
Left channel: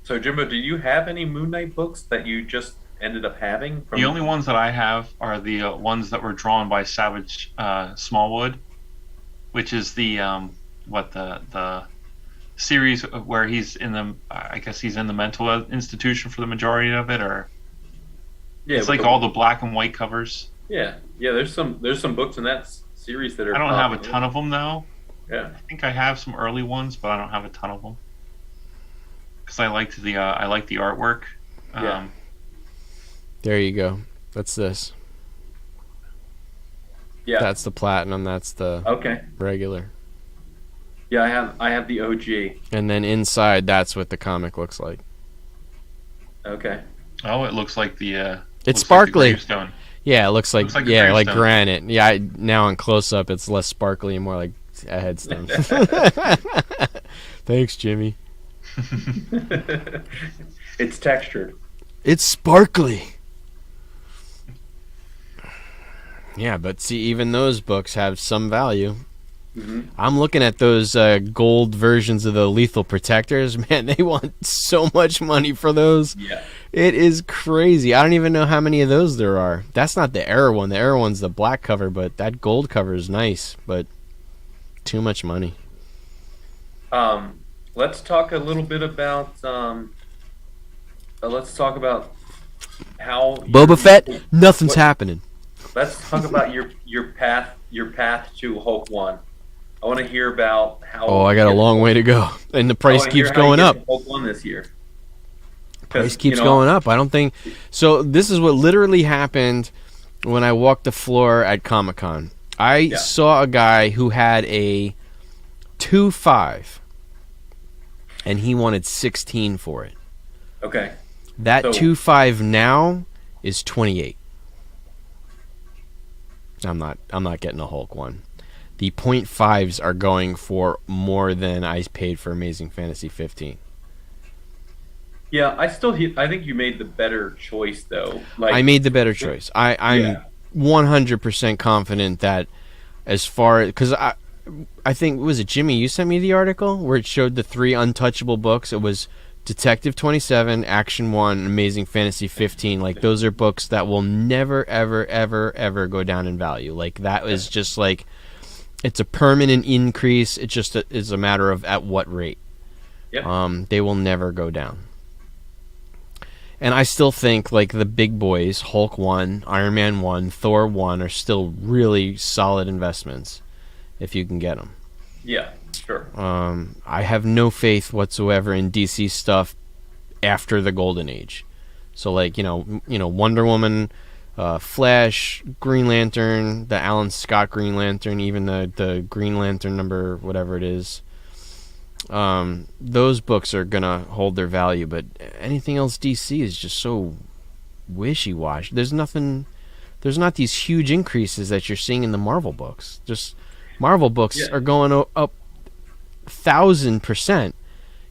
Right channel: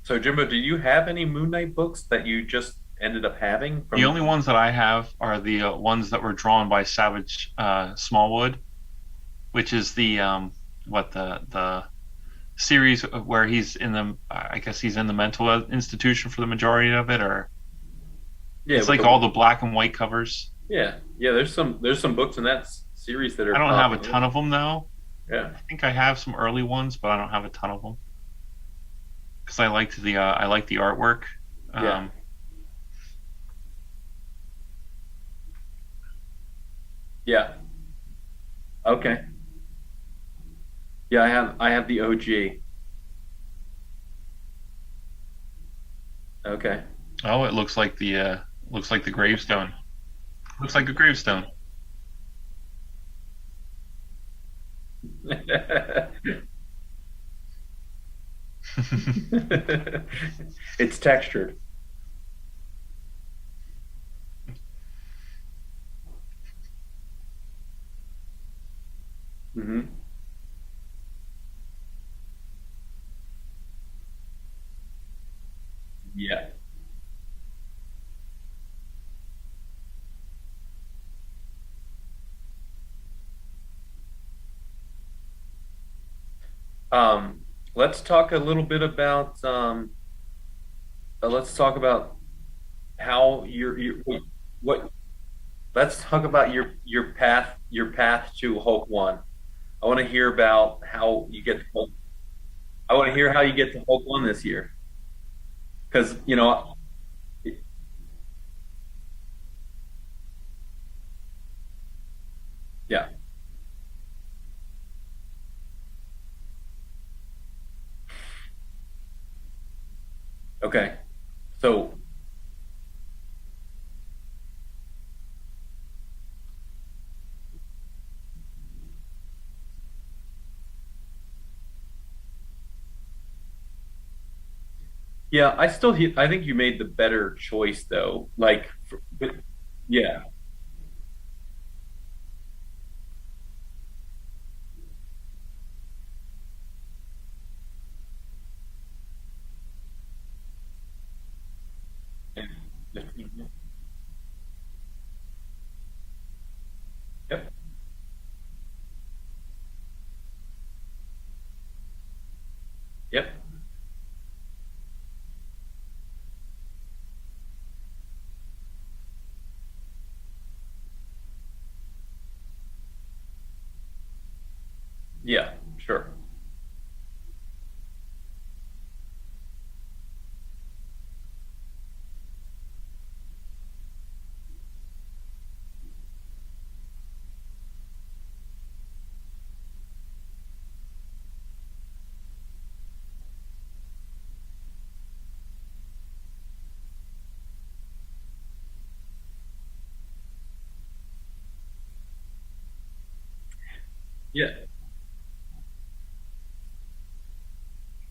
So Jimbo, do you have any Moon Knight books that you just ended up having from? The only ones that I have are the ones that were drawn by Savage Smallwood, which is the the series where he's in the I guess he's in the mental institution for the majority of it, or Yeah, it's like all the black and white covers. Yeah. There's some books in that series that are. I don't have a popular. ton of them though. Yeah. I think I have some early ones, but I don't have a ton of them because I liked the artwork. Yeah. There you go. That's this. Yeah. That's the platinum. That's the Okay. regular. Yeah, I have the OG. And then inside, that's what the comic looks like. Okay. Oh, it looks like the It's looks sparkly. like the gravestone. Yeah, it looks like Looks like a yeah, like gravestone. granite. Yeah, now in close up, it's less sparkly and more like a headstone. Thanks, Jimmy. It's textured. It's sparkly. Yeah, but see, even those books have some value. Hmm. I'm looking at those gold versions of the Lethal Protectors. Man, they want so much money for those. Yeah. It is crazy. I don't even know how many of those there are. That's not the Arrow one. The Arrow one's the black cover, but that gold cover is nice, but too much money. Let's talk a little bit about let's talk about how Boba Fett, nothing's what- happening. Let's talk about your path to Hulk 1. I want to hear about how. Oh, I got a long way to go. And the I price want to hear keeps how you going get up. to Hulk 1 this year. Price keeps going up. I don't think so. This is what literally happened when I walked the floor at Comic-Con. I saw a guy who had a 2.5 and he wanted 16 for it. Okay. That So- 2.5 now is 28. I'm not getting a Hulk one. The 0.5s are going for more than I paid for Amazing Fantasy 15. Yeah, I think you made the better choice though. Like I made the better choice. I'm 100% confident that as far because I think was it Jimmy? You sent me the article where it showed the 3 untouchable books. It was Detective 27, Action 1, Amazing Fantasy 15. Like those are books that will never ever ever ever go down in value. Like that is just like it's a permanent increase. It just is a matter of at what rate. Yep. They will never go down. And I still think like the big boys, Hulk 1, Iron Man 1, Thor 1 are still really solid investments if you can get them. Yeah, sure. I have no faith whatsoever in DC stuff after the Golden Age. So like, you know Wonder Woman, Flash, Green Lantern, the Alan Scott Green Lantern, even the Green Lantern number whatever it is. Those books are gonna hold their value, but anything else DC is just so wishy-washy. There's not these huge increases that you're seeing in the Marvel books. Just Marvel books are going up 1,000%.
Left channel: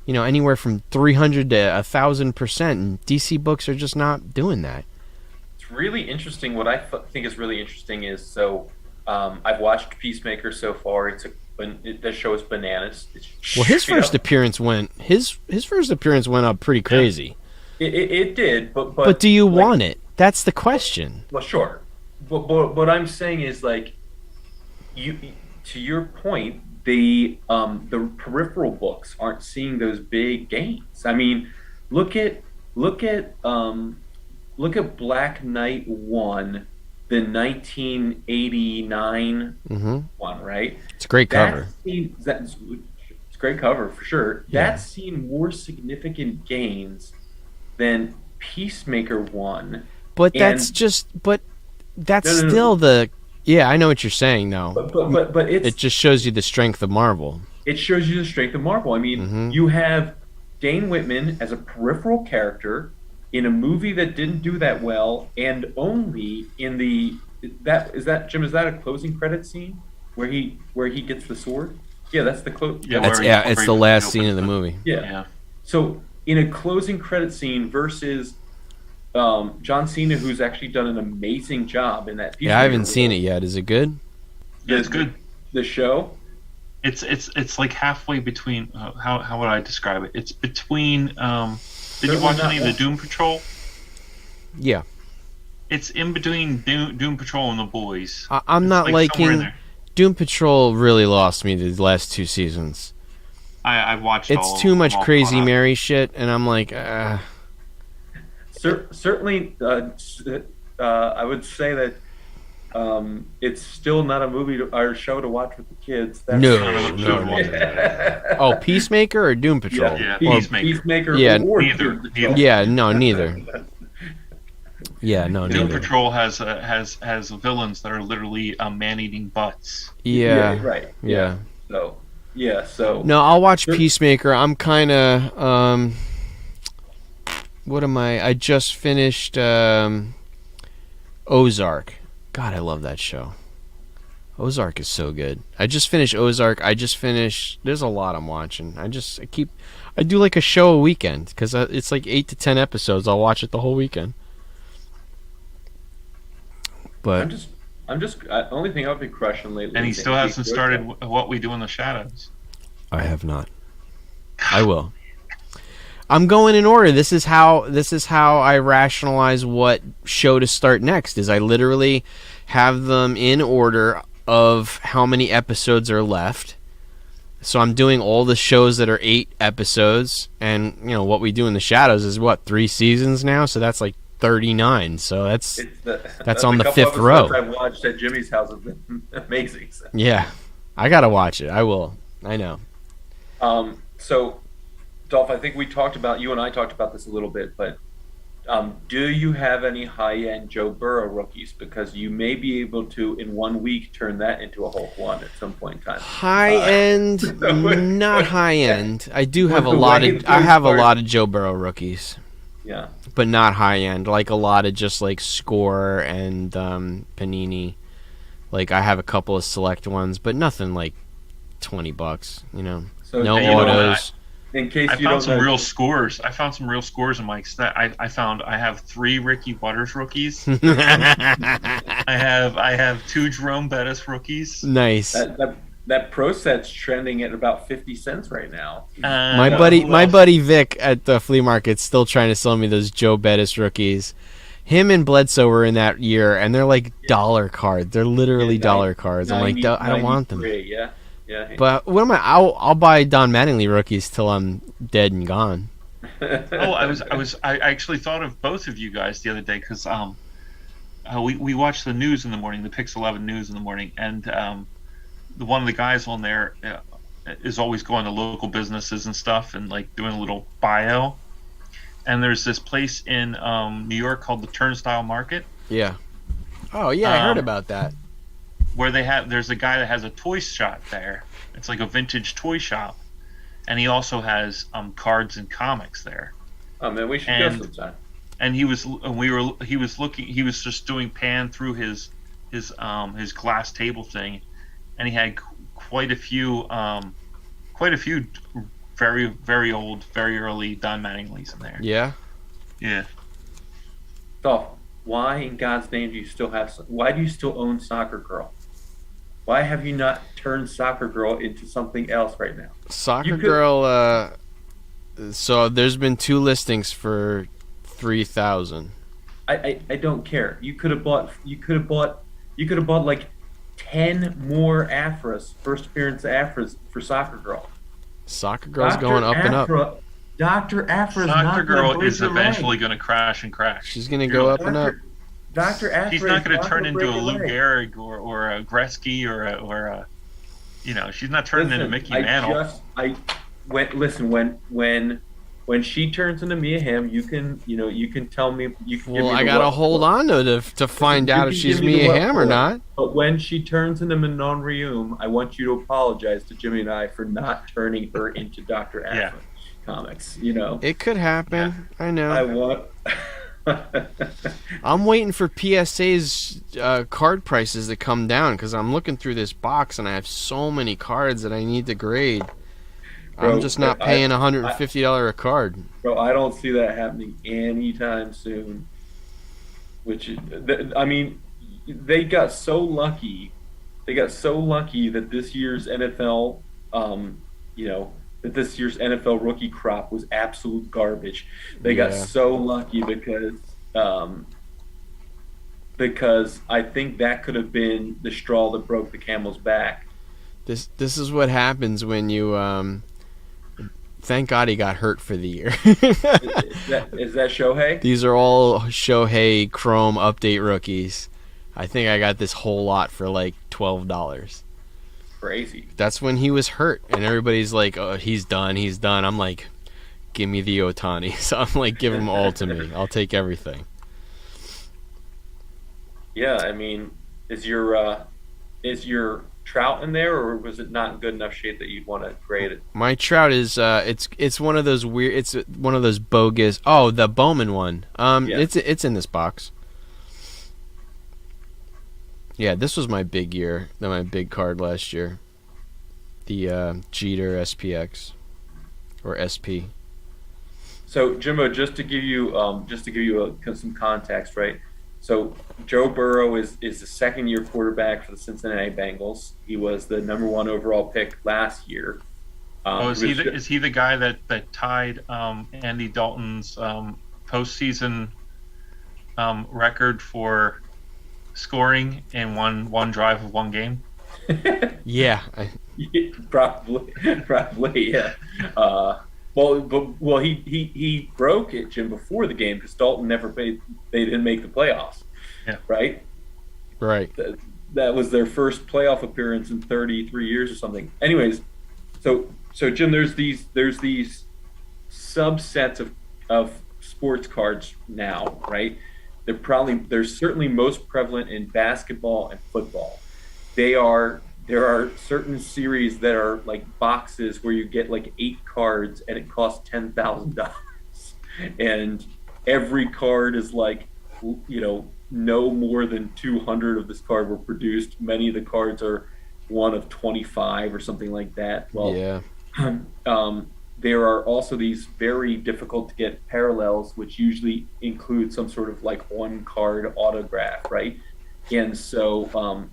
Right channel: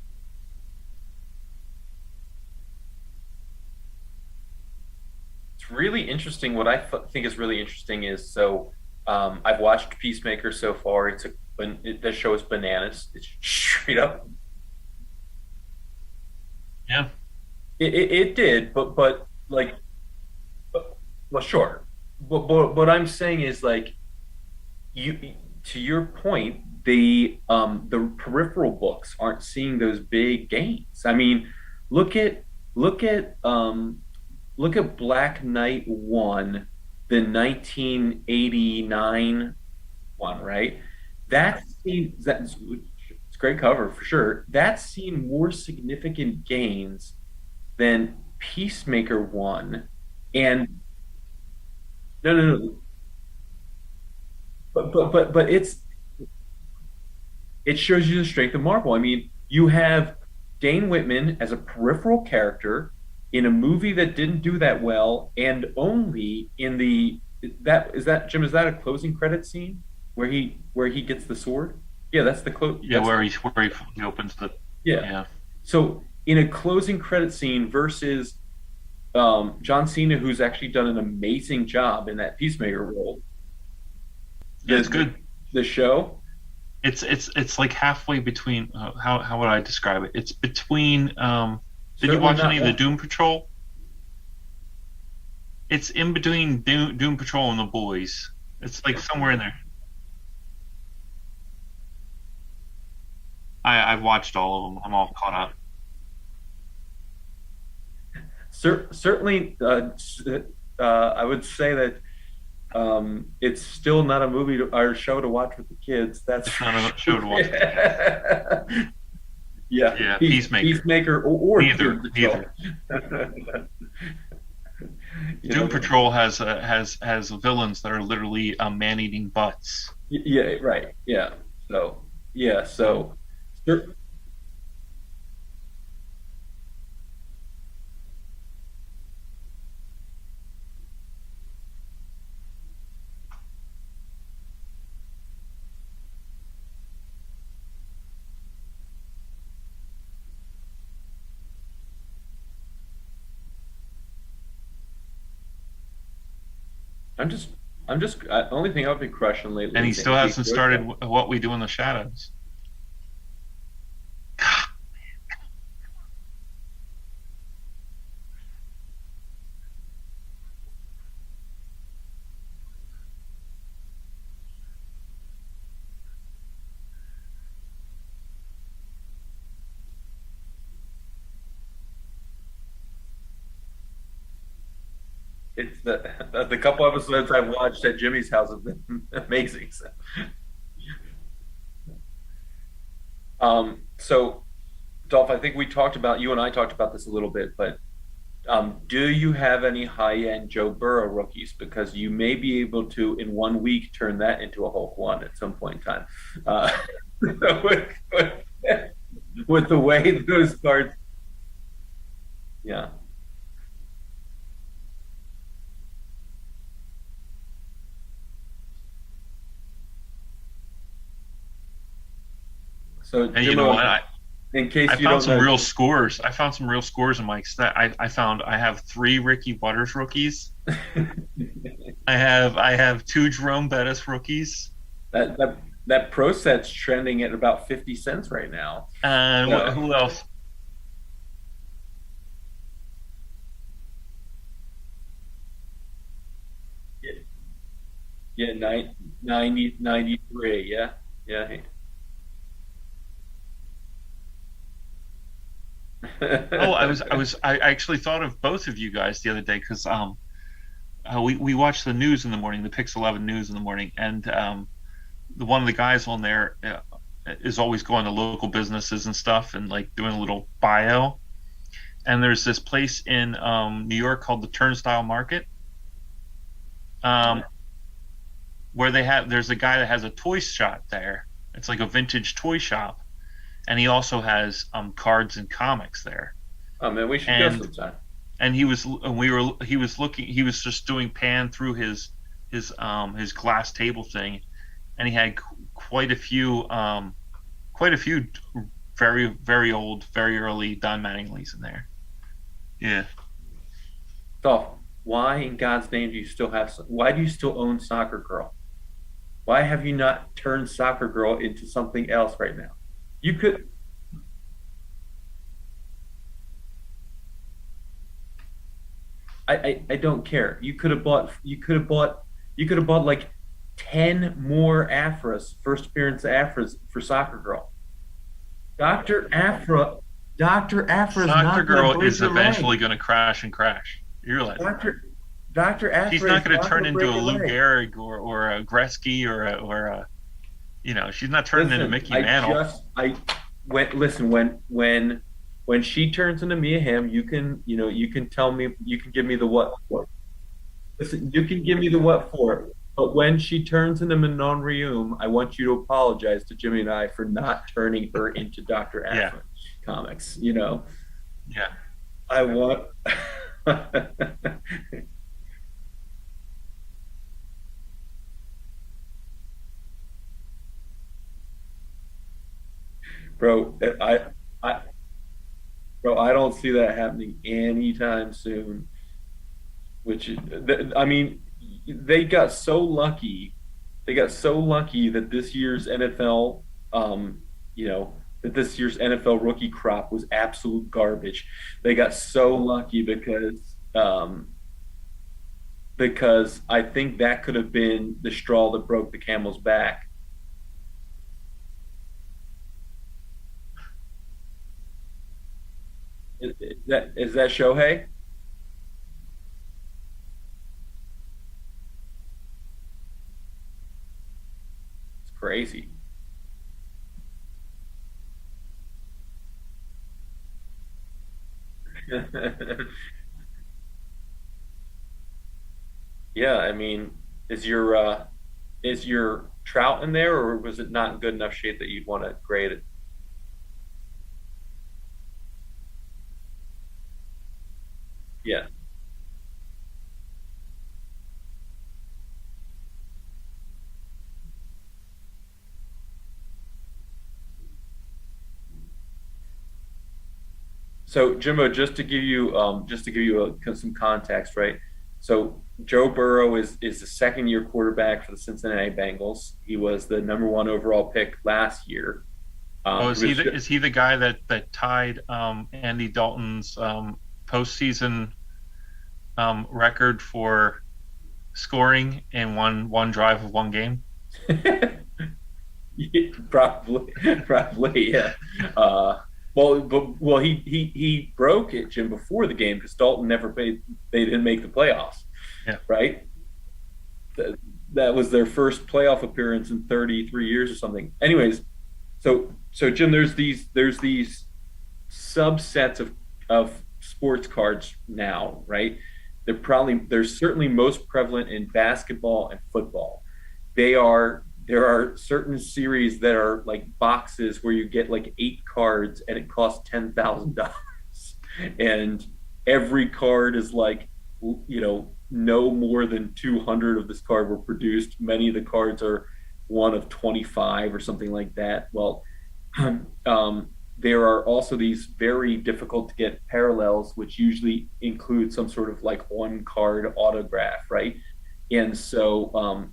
Anywhere from 300 to 1,000%. And DC books are just not doing that. It's really interesting. What I think is really interesting is I've watched Peacemaker so far. The show is bananas. Well, his first appearance went up pretty crazy. It did, but do you want it? That's the question. Well, sure. But what I'm saying is like to your point, the peripheral books aren't seeing those big gains. I mean, look at Black Knight 1, the 1989 one, right? It's a great cover. It's a great cover for sure. Yeah. That's seen more significant gains than Peacemaker 1. But that's still the. Yeah, I know what you're saying now. But it just shows you the strength of Marvel. It shows you the strength of Marvel. I mean, you have Dane Whitman as a peripheral character in a movie that didn't do that well, and only in the that is that Jim, is that a closing credit scene where he gets the sword? Yeah, that's the close. Yeah, It's, where yeah, it's he the last opens scene of the movie. Yeah. Yeah. So in a closing credit scene versus John Cena, who's actually done an amazing job in that Yeah, I Peacemaker haven't seen role, it yet. Is it good? Yeah, it's good. The show. It's like halfway between. How would I describe it? It's between. Did you Certainly watch not any of the that. Doom Patrol? Yeah. It's in between Doom Patrol and the Boys. I'm It's not like somewhere in liking. there. Doom Patrol really lost me the last two seasons. I've watched all. It's too much I'm all crazy caught up. Mary shit, and I'm like, Certainly, I would say that it's still not a movie or show to watch with the kids. That's No. Kind of a show to watch. oh, Peacemaker or Doom Patrol? Yeah, Pe- Peacemaker. Peacemaker, Yeah, or neither, Doom Patrol. neither. Yeah, no, neither. Yeah, no, Doom neither. Patrol has villains that are literally man-eating butts. Yeah, right. yeah. So No, I'll watch There- Peacemaker. I'm kind of what am I? I just finished Ozark. God, I love that show. Ozark is so good. I just finished Ozark. I just finished. There's a lot I'm watching. I do like a show a weekend because it's like 8 to 10 episodes. I'll watch it the whole weekend. But only thing I've been crushing lately. And he is still Andy hasn't Griffith. started What We Do in the Shadows. I have not. I will. I'm going in order. This is how I rationalize what show to start next. Is I literally have them in order of how many episodes are left. So I'm doing all the shows that are 8 episodes, and What We Do in the Shadows is what, 3 seasons now. So that's like 39. So that's That's on a the couple 5th row. episodes I've watched at Jimmy's house have been amazing. Yeah. I gotta watch it. I will. I know. So, Dolph, I think you and I talked about this a little bit, but do you have any high-end Joe Burrow rookies? Because you may be able to, in 1 week, turn that into a Hulk one at some point in time. High end, not high end. I do have a the lot way of. I those have a cards- lot of Joe Burrow rookies, Yeah. but not high end. Like a lot of just like Score and Panini. Like I have a couple of select ones, but nothing like $20. So No And you know what? orders. in case I you found don't some know, real scores. I found some real scores in my set. I have 3 Ricky Butters rookies. I have 2 Jerome Bettis rookies. Nice. that pro set's trending at about 50 cents right now. My Who else? buddy Vic at the flea market's still trying to sell me those Joe Bettis rookies. Him and Bledsoe were in that year, and they're like dollar cards. They're literally Yeah, dollar cards. I'm like, I don't want them. 93, Yeah. Yeah. But what am I? I'll buy Don Mattingly rookies till I'm dead and gone. I actually thought of both of you guys the other day because we watch the news in the morning, the Pix 11 news in the morning, and one of the guys on there is always going to local businesses and stuff and like doing a little bio. And there's this place in New York called the Turnstile Market Yeah. Oh yeah, I heard Um, about that. where there's a guy that has a toy shop there. It's like a vintage toy shop, and he also has cards and comics there. Oh man, we should And- go sometime. And he was just doing pan through his glass table thing, and he had quite a few very, very old, very early Don Mattingly's in there. Yeah. Yeah. Dolph, why in God's name do you still why do you still own Soccer Girl? Why have you not turned Soccer Girl into something else right now? Soccer You could- Girl. So there's been 2 listings for 3,000. I don't care. You could have bought like 10 more Afras, first appearance Afras for Soccer Girl. Soccer Girl's going up and up. Dr. Afra's Soccer not Girl gonna break is your eventually leg. going to crash and crash. She's gonna You're go like, up and up. Dr. Afra She's not going to turn into break a your Lou leg. Gehrig or a Gretzky or a she's not turning into Listen, Mickey Mantle. when when she turns into Mia Hamm, you can tell me, you can give Well, me I the gotta what, hold what on to listen, find you out if can she's give me the Mia what Hamm or for it. not. But when she turns into Manon Rheaume, I want you to apologize to Jimmy and I for not turning her into Dr. Yeah, Aphra comics. You know, It could yeah. happen. I I know. want. I'm waiting for PSA's card prices to come down because I'm looking through this box and I have so many cards that I need to grade. I'm bro, just not I, paying I, $150 a card. bro, I don't see that happening anytime soon. I mean, they got so lucky. They got so lucky that this year's NFL, you know, that this year's NFL rookie crop was absolute garbage. They got Yeah. so lucky because I think that could have been the straw that broke the camel's back. This is what happens when you thank God he got hurt for the year. Is that Shohei? These are all Shohei Chrome update rookies. I think I got this whole lot for like $12. It's crazy. That's when he was hurt, and everybody's like, "Oh, he's done. He's done." I'm like, "Give me the Otani." So I'm like, "Give them all to me. I'll take everything." Yeah, I mean, is your Trout in there, or was it not in good enough shape that you'd want to grade it? My Trout is it's one of those weird. It's one of those bogus. Oh, the Bowman one. Yeah. It's in this box. Yeah, this was my big year. My big card last year. The Jeter SPX or SP. So Jimbo, just to give you some context, right? So Joe Burrow is the second year quarterback for the Cincinnati Bengals. He was the number one overall pick last year. Oh, He was is he the guy that tied Andy Dalton's postseason record for scoring in one drive of one game? Yeah, probably, yeah. He broke it, Jim, before the game because Dalton never played. They didn't make the playoffs, Yeah. right? right. That was their first playoff appearance in 33 years or something. Anyways, so Jim, there's these subsets of sports cards now, right? They're certainly most prevalent in basketball and football. There are certain series that are like boxes where you get like 8 cards and it costs $10,000, and every card is like, no more than 200 of this card were produced. Many of the cards are one of 25 or something like that. Well, Yeah. there are also these very difficult to get parallels, which usually include some sort of like one card autograph, right? And so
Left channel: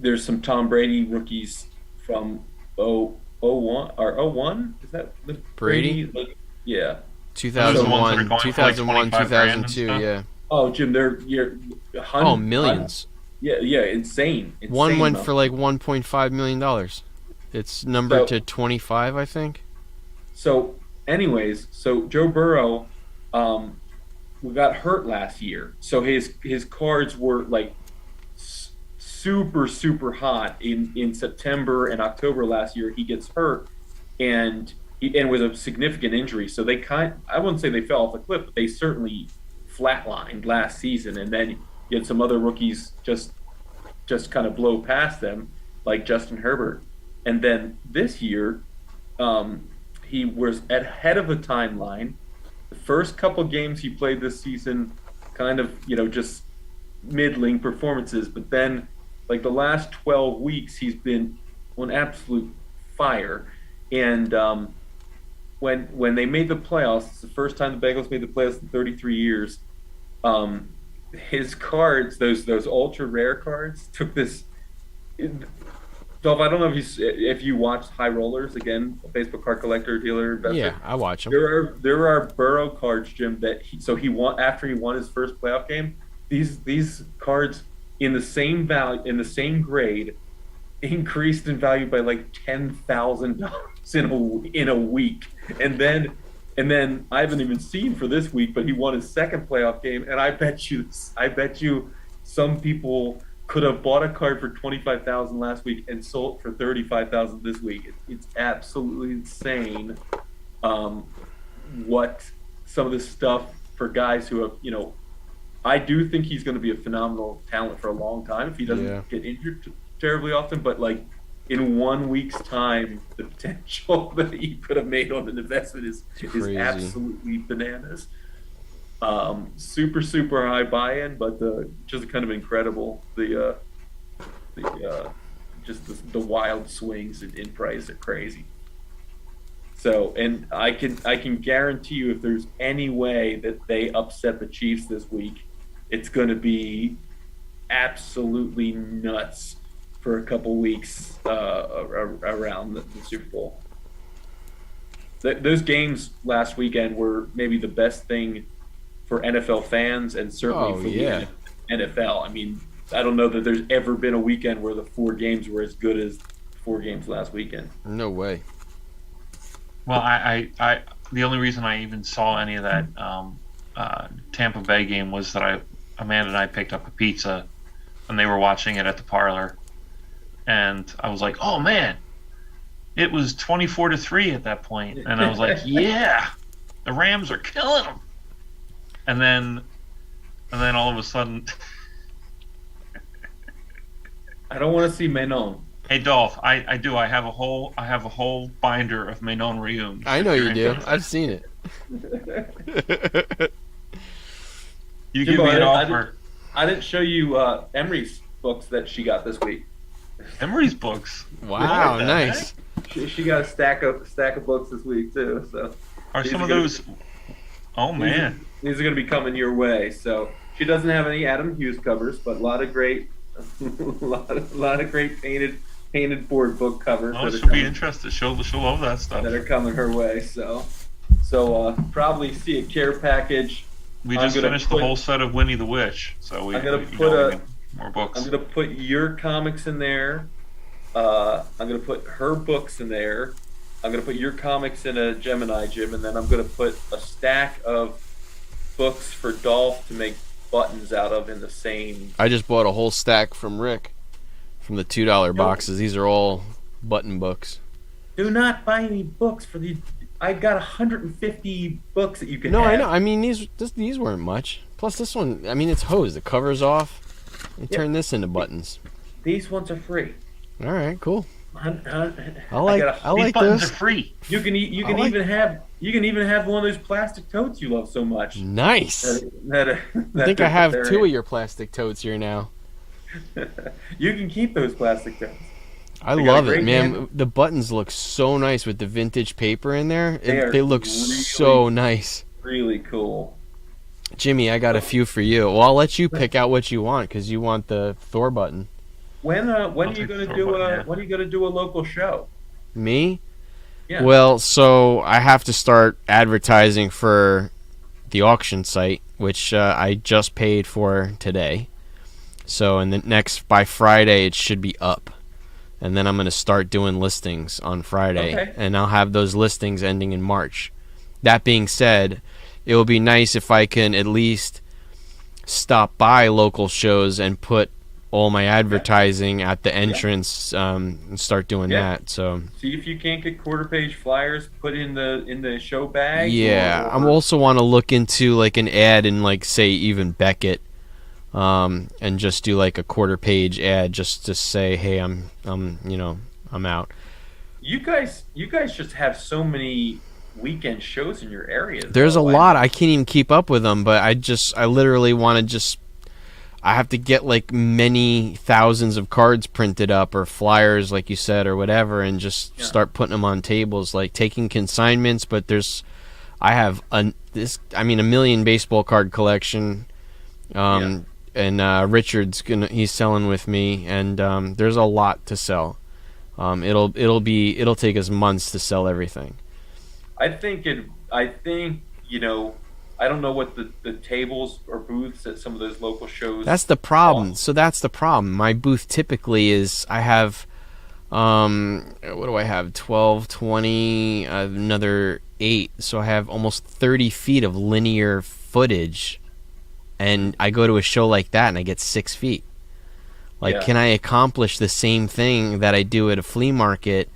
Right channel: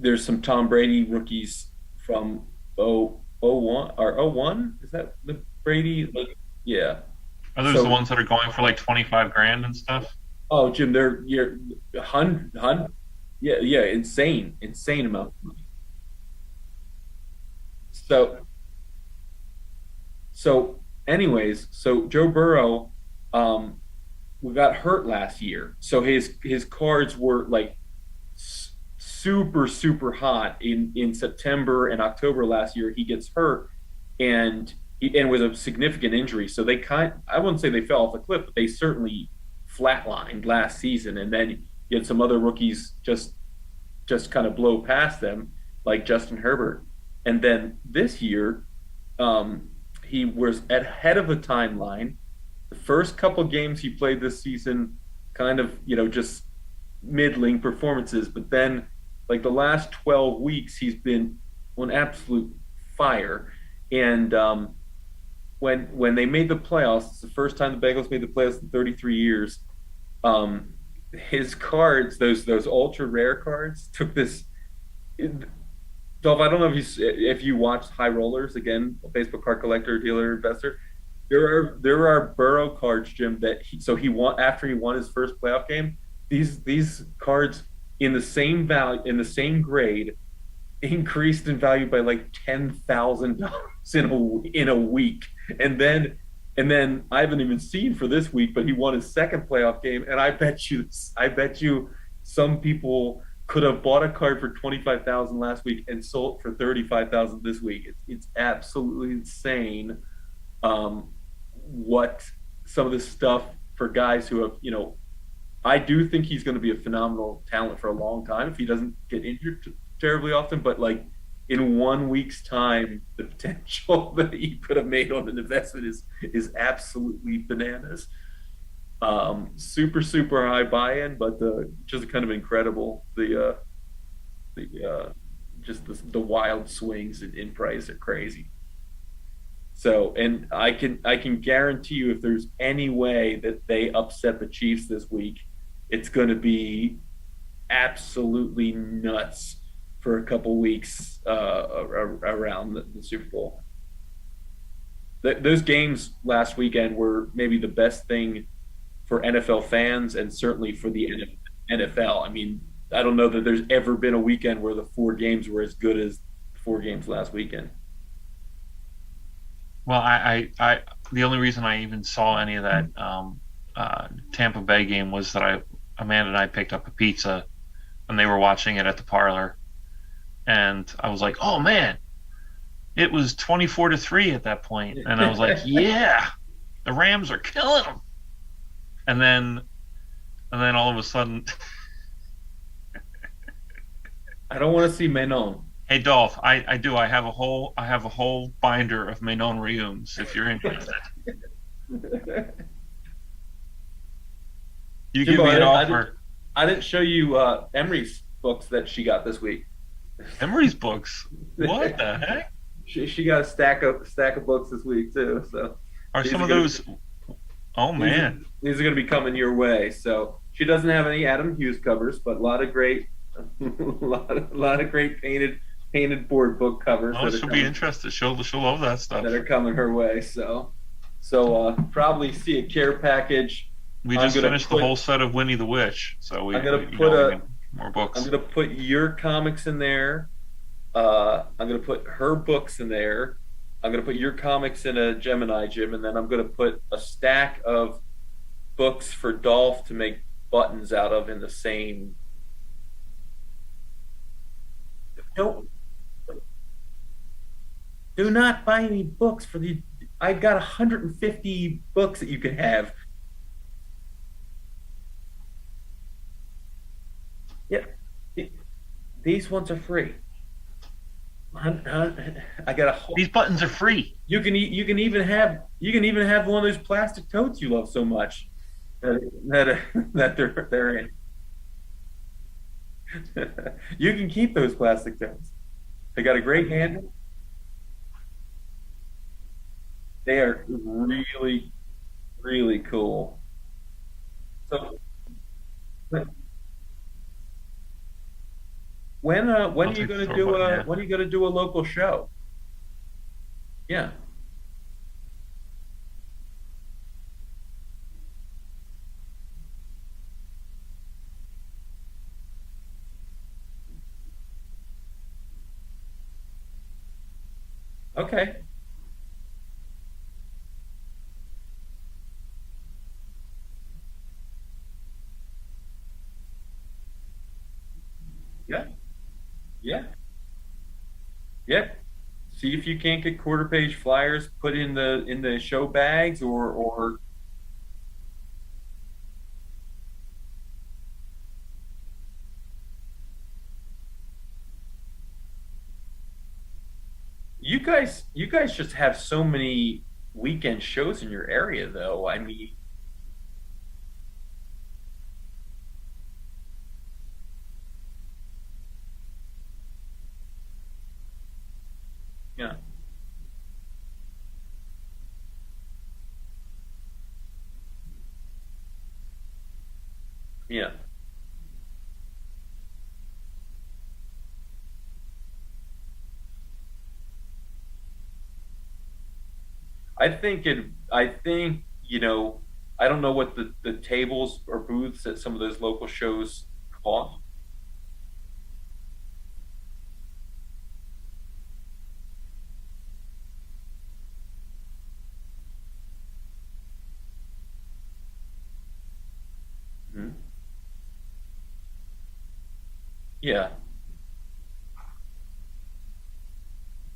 there's some Tom Brady rookies from 01 or 01. Is that the Brady? Like, yeah. Are those the ones that are going for like 2001, 25 grand and 2002, stuff? yeah. Oh, Jim, you're Oh, millions. Yeah, insane. One went amount. for like $1.5 million. It's numbered So- to 25, I think. So, anyways, so Joe Burrow, got hurt last year, so his cards were like super hot in September and October last year. He gets hurt, and was a significant injury. So I wouldn't say they fell off the cliff, but they certainly flatlined last season. And then you had some other rookies just kind of blow past them, like Justin Herbert. And then this year, he was ahead of the timeline. The first couple games he played this season, kind of, just middling performances. But then, like the last 12 weeks, he's been on absolute fire. And when they made the playoffs, it's the first time the Bengals made the playoffs in 33 years. His cards, those ultra rare cards, took this. Dolph, I don't know if you watched High Rollers, again, a Facebook card collector, dealer, investor. Yeah, I watch them. There are Burrow cards, Jim, that he won after he won his first playoff game. These cards in the same value, in the same grade, increased in value by like $10,000 in a week. And then I haven't even seen for this week, but he won his second playoff game, and I bet you some people could have bought a card for $25,000 last week and sold for $35,000 this week. It's absolutely insane what some of this stuff for guys who have, I do think he's going to be a phenomenal talent for a long time if he Yeah. doesn't get injured terribly often. But like in 1 week's time, the potential that he could have made on an investment is Crazy. absolutely bananas. Super super high buy-in, but just kind of incredible. The just the wild swings in price are crazy. So, and I can guarantee you, if there's any way that they upset the Chiefs this week, it's going to be absolutely nuts for a couple weeks around the Super Bowl. Those games last weekend were maybe the best thing for NFL fans and certainly Oh for the yeah. NFL. I mean, I don't know that there's ever been a weekend where the four games were as good as the four games last weekend. No way. Well, the only reason I even saw any of that Tampa Bay game was that Amanda and I picked up a pizza, and they were watching it at the parlor, and I was like, "Oh man, it was 24-3 at that point," and I was like, "Yeah, the Rams are killing them," and then all of a sudden, I don't want to see Menon. hey Dolph, I do. I have a whole binder of Menon Reums. I if know you're you do. interested. I've seen it. You give Jimbo, me an I offer. I didn't show you Emery's books that she got this week. Emery's books. Wow, What the nice. heck? She got a stack of books this week too. So Are these some are of gonna- those? Oh these are, man, these are going to be coming your way. So she doesn't have any Adam Hughes covers, but a lot of great, lot of great painted board book covers oh, that are she'll be coming, interested. She'll love that stuff. that are coming her way. So probably see a care package. We I'm just gonna finished put- the whole set of Winnie the Witch, so I'm gonna we put need more books. I'm gonna put your comics in there. I'm gonna put her books in there. I'm gonna put your comics in a Gemini gym, and then I'm gonna put a stack of books for Dolph to make buttons out of in the same. I just bought a whole stack from Rick from the $2 boxes. These are all button books. Do not buy any books for the. I got 150 books that you can No, have. I know. I mean, these weren't much. Plus, this one, I mean, it's hosed. The cover's off. You Yeah. turn this into buttons. These ones are free. All right, cool. I like- got I These like buttons this. are free. You can I like- even have one of those plastic totes you love so much. Nice. I That think I have they're two in. of your plastic totes here now. You can keep those plastic totes. I They got a love it, great man. handle. The buttons look so nice with the vintage paper in there. They Look really- so nice. Really cool. Jimmy, I got a few for you. Well, I'll let you pick out what you want because you want the Thor button. When are I'll you take gonna Thor do button, yeah. when are you gonna do a local show? Me? Yeah. Well, so I have to start advertising for the auction site, which I just paid for today. So, by Friday, it should be up. And then I'm going to start doing listings on Friday. Okay. And I'll have those listings ending in March. That being said, it would be nice if I can at least stop by local shows and put all my advertising at the entrance and start doing Yeah. that. So See if you can't get quarter page flyers put in the show bags. yeah, I also want to look into like an ad in like say even Beckett, and just do like a quarter page ad just to say, hey, I'm out. You guys just have so many weekend shows in your area. There's a though. lot. I can't even keep up with them, but I literally want to I have to get like many thousands of cards printed up or flyers, like you said, or whatever, and just Yeah. start putting them on tables, like taking consignments. But I have a million baseball card collection, and Richard's he's selling with me, and there's a lot to sell. It'll take us months to sell everything. I think I don't know what the tables or booths at some of those local shows. That's the problem. cost. So that's the problem. My booth typically is I have, what do I have? 12, 20, another 8. So I have almost 30 feet of linear footage, and I go to a show like that and I get 6 feet. Like, Yeah. can I accomplish the same thing that I do at a flea market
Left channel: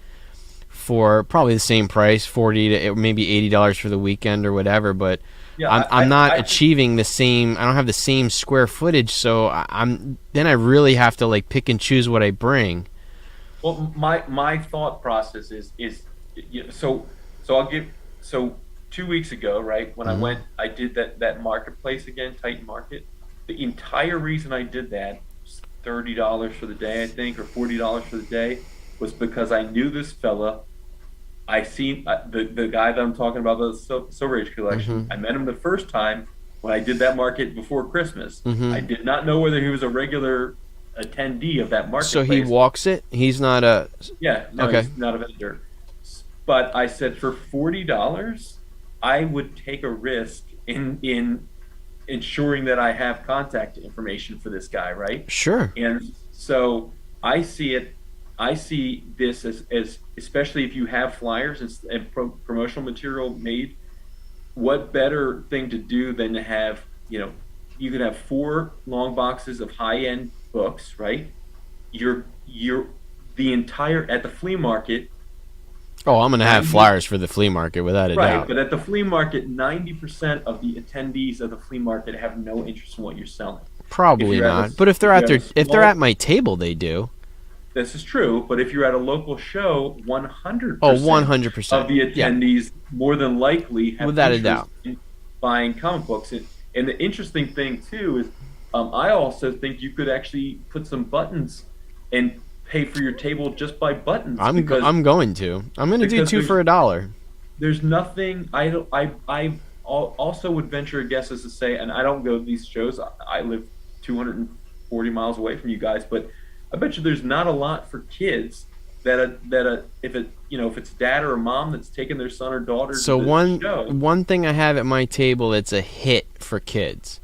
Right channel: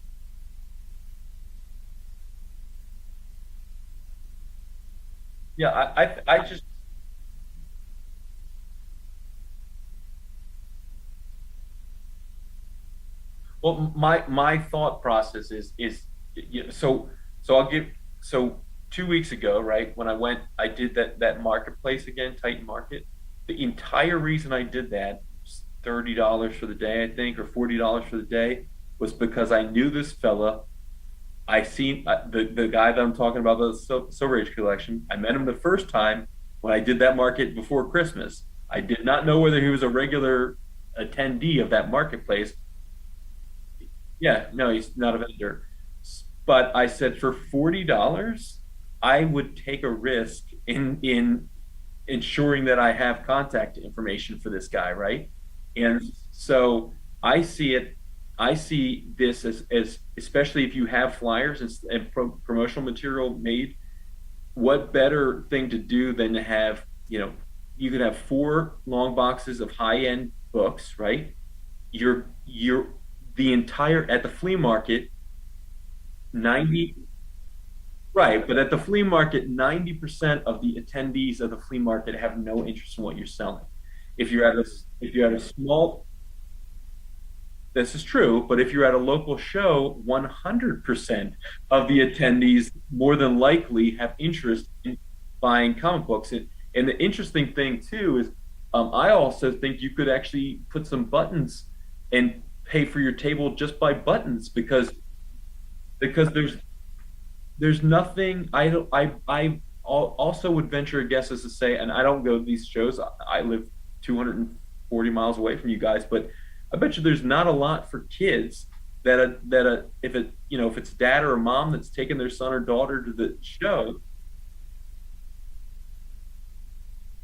for probably the same price, 40 to maybe $80 for the weekend or whatever. But Yeah, I'm not I achieving the same. I don't have the same square footage, so then I really have to like pick and choose what I bring. well, my thought process is you know, so I'll give so 2 weeks ago, right, when I Hmm. went, I did that marketplace again, Titan Market. The entire reason I did that, $30 for the day, I think, or $40 for the day, was because I knew this fella. I seen the guy that I'm talking about, the Silver Age collection. Hmm. I met him the first time when I did that market before Christmas. I Hmm. did not know whether he was a regular attendee of that So he marketplace. walks it. He's not a. Yeah, no, Okay. he's not a vendor. But I said for $40, I would take a risk in ensuring that I have contact information for this guy, right? Sure. And so I see it. I see this as especially if you have flyers and promotional material made. What better thing to do than to have, you could have four long boxes of high end books, right? You're the entire at the flea market. Oh, I'm gonna have 90 flyers for the flea market without a Right, doubt. but at the flea market, 90% of the attendees of the flea market have no interest in what you're selling. If Probably you're at a, not. But if they're if you at have their a if they're at small, my table, they do. this is true, but if you're at a local show, Oh, 100% 100%. of the Yep, attendees more than likely have without a doubt. interest in buying comic books. And the interesting thing too is, I also think you could actually put some buttons and pay for your table just by buttons I'm going to. I'm gonna do because two for $1. there's nothing. Also would venture a guess as to say, and I don't go to these shows. I live 240 miles away from you guys, but I bet you there's not a lot for kids if it's dad or a mom that's taking their son or daughter to So the one show. one thing I have at my table that's a hit for kids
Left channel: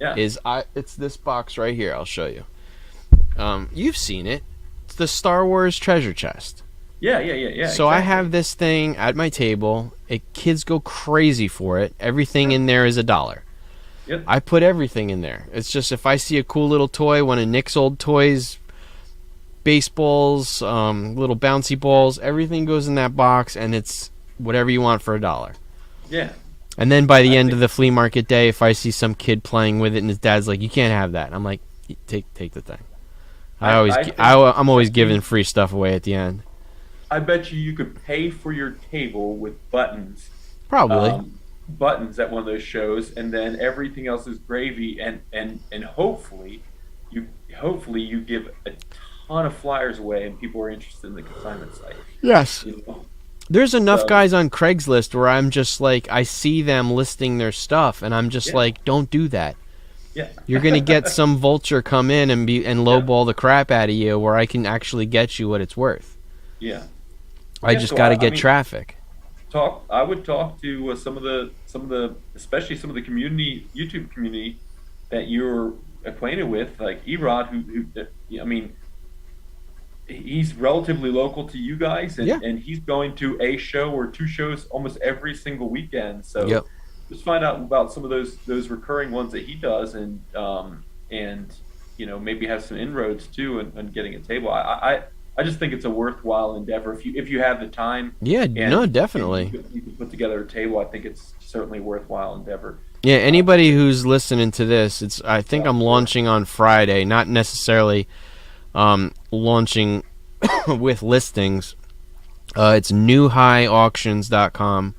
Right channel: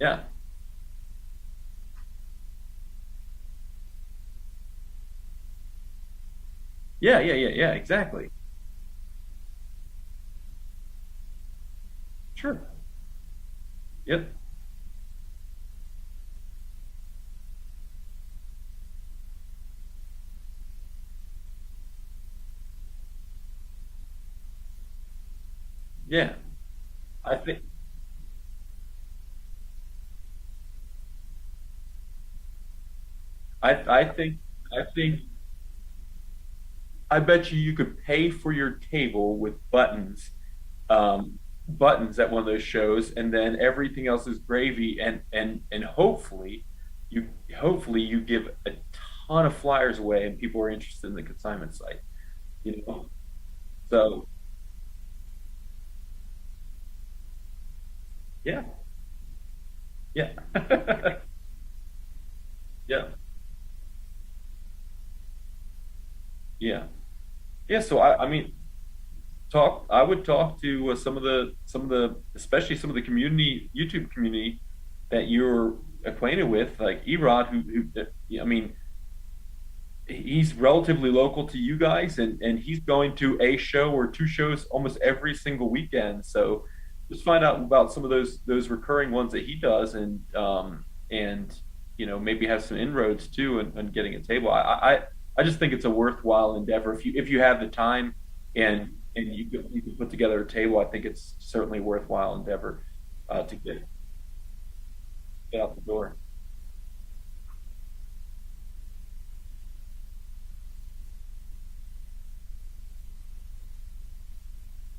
Yeah, is it's this box right here. I'll show you. You've seen it. It's the Star Wars treasure chest. yeah. So I Exactly. have this thing at my table. Kids go crazy for it. Everything Yeah. in there is $1. Yep. I put everything in there. It's just if I see a cool little toy, one of Nick's old toys, baseballs, little bouncy balls, everything goes in that box, and it's whatever you want for $1. Yeah. And then by the I end think. of the flea market day, if I see some kid playing with it and his dad's like, "You can't have that," I'm like, "Take the thing." I think. I'm I always giving think. free stuff away at the end. I bet you could pay for your table with buttons, Probably. buttons at one of those shows, and then everything else is gravy. And you hopefully you give a ton of flyers away, and people are interested in the consignment site. Yes. You know, There's enough so guys on Craigslist where I'm just like, I see them listing their stuff, and I'm just yeah, like, don't do that. yeah, You're gonna get some vulture come in and yeah, lowball the crap out of you, where I can actually get you what it's worth. yeah, I yeah. just So got to I get mean, traffic. I would talk to some of the especially some of the community YouTube community that you're acquainted with, like Erod, I mean, he's relatively local to you guys, Yeah. and he's going to a show or two shows almost every single weekend. So Yep. just find out about some of those recurring ones that he does, and maybe have some inroads too, and getting a table. I just think it's a worthwhile endeavor if you have the time Yeah. No, and definitely. you can put together a table. I think it's certainly a worthwhile endeavor. Yeah. To Anybody get. who's listening to this, I think Yeah, I'm sure. launching on Friday. Not necessarily launching with listings. It's newhighauctions.com.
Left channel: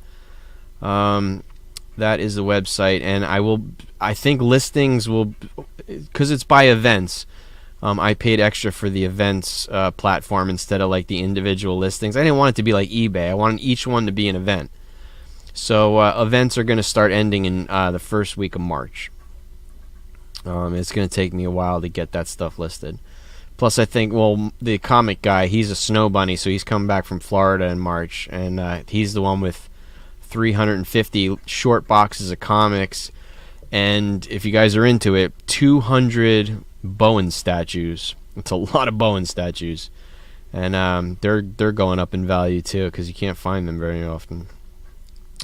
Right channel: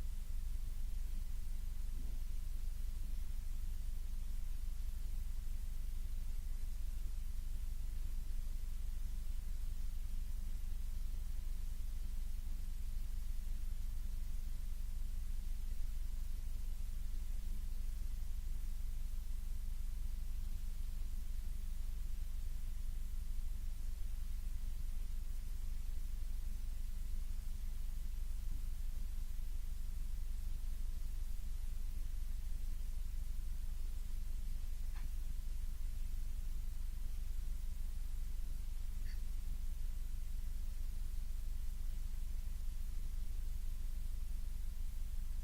That is the website, and I think listings will, because it's by events. I paid extra for the events platform instead of like the individual listings. I didn't want it to be like eBay. I wanted each one to be an event. So events are going to start ending in the first week of March. It's going to take me a while to get that stuff listed. Plus, I think, well, the comic guy, he's a snow bunny, so he's coming back from Florida in March, and he's the one with 350 short boxes of comics, and if you guys are into it, 200 Bowen statues. It's a lot of Bowen statues, and they're going up in value too because you can't find them very often.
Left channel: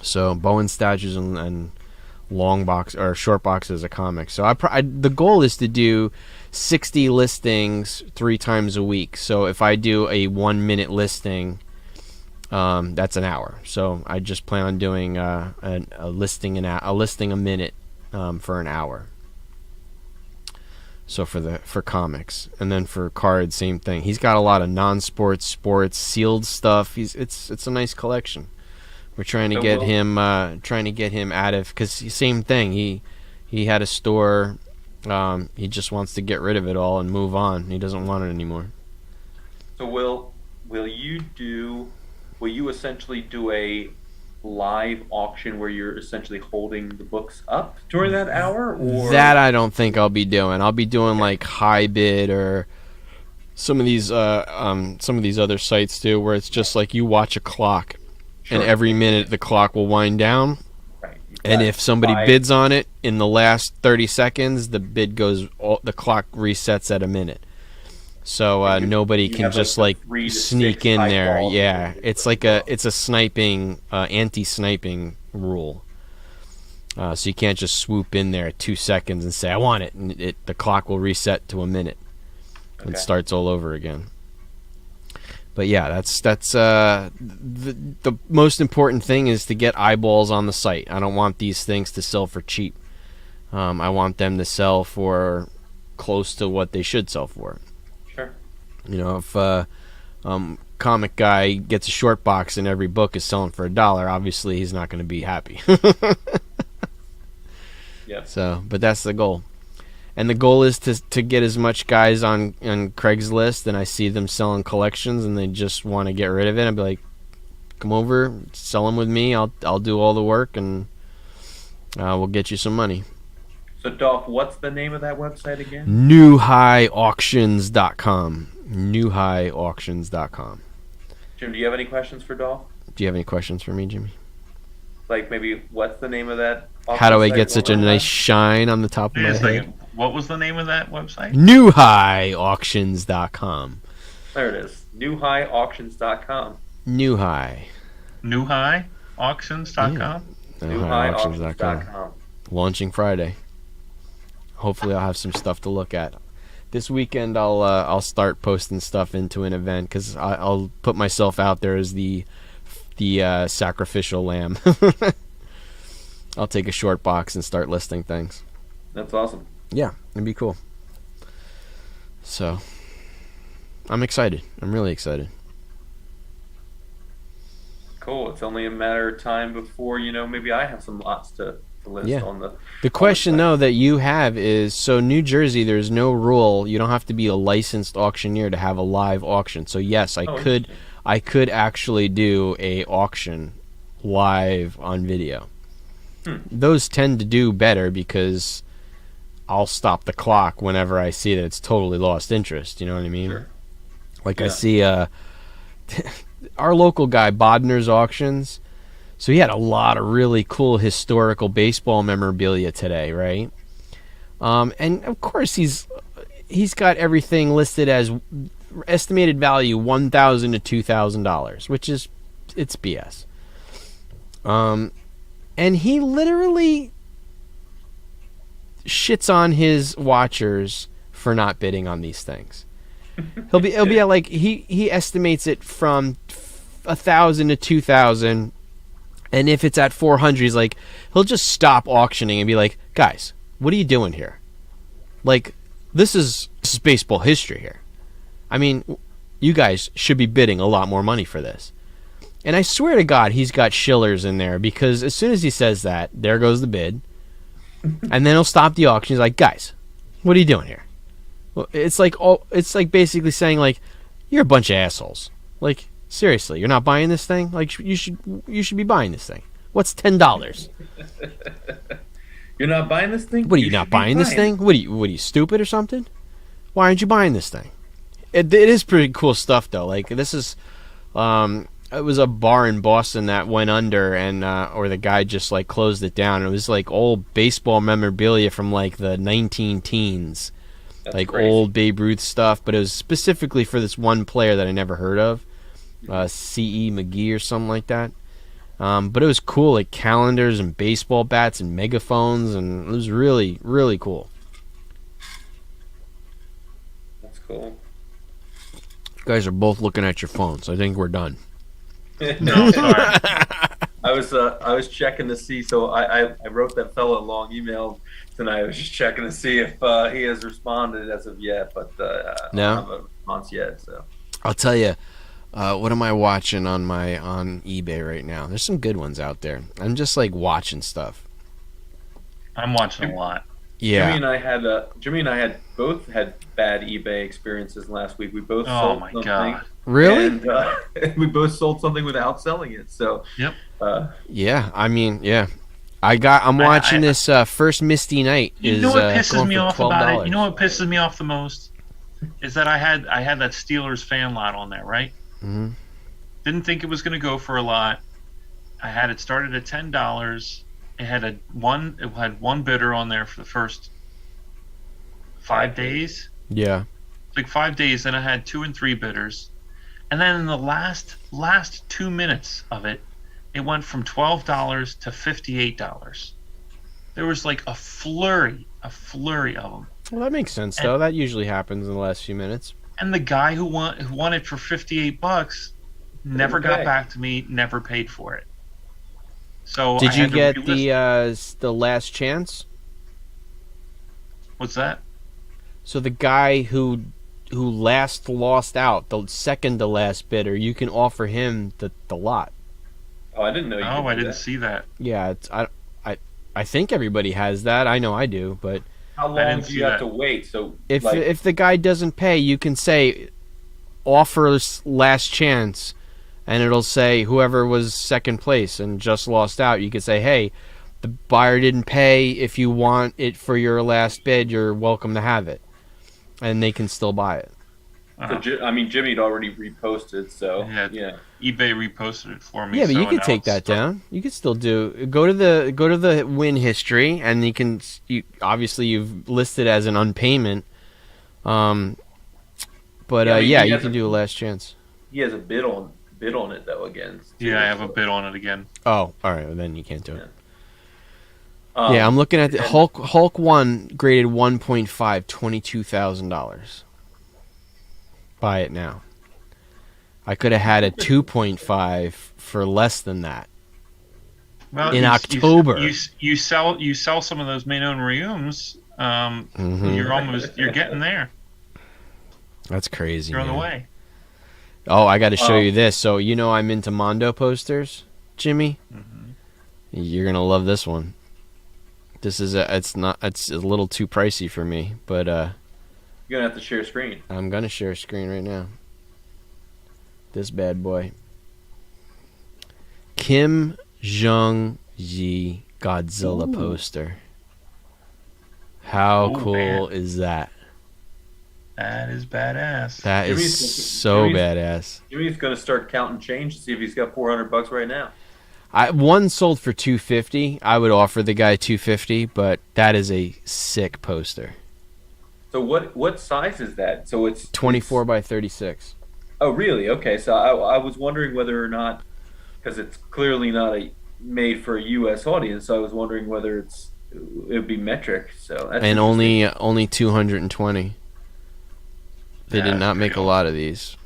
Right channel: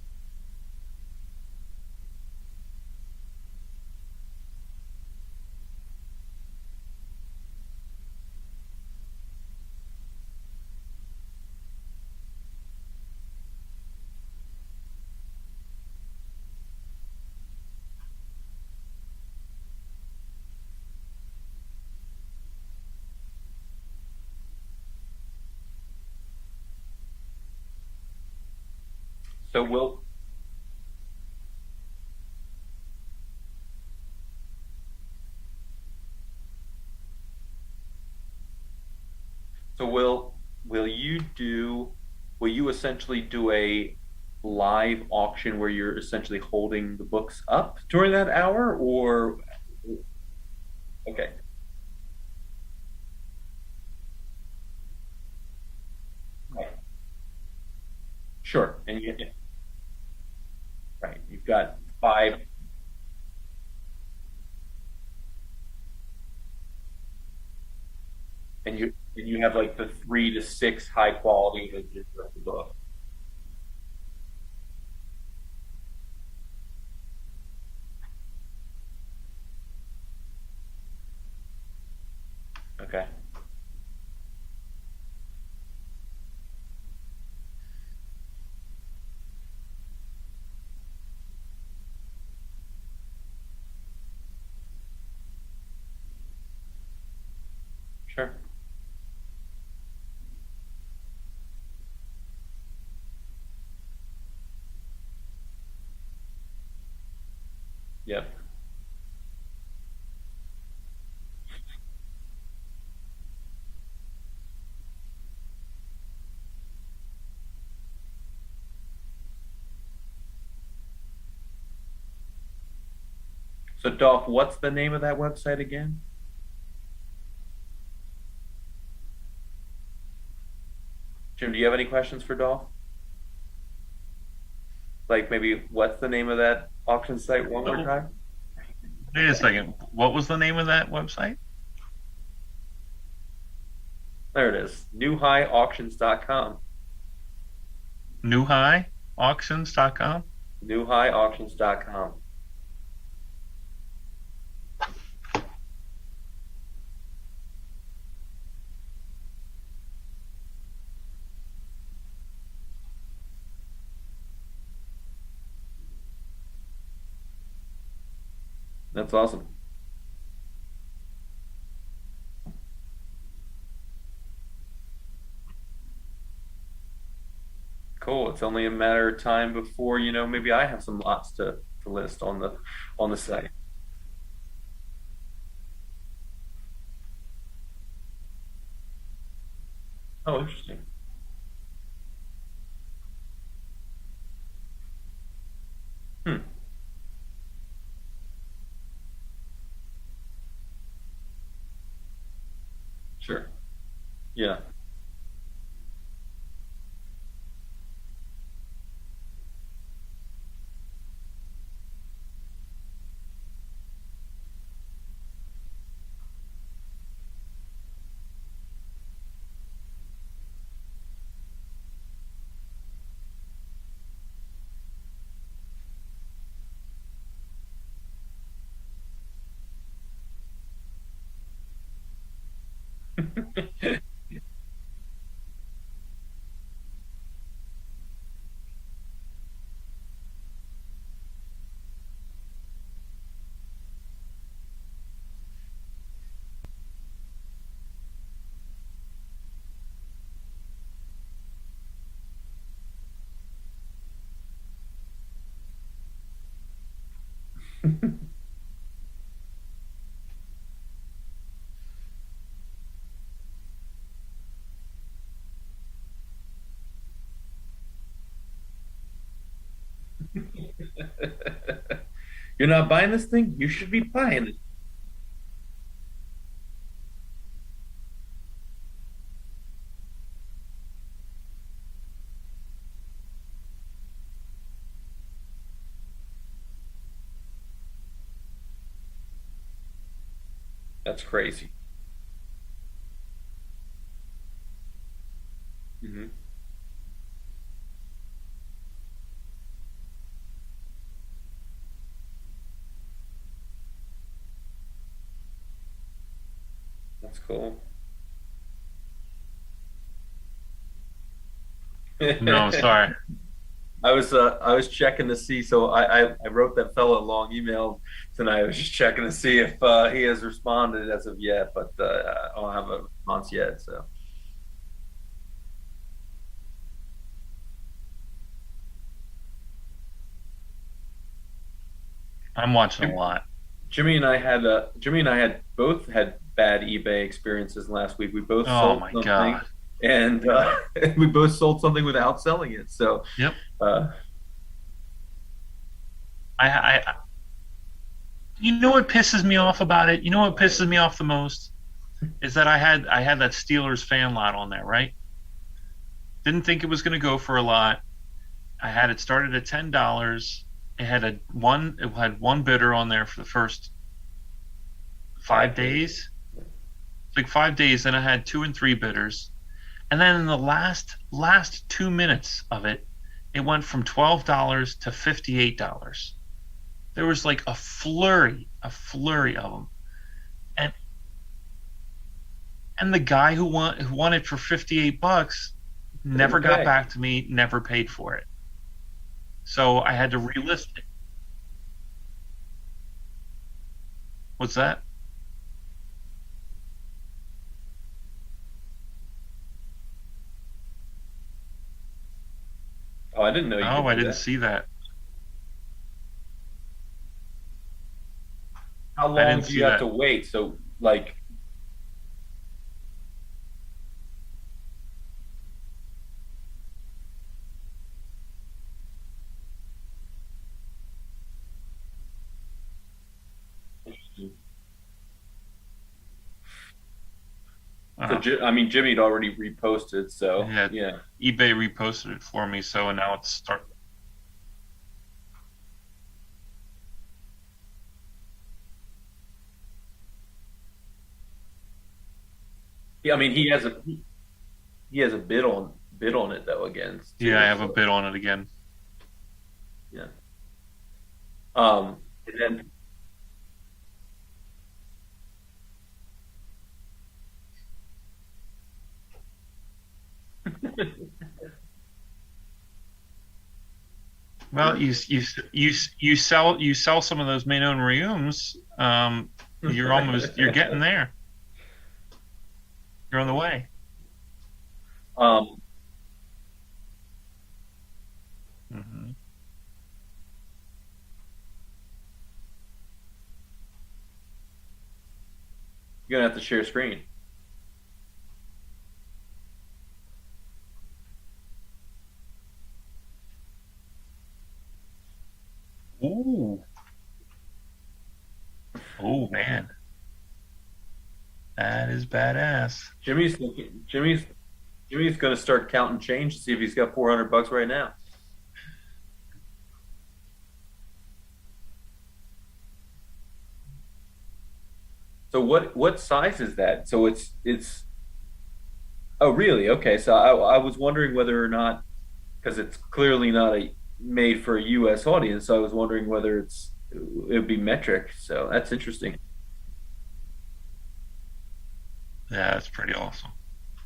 So Bowen statues and long box or short boxes of comics. So the goal is to do 60 listings 3 times a week. So if I do a 1 minute listing, That's an hour. So I just plan on doing a listing a minute for an hour. So for comics, and then for cards, same thing. He's got a lot of non-sports, sports, sealed stuff. It's a nice collection. We're trying to get him out of, because same thing. He had a store. He just wants to get rid of it all and move on. He doesn't want it anymore. So will you essentially do a live auction where you're essentially holding the books up during that hour, or that I don't think I'll be doing. I'll be doing like high bid or some of these other sites too, where it's just like you watch a clock, and every minute the clock will wind down. Right. And if somebody bids on it in the last 30 seconds, the clock resets at a minute. So nobody can just like sneak in there. Yeah, it's like it's a sniping, anti-sniping rule. So you can't just swoop in there at 2 seconds and say I want it, and the clock will reset to a minute. It starts all over again. But yeah, that's the most important thing is to get eyeballs on the site. I don't want these things to sell for cheap. I want them to sell for close to what they should sell for. Sure. You know, if comic guy gets a short box and every book is selling for $1, obviously he's not going to be happy. Yeah. So, but that's the goal. And the goal is to get as much guys on Craigslist, and I see them selling collections and they just want to get rid of it. I'd be like, come over, sell them with me. I'll do all the work, and we'll get you some money. So, Dolph, what's the name of that website again? newhighauctions.com. newhighauctions.com. Jim, do you have any questions for Dolph? Do you have any questions for me, Jimmy? Like maybe what's the name of that auction How do I site get such a nice shine on the top of my head? What was the name of that website? newhighauctions.com. There it is. newhighauctions.com. Newhigh. newhighauctions.com. newhighauctions.com. Launching Friday. Hopefully, I'll have some stuff to look at. This weekend, I'll start posting stuff into an event because I'll put myself out there as the sacrificial lamb. I'll take a short box and start listing things. That's awesome. Yeah, it'd be cool. So, I'm excited. I'm really excited. Cool. It's only a matter of time before, maybe I have some lots to list on the question though that you have is, so New Jersey, there's no rule, you don't have to be a licensed auctioneer to have a live auction. So yes, I could actually do a auction live on video. Those tend to do better because I'll stop the clock whenever I see that it's totally lost interest. You know what I mean? Sure. Like I see our local guy Bodner's Auctions. So he had a lot of really cool historical baseball memorabilia today, right? And of course he's got everything listed as estimated value $1,000 to $2,000, which is it's BS. And he literally shits on his watchers for not bidding on these things. He'll be at like he estimates it from 1,000 to 2,000. And if it's at 400, he's like, he'll just stop auctioning and be like, guys, what are you doing here? Like, this is baseball history here. I mean, you guys should be bidding a lot more money for this. And I swear to God, he's got shillers in there, because as soon as he says that, there goes the bid. And then he'll stop the auction. He's like, guys, what are you doing here? Well, it's like basically saying, like, you're a bunch of assholes. Like, seriously, you're not buying this thing? Like, you should be buying this thing. What's $10? You're not buying this thing? What are you not buying this thing? What are you stupid or something? Why aren't you buying this thing? It is pretty cool stuff though. Like, this is it was a bar in Boston that went under, and or the guy just like closed it down. It was like old baseball memorabilia from like the 19-teens. That's like crazy. Old Babe Ruth stuff, but it was specifically for this one player that I never heard of. C.E. McGee or something like that. But it was cool, like calendars and baseball bats and megaphones, and it was really, really cool. That's cool. You guys are both looking at your phones. I think we're done. No, sorry. I was checking to see. So I wrote that fella a long email tonight. I was just checking to see if he has responded as of yet, but I don't No, have a response yet. So I'll tell you. What am I watching on eBay right now? There's some good ones out there. I'm just like watching stuff. I'm watching a lot. Yeah. Jimmy and I had both had bad eBay experiences last week. We both Oh sold my something, God. Really? and we both sold something without selling it. So Yep. Yeah. I mean, yeah. I'm I- watching I- this first Misty Night. You is, know what pisses going me for off about it? $12. You know what pisses me off the most? Is that I had that Steelers fan lot on there, right? Mm-hmm. Didn't think it was going to go for a lot. I had it started at $10. It had one bidder on there for the first 5 days. Yeah. Like 5 days, then I had 2 and 3 bidders. And then in the last 2 minutes of it, it went from $12 to $58. There was like a flurry of them. Well, that makes sense And- though. That usually happens in the last few minutes. And the guy who won it for $58 never got Okay. back to me, never paid for it. So Did I you had to get relist. the last chance? What's that? So the guy who last lost out, the second to last bidder, you can offer him the lot. oh, I didn't know you. Oh, could I do didn't that. see that. Yeah, I think everybody has that. I know I do, but How I long didn't do see you have that. to wait? So if the guy doesn't pay, you can say offers last chance, and it'll say whoever was second place and just lost out. You could say, hey, the buyer didn't pay. If you want it for your last bid, you're welcome to have it, and they can still buy it. I mean, Jimmy had already reposted, so Yeah. yeah. eBay reposted it for me. Yeah, but so you could now take it's that down. You could still go to the win history, and obviously you've listed as an unpayment. But Yeah, I mean, he you has can a- do a last chance. He has a bid on it though against. Yeah, I have a bid on it again. Oh, all right. Well, then you can't do it. Yeah. Yeah, I'm looking at the and- Hulk 1 graded 1.5, $22,000. Buy it now. I could have had a 2.5 for less than that. Well, In October. you sell some of those Manon Reums. Mhm. You're getting there. That's crazy. You're on the man. way. Oh, I got to show you this. So I'm into Mondo posters, Jimmy. Mm-hmm. You're gonna love this one. It's a little too pricey for me, but You're gonna have to share screen. I'm gonna share a screen right now. This bad boy. Kim Jong-ji Godzilla Ooh. poster. How Oh, cool man. is that? That is badass. That Jimmy's- is so Jimmy's- badass. Jimmy's gonna start counting change to see if he's got $400 right now. One sold for $250. I would offer the guy $250, but that is a sick poster. So what size is that? So it's 24 by 36. Oh, really? Okay. So I was wondering whether or not, because it's clearly not made for a U.S. audience. So I was wondering whether it would be metric. So that's And interesting. only 220. They did That's not make pretty a lot of these.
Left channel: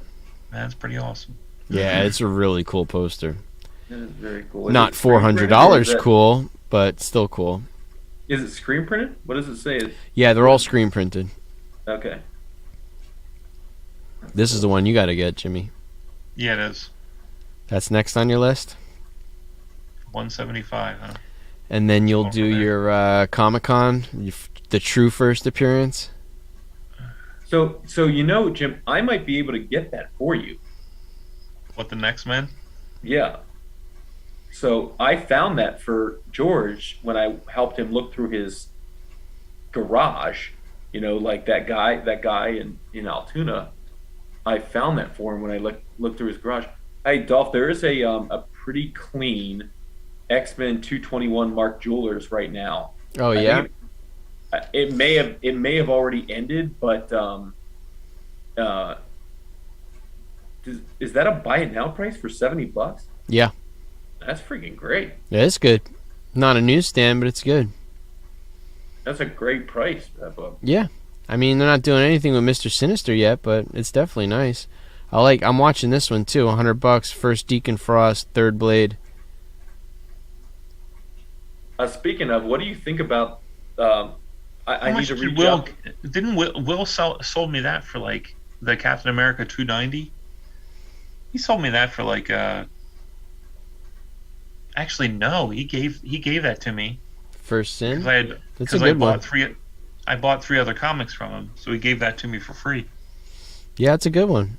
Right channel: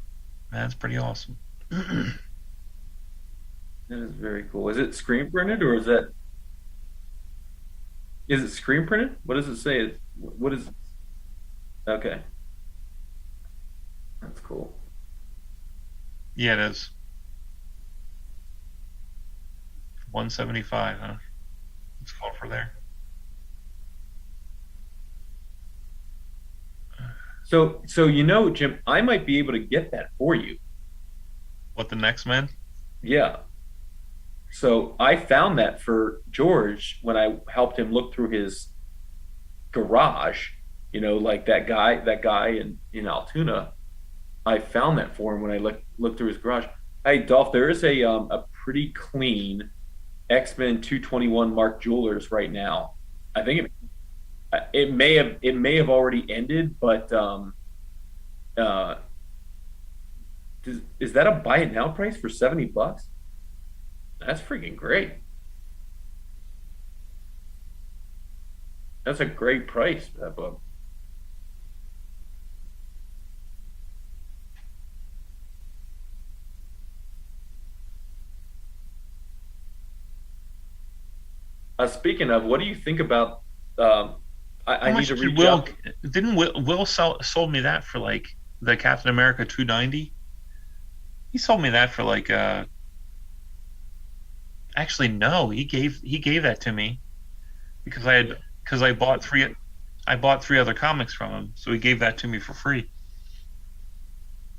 That's pretty awesome. Yeah, it's a really cool poster. That is very cool. Is Not it screen printed, or $400 is that- cool, but still cool. Is it screen printed? What does it say? Yeah, they're all screen printed. Okay. This is the one you got to get, Jimmy. Yeah, it is. That's next on your list. 175, huh? And then you'll Going do from there. your Comic-Con, the true first appearance. So Jim, I might be able to get that for you. What, the next man? Yeah. So I found that for George when I helped him look through his garage. Like that guy in Altoona. I found that for him when I looked through his garage. Hey, Dolph, there is a pretty clean X-Men 221 Mark Jewelers right now. Oh, I yeah? think it may have already ended, but is that a buy it now price for $70? Yeah. That's freaking great. Yeah, it's good. Not a newsstand, but it's good. That's a great price for that book. Yeah. I mean, they're not doing anything with Mr. Sinister yet, but it's definitely nice. I'm watching this one too. $100. First Deacon Frost, third Blade. Speaking of, what do you think about? Um, How I need to much did reach Will? out. Didn't Will sold me that for like the Captain America 290? He sold me that for like actually no, he gave that to me First because Sin. I had That's a because I good one. bought three other comics from him, so he gave that to me for free. Yeah, it's a good one.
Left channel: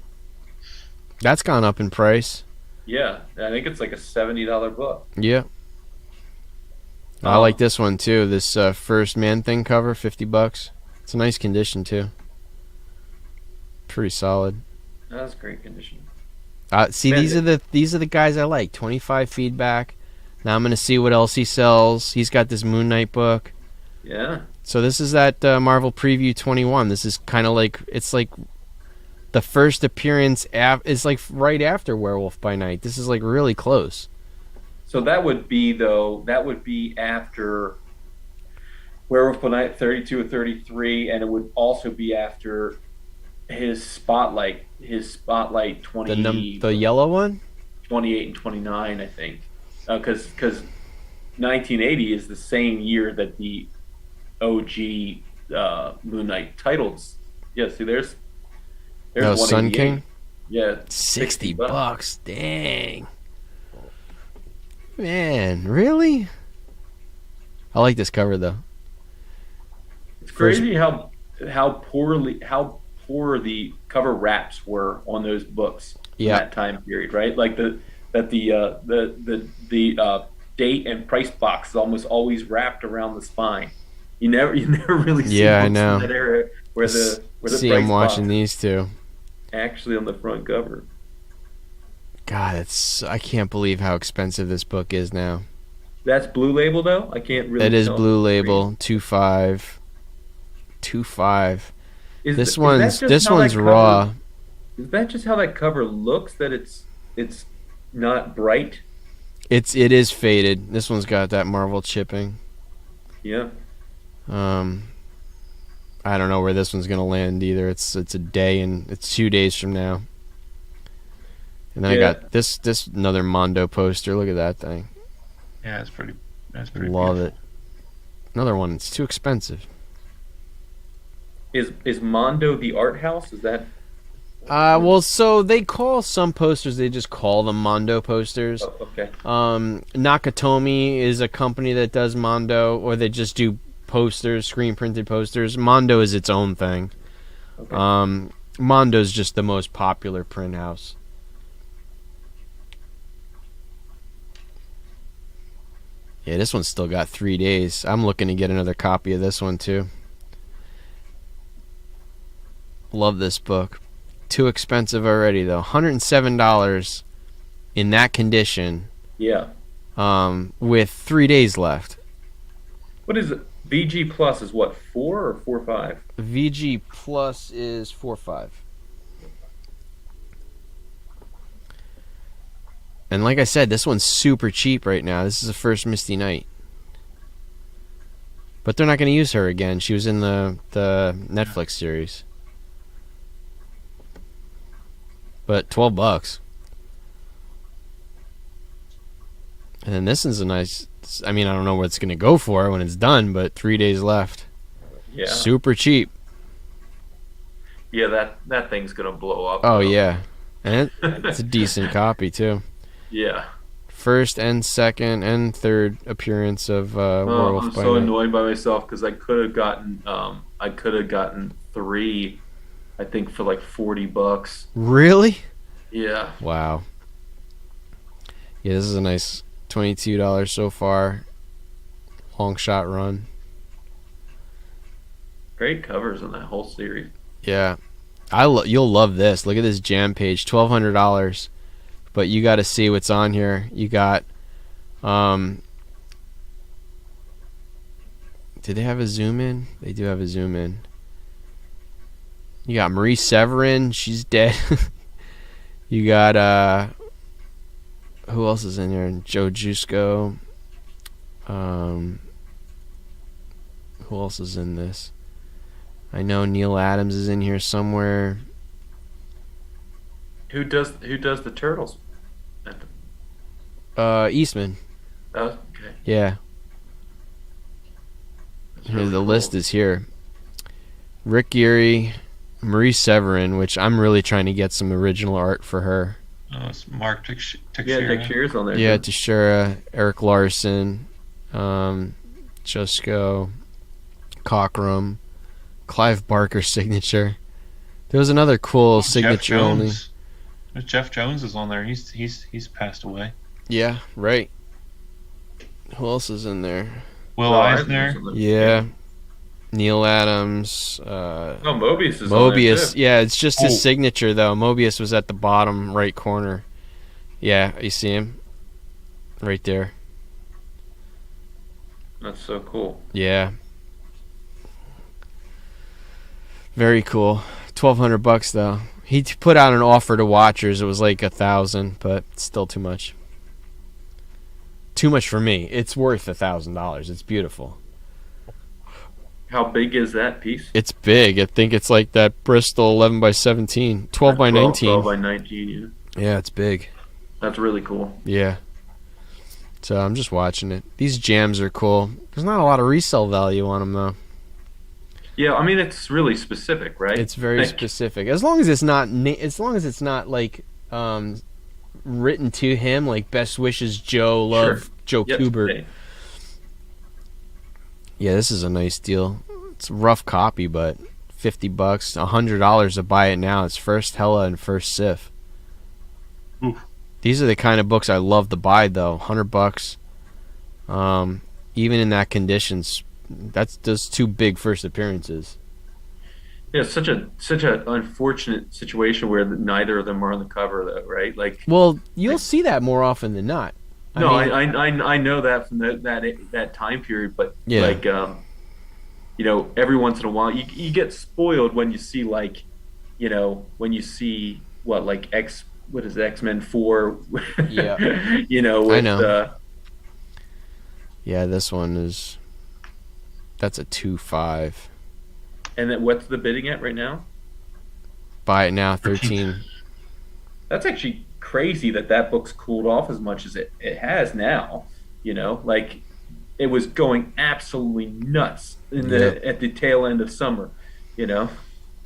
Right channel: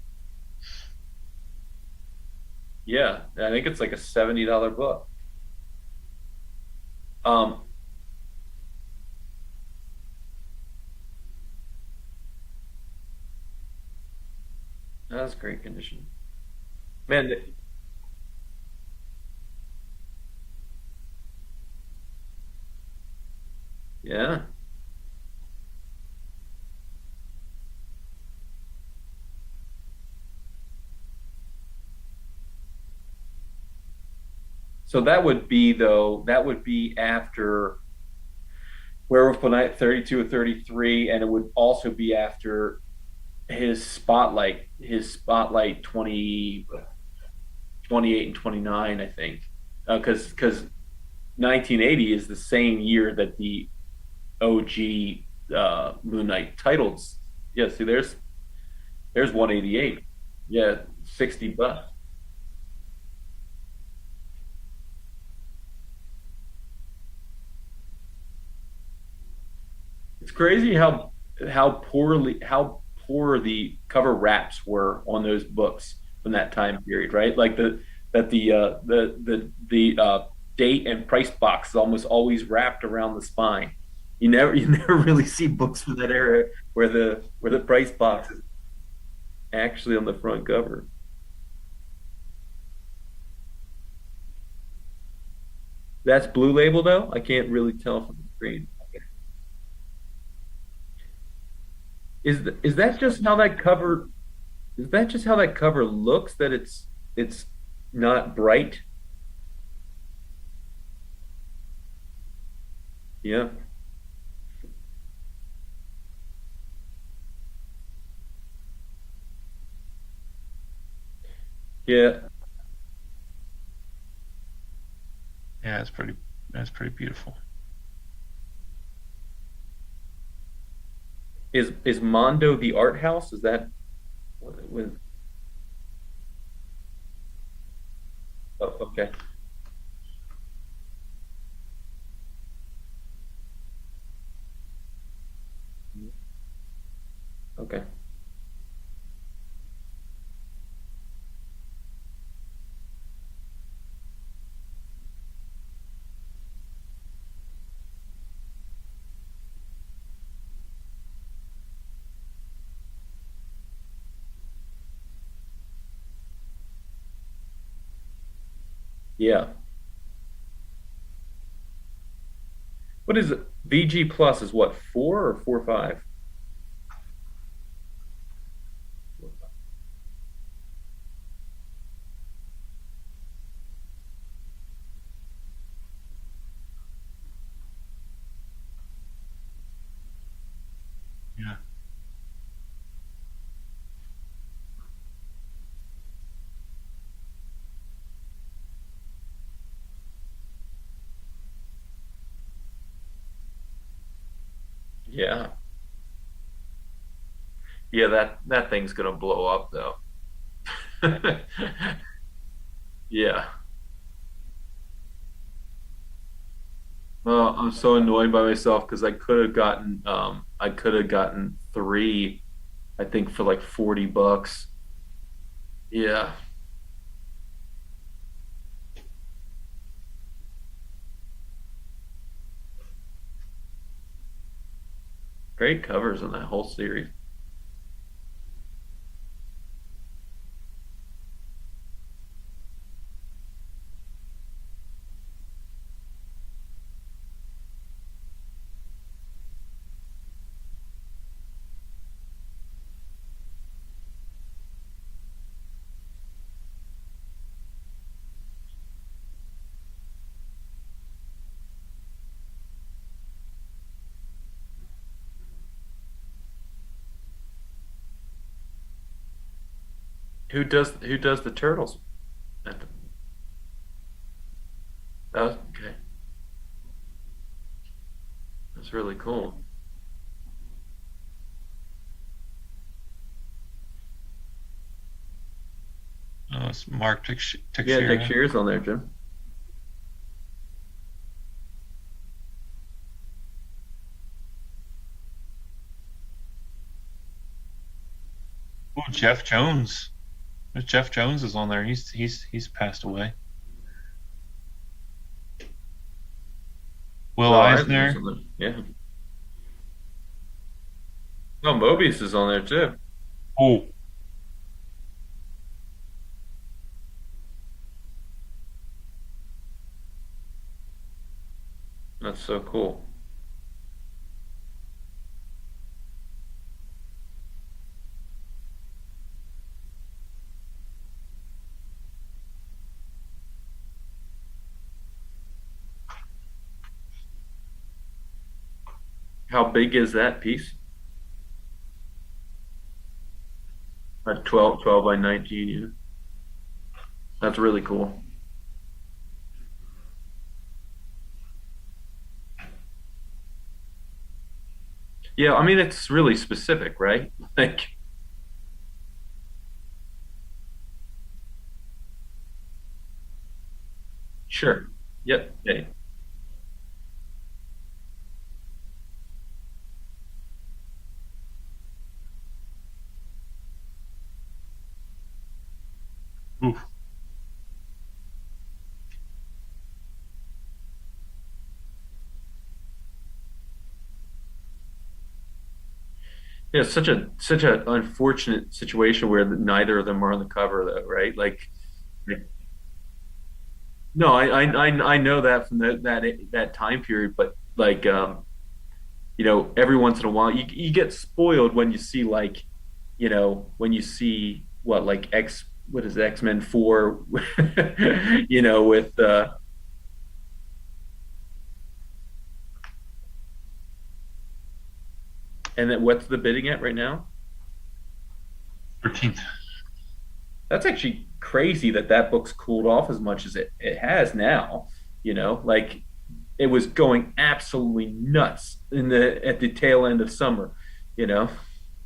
That's gone up in price. Yeah, I think it's like a $70 book. Yeah. I like Um, this one too. This first Man Thing cover, $50. It's a nice condition too. Pretty solid. that's great condition. See, Man, these are the guys I like. 25 feedback. Now I'm gonna see what else he sells. He's got this Moon Knight book. yeah. So this is that Marvel Preview 21. This is kind of like it's like the first appearance. Is like right after Werewolf by Night. This is like really close. So that would be though. That would be after Werewolf by Night 32 or 33, and it would also be after his spotlight The yellow one. 28 and 29, I think, because 1980 is the same year that the OG Moon Knight titles. Yeah, see, there's No, Sun 188. King. Yeah, 60 $60. bucks. Dang. Man, really? I like this cover though. It's First, crazy how poor the cover wraps were on those books from yeah, that time period, right? Like the date and price box is almost always wrapped around the spine. You never really see yeah, I books from know. that era where the See, I'm price watching box is these two. actually on the front cover. God, I can't believe how expensive this book is now. That's Blue Label though. I can't really It is tell. Blue Label, 2.5, 2.5. Is This is that one's just this how one's that cover? raw. Is that just how that cover looks? That it's not bright. It is faded. This one's got that Marvel chipping. Yeah. Um, I don't know where this one's gonna land either. It's a day and it's 2 days from now. And then I Yeah. got this another Mondo poster. Look at that thing. Yeah, that's pretty Love beautiful. it. Another one. It's too expensive. Is Mondo the art house? Is that? Well, so they call some posters. They just call them Mondo posters. Oh, okay. Nakatomi is a company that does Mondo, or they just do posters, screen printed posters. Mondo is its own thing. Okay. Mondo's just the most popular print house. Yeah, this one's still got 3 days. I'm looking to get another copy of this one too. Love this book. Too expensive already though. $107 in that condition. Yeah. With 3 days left. What is it? VG Plus is what, 4 or 4.5? VG Plus is 4.5. And like I said, this one's super cheap right now. This is the first Misty Knight. But they're not going to use her again. She was in the Netflix series. But $12. And then this is a nice. I mean, I don't know what it's going to go for when it's done, but 3 days left. Yeah. Super cheap. Yeah, that thing's gonna blow up. Oh though. yeah, and it's a decent copy too. Yeah. First and second and third appearance of Oh, Werewolf I'm by so Night. annoyed by myself because I could have gotten three, I think for like $40. Really? Yeah. Wow. Yeah, this is a nice $22 so far. Long shot run. Great covers on that whole series. Yeah, you'll love this. Look at this jam page, $1,200. But you got to see what's on here. You got, did they have a zoom in? They do have a zoom in. You got Marie Severin, she's dead. You got who else is in here? Joe Jusko. Who else is in this? I know Neil Adams is in here somewhere. who does the turtles? At Eastman. oh, okay, Yeah, that's here, really the list cool. is here. Rick Geary, Marie Severin, which I'm really trying to get some original art for her. It's Mark Yeah, Dick Teixeira. Shear's on there Yeah, too. Teixeira, Eric Larson, um, Jusko, Cockrum, Clive Barker signature. There was another cool Oh, Jeff signature only. Jones. Jeff Jones is on there. He's passed away. Yeah, right. Who else is in there? Will Will Eisner's Eisner. on there. Yeah, Yeah. Neil Adams, Oh, Mobius is on there Mobius. too. Yeah, it's just his Oh, signature though. Mobius was at the bottom right corner. Yeah, you see him right there. That's so cool. Yeah, very cool. $1,200 though. He put out an offer to watchers. It was like 1,000, but still too much. Too much for me. It's worth $1,000. It's beautiful. How big is that piece? It's big. I think it's like that Bristol 11 by 17, 12 by 12 19. by 19. Yeah, Yeah, it's big. that's really cool. Yeah. So I'm just watching it. These jams are cool. There's not a lot of resale value on them though. Yeah, I mean it's really specific, right? It's very Like, specific. As long as it's not, as long as it's not like written to him, like best wishes, Joe, sure. love, Joe Yep. Kubert. Hey, Yeah, this is a nice deal. It's a rough copy, but $50, $100 to buy it now. It's first Hella and first Sif. oof. These are the kind of books I love to buy, though. $100. Even in that conditions, that's those two big first appearances. yeah, it's such a unfortunate situation where neither of them are on the cover, though, right? Well, you'll Like see that more often than not. I no, mean, I know that from that time period, but yeah. every once in a while you get spoiled when you see when you see what like what is it, X-Men 4 Yeah. I with know. Yeah, this one is that's a 2.5. and then what's the bidding at right now? Buy it now, 13. That's actually crazy that book's cooled off as much as it has now. Like it was going absolutely nuts Yeah. at the tail end of summer. You know,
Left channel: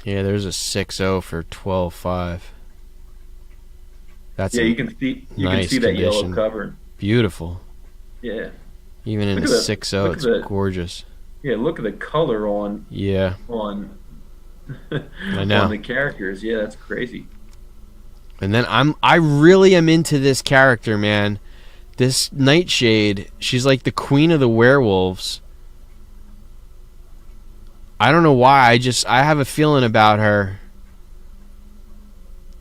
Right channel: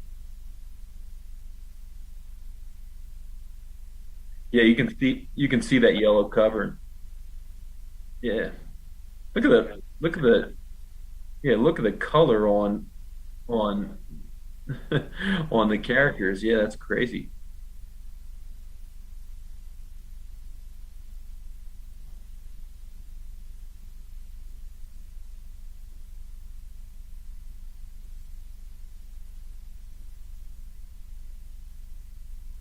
Yeah, there's a 6.0 for 12.5. That's yeah, a you can see nice that yellow condition. cover. Beautiful. Yeah, Even in look a at the 6.0, look at it's the gorgeous. yeah look at the color Yeah, on I on know. the characters. Yeah, that's crazy. And then I really am into this character, man. This Nightshade, she's like the queen of the werewolves. I don't know why. I have a feeling about her.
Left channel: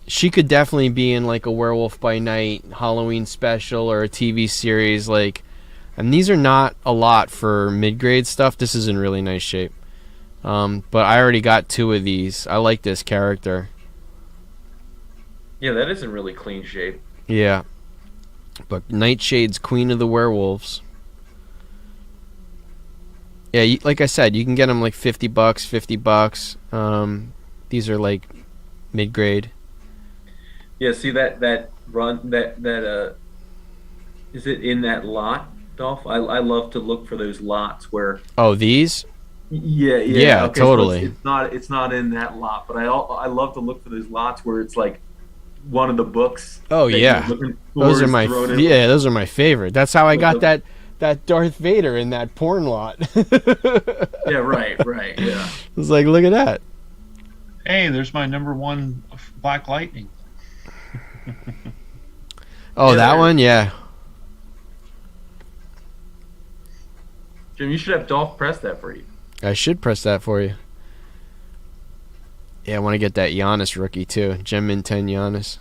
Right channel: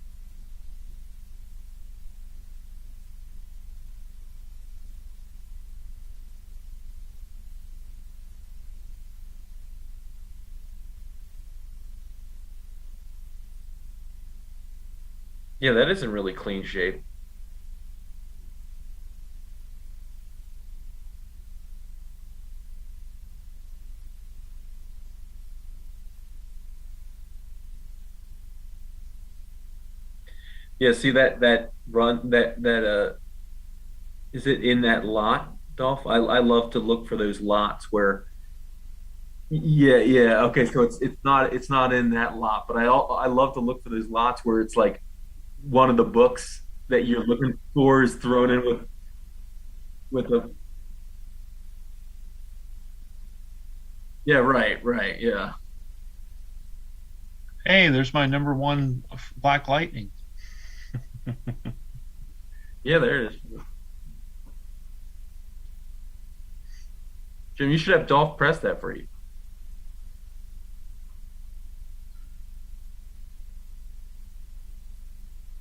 She could definitely be in like a Werewolf by Night Halloween special or a TV series like, and these are not a lot for mid-grade stuff. This is in really nice shape. But I already got two of these. I like this character. Yeah, that is in really clean shape. Yeah. But Nightshade's Queen of the Werewolves. Yeah, like I said, you can get them like $50, $50. These are like mid-grade. Yeah, see that run that is it in that lot, Dolph? I love to look for those lots where Oh, these? yeah, Yeah, okay, so it's totally. it's not it's not in that lot, but I love to look for those lots where it's like one of the books Oh that you're yeah. looking Those for are is my thrown in yeah, those are my favorite. That's how I with got the that Darth Vader in that porn lot. yeah, right, yeah. It's like, look at that. Hey, there's my number one Black Lightning. Oh, Yeah, that there. one, yeah. Jim, you should have Dolph press that for you. I should press that for you. Yeah, I want to get that Giannis rookie too. Gem in 10 Giannis.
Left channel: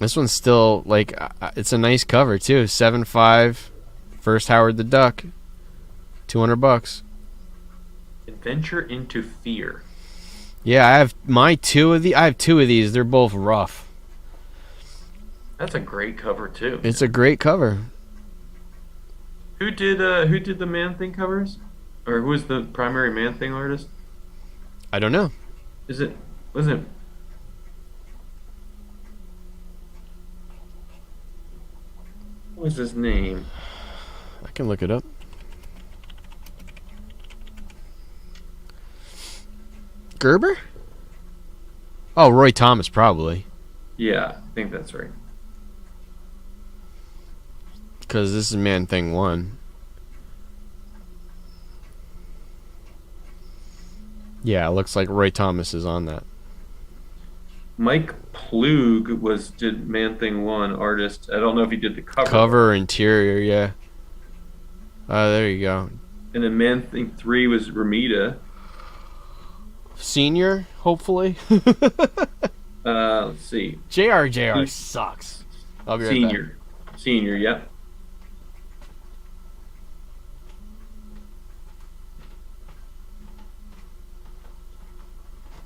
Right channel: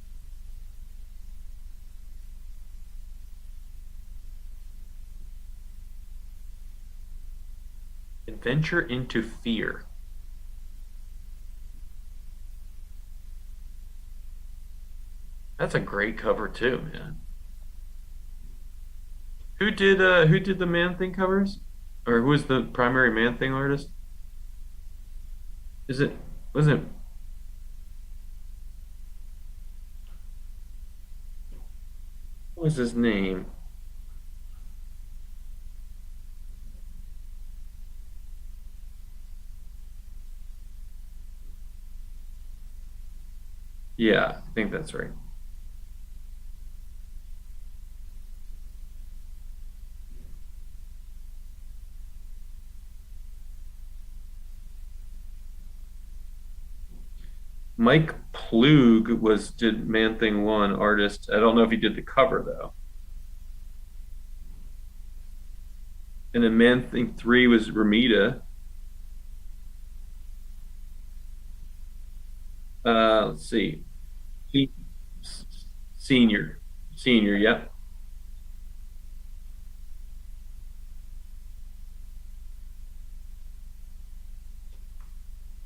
This one's still like it's a nice cover too. 7.5. First Howard the Duck. $200. Adventure into Fear. Yeah, I have I have two of these. They're both rough. That's a great cover too. It's a great cover. Who did the Man Thing covers? Or who was the primary Man Thing artist? I don't know. Is it wasn't what was his name? I can look it up. Gerber? Oh, Roy Thomas, probably. Yeah, I think that's right. Because this is Man Thing 1. Yeah, it looks like Roy Thomas is on that. Mike Plug did Man Thing 1 artist. I don't know if he did the cover. Cover, interior, yeah. There you go. And then Man Thing 3 was Ramita. Senior, hopefully. Let's see. JR sucks. I'll be right Senior. Senior, yep.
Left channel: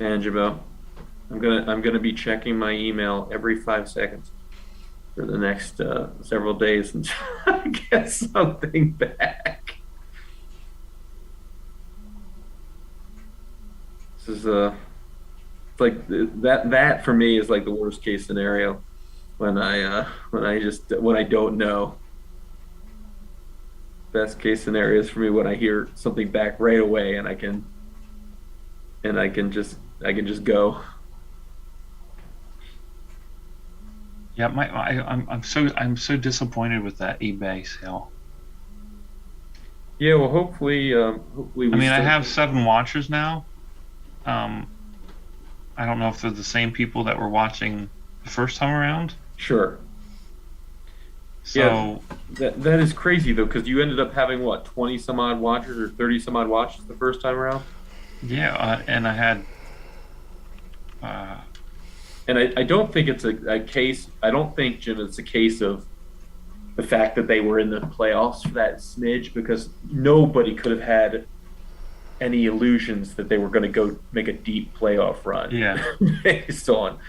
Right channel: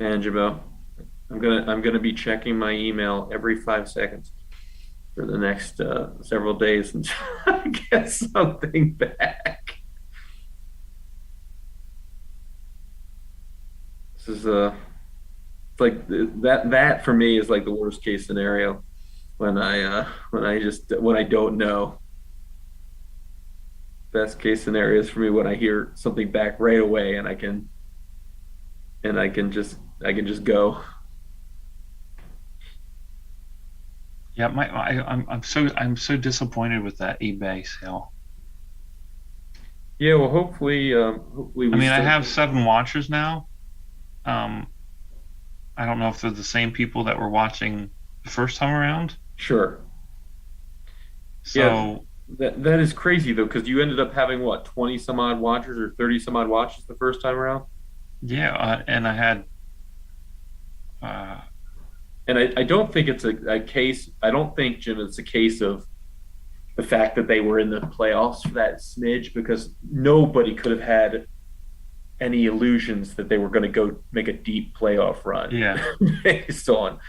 Angelo. I'm gonna be checking my email every 5 seconds for the next several days until I get something back. This is it's like that for me is like the worst case scenario when I don't know. Best case scenario is for me when I hear something back right away and I can just go. Yeah, I'm so disappointed with that eBay sale. Yeah, well, hopefully, I mean, I have 7 watchers now. I don't know if they're the same people that were watching the first time around. Sure. So yeah, that is crazy though, because you ended up having what 20 some odd watchers or 30 some odd watches the first time around. Yeah, and I had. And I don't think it's a case. I don't think, Jim, it's a case of the fact that they were in the playoffs for that smidge, because nobody could have had any illusions that they were going to go make a deep playoff run. Yeah. based on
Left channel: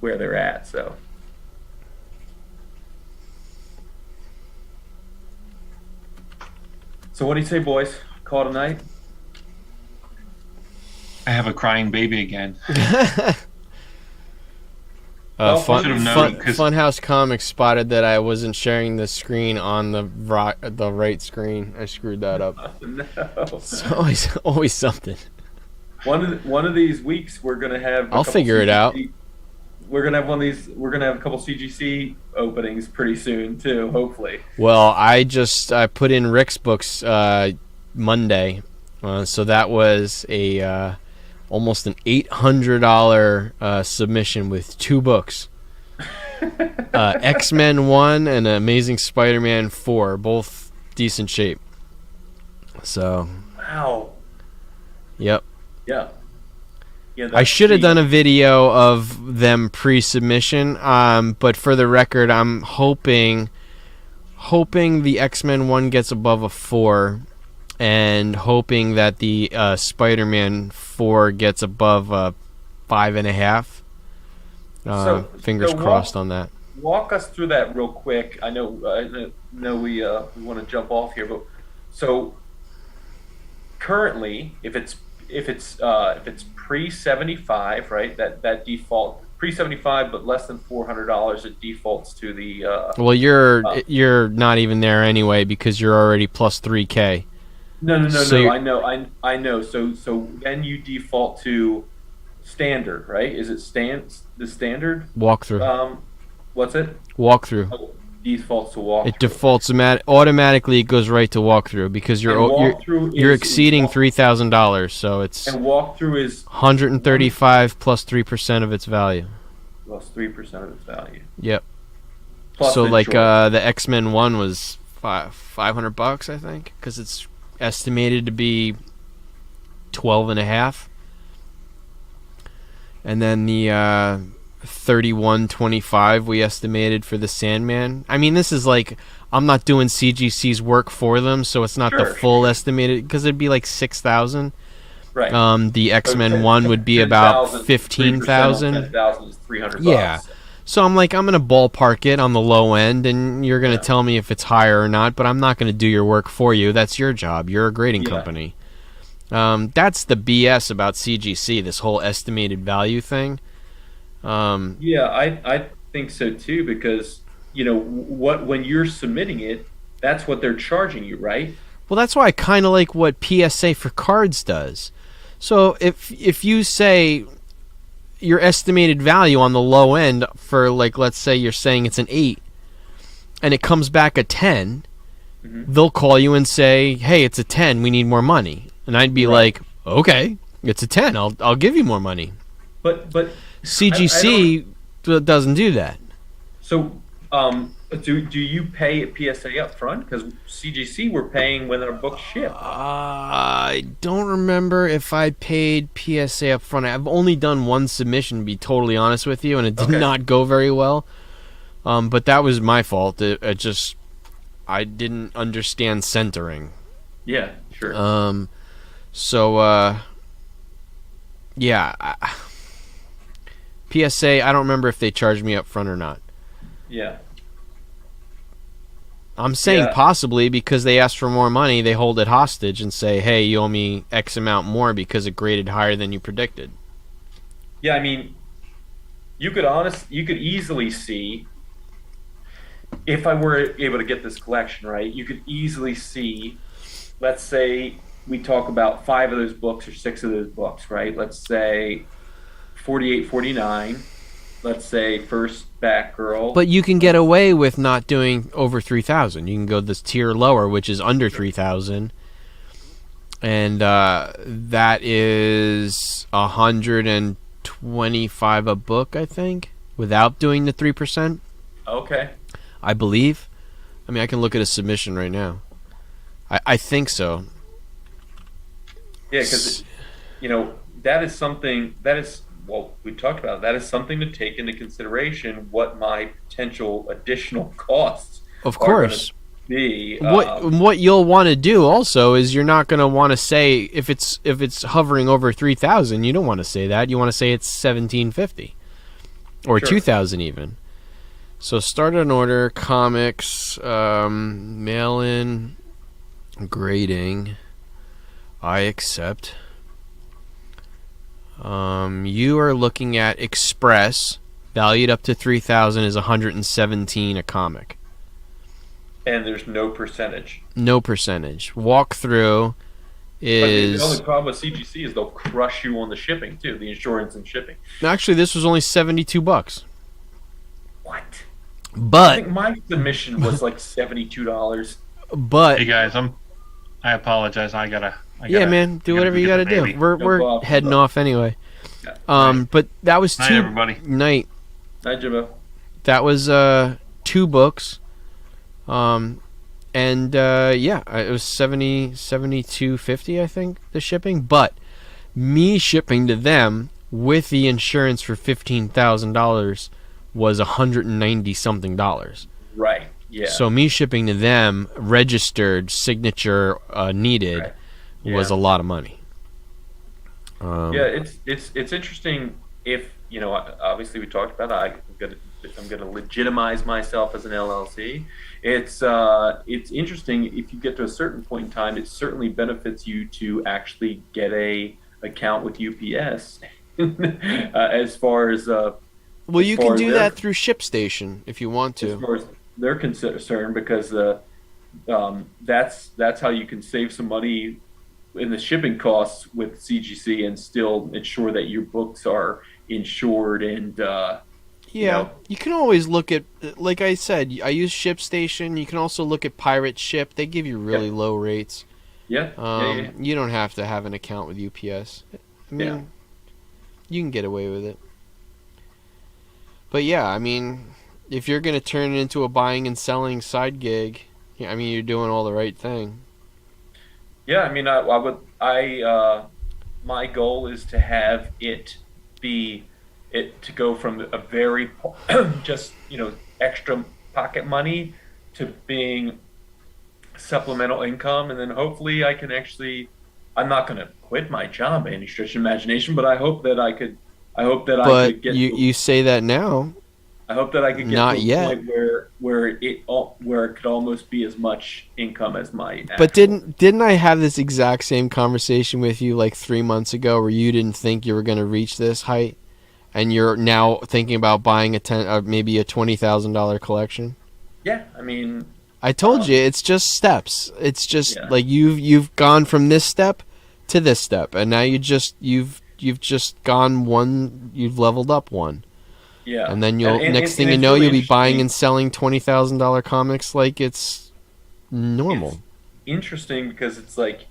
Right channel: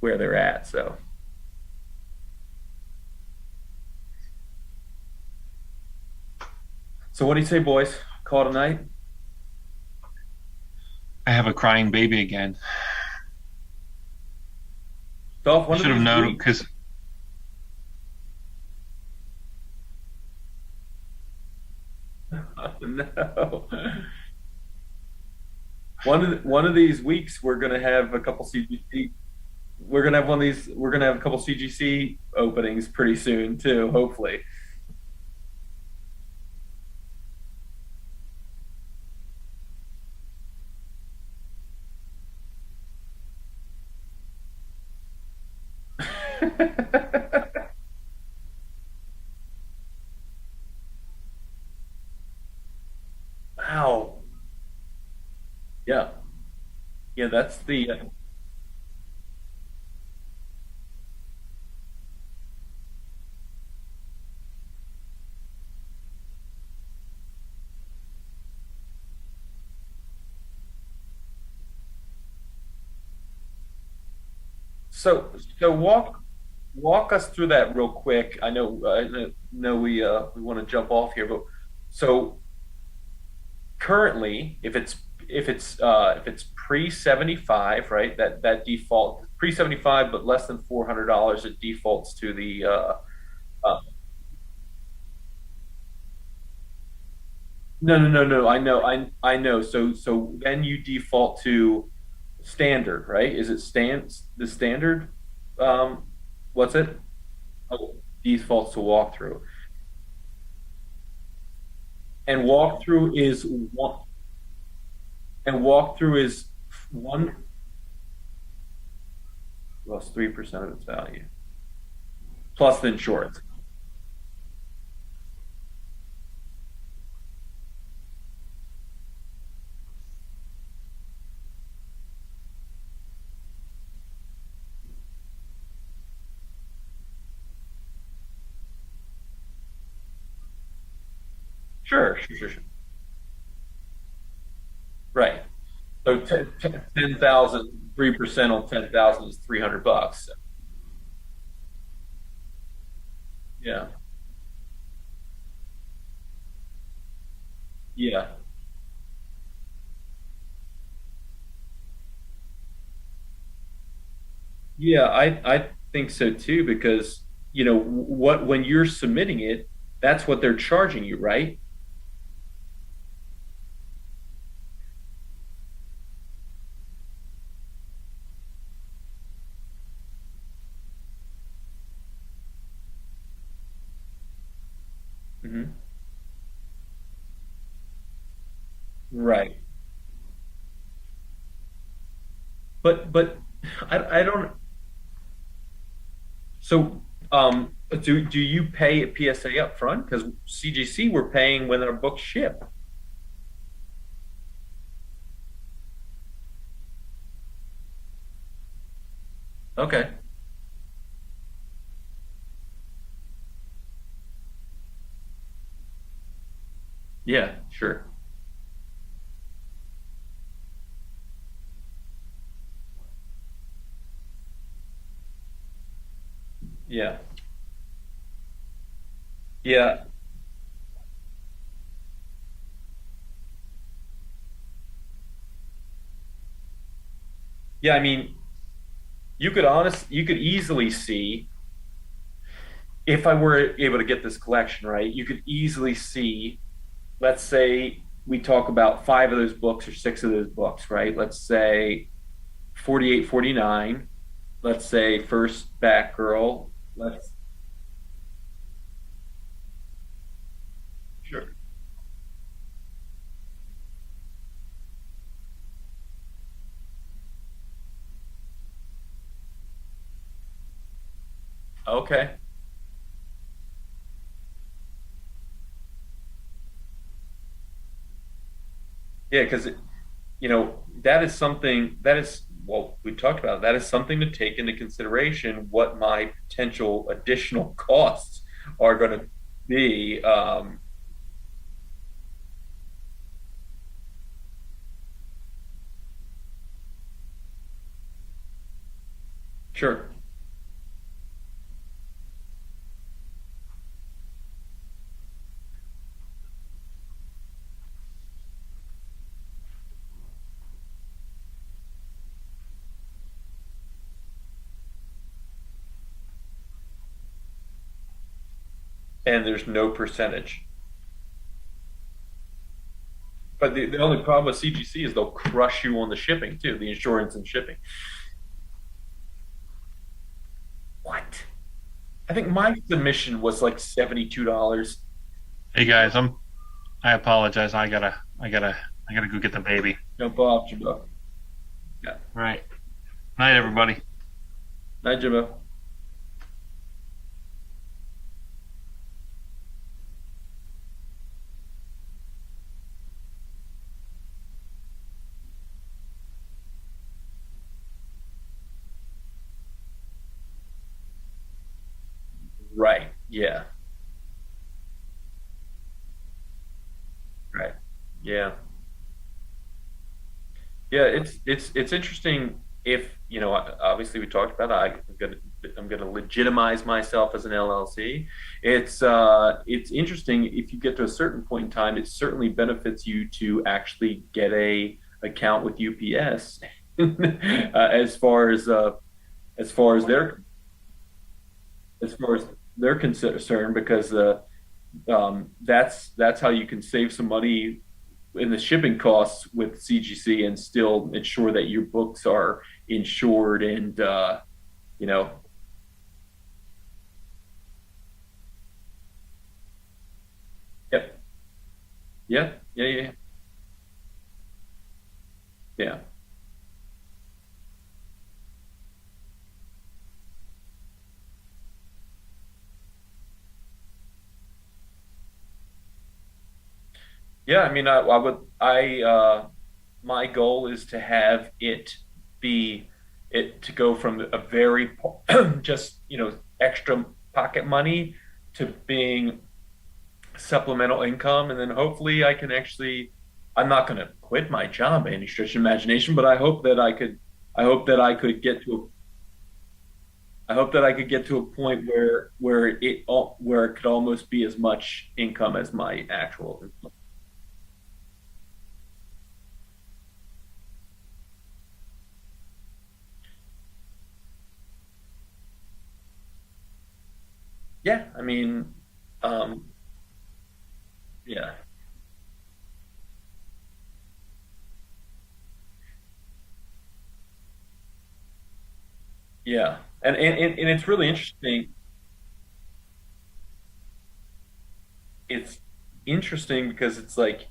where they're at. So. So what do you say, boys? Call it a night? I have a crying baby again. Funhouse Comics spotted that I wasn't sharing the screen on the right screen. I screwed that up. Oh, no. It's always something. One of these weeks we're gonna have. I'll figure it out. We're gonna have one of these. We're gonna have a couple CGC openings pretty soon too. Hopefully. Well, I put in Rick's books Monday, so that was a almost an $800 submission with 2 books. X-Men 1 and Amazing Spider-Man 4, both decent shape. So. Wow. Yep. Yeah. Yeah. I should have done a video of them pre-submission, but for the record, I'm hoping the X-Men 1 gets above a 4, and hoping that the Spider-Man 4 gets above a 5.5. Fingers crossed on that. Walk us through that real quick. I know we want to jump off here, but so currently, if it's pre-75, right? That default pre-75, but less than $400, it defaults to the. Well, you're not even there anyway because you're already plus 3K. No. I know. So then you default to standard, right? Is it the standard walkthrough? What's it? Walkthrough. Oh, defaults to walkthrough. It defaults automatically. It goes right to walkthrough because you're exceeding $3,000, so it's. And walkthrough is 135 plus 3% of its value. Plus 3% of its value. Yep. Plus so like the X-Men 1 was $500, I think, because it's estimated to be 12.5, and then the 31.25 we estimated for the Sandman. I mean, this is like I'm not doing CGC's work for them, so it's not the full estimated, because it'd be like 6,000. Right. The X-Men 1 would be about 15,000. 10,000 is $300. Yeah. So I'm gonna ballpark it on the low end, and you're gonna tell me if it's higher or not. But I'm not gonna do your work for you. That's your job. You're a grading company. That's the BS about CGC, this whole estimated value thing. Um, Yeah, I think so too, because what when you're submitting it, that's what they're charging you, right? well, that's why I kind of like what PSA for cards does. So if you say your estimated value on the low end for, like, let's say you're saying it's an 8 and it comes back a 10, Hmm. they'll call you and say, "Hey, it's a 10. We need more money." And I'd be Right. like, "Okay, it's a 10. I'll give you more money." But I don't. CGC doesn't do that. So do you pay at PSA up front? Because CGC we're paying when our books ship. I don't remember if I paid PSA up front. I've only done one submission, to be totally honest with you, and it did Okay. not go very well. But that was my fault. It just, I didn't understand centering. Yeah, sure. So yeah, PSA. I don't remember if they charged me up front or not. Yeah. I'm saying Yeah. possibly because they ask for more money, they hold it hostage and say, "Hey, you owe me X amount more because it graded higher than you predicted." Yeah, I mean, you could easily see if I were able to get this collection right, you could easily see, let's say we talk about five of those books or six of those books, right? Let's say 48, 49. Let's say first Batgirl. But you can get Let's, away with not doing over 3,000. You can go this tier lower, which is under sure. 3,000, and that is 125 a book, I think, without doing the 3%. Okay. I believe. I mean, I can look at a submission right now. I think so. Yeah, because that is something that is well, we talked about that is something to take into consideration what my potential additional costs Of are going to course. be. What you'll want to do also is you're not going to want to say if it's hovering over 3,000. You don't want to say that. You want to say it's 1,750 or Sure. 2,000 even. So start an order, comics, mail in, grading. I accept. You are looking at Express, valued up to 3,000, is 117 a comic. And there's no percentage. No percentage. Walkthrough But the only is problem with CGC is they'll crush you on the shipping too, the insurance and shipping. actually, this was only $72. What? I But think my submission was like $72. Hey but guys, I apologize. yeah, man, do I gotta whatever go you get got the to do. baby. We're No we're problem. heading off anyway. Yeah. Right. But that was Night, two everybody. night. Hi, Jimbo. That was two books. And yeah, it was 72.50, I think, the shipping, but me shipping to them with the insurance for $15,000 was $190 something dollars. Right. Yeah. So me shipping to them, registered, signature needed, Right. was a Yeah. lot of money. Yeah, it's interesting if obviously we talked about I'm gonna legitimize myself as an LLC. It's interesting if you get to a certain point in time. It certainly benefits you to actually get a account with UPS as far as Well, as you far can as do their that through ShipStation if you want as to. far as they're concerned, because that's how you can save some money in the shipping costs with CGC and still ensure that your books are insured and Yeah, you can always look at, like I said, I use ShipStation. You can also look at Pirate Ship. They give you really Yep. low rates. yeah, yeah. You don't have to have an account with UPS. I mean, Yeah. you can get away with it. But yeah, I mean, if you're going to turn it into a buying and selling side gig, yeah, I mean, you're doing all the right thing. Yeah, I mean, my goal is to have it to go from a very just extra pocket money to being supplemental income, and then hopefully I can actually. I'm not going to quit my job by any stretch of imagination, but I hope that I could. I hope that I But could get. you say that now. I hope that I could get to Not a yet. point where it could almost be as much income as my But actual. didn't I have this exact same conversation with you like 3 months ago, where you didn't think you were going to reach this height, and you're now thinking about buying maybe a $20,000 collection? Yeah, I mean, I told you um, it's just steps. It's just yeah, like you've gone from this step to this step, and now you've just gone one. You've leveled up one, yeah, and then and you'll and, next and and thing you it's know really you'll be buying and interesting. selling $20,000 comics like it's normal. It's interesting because it's like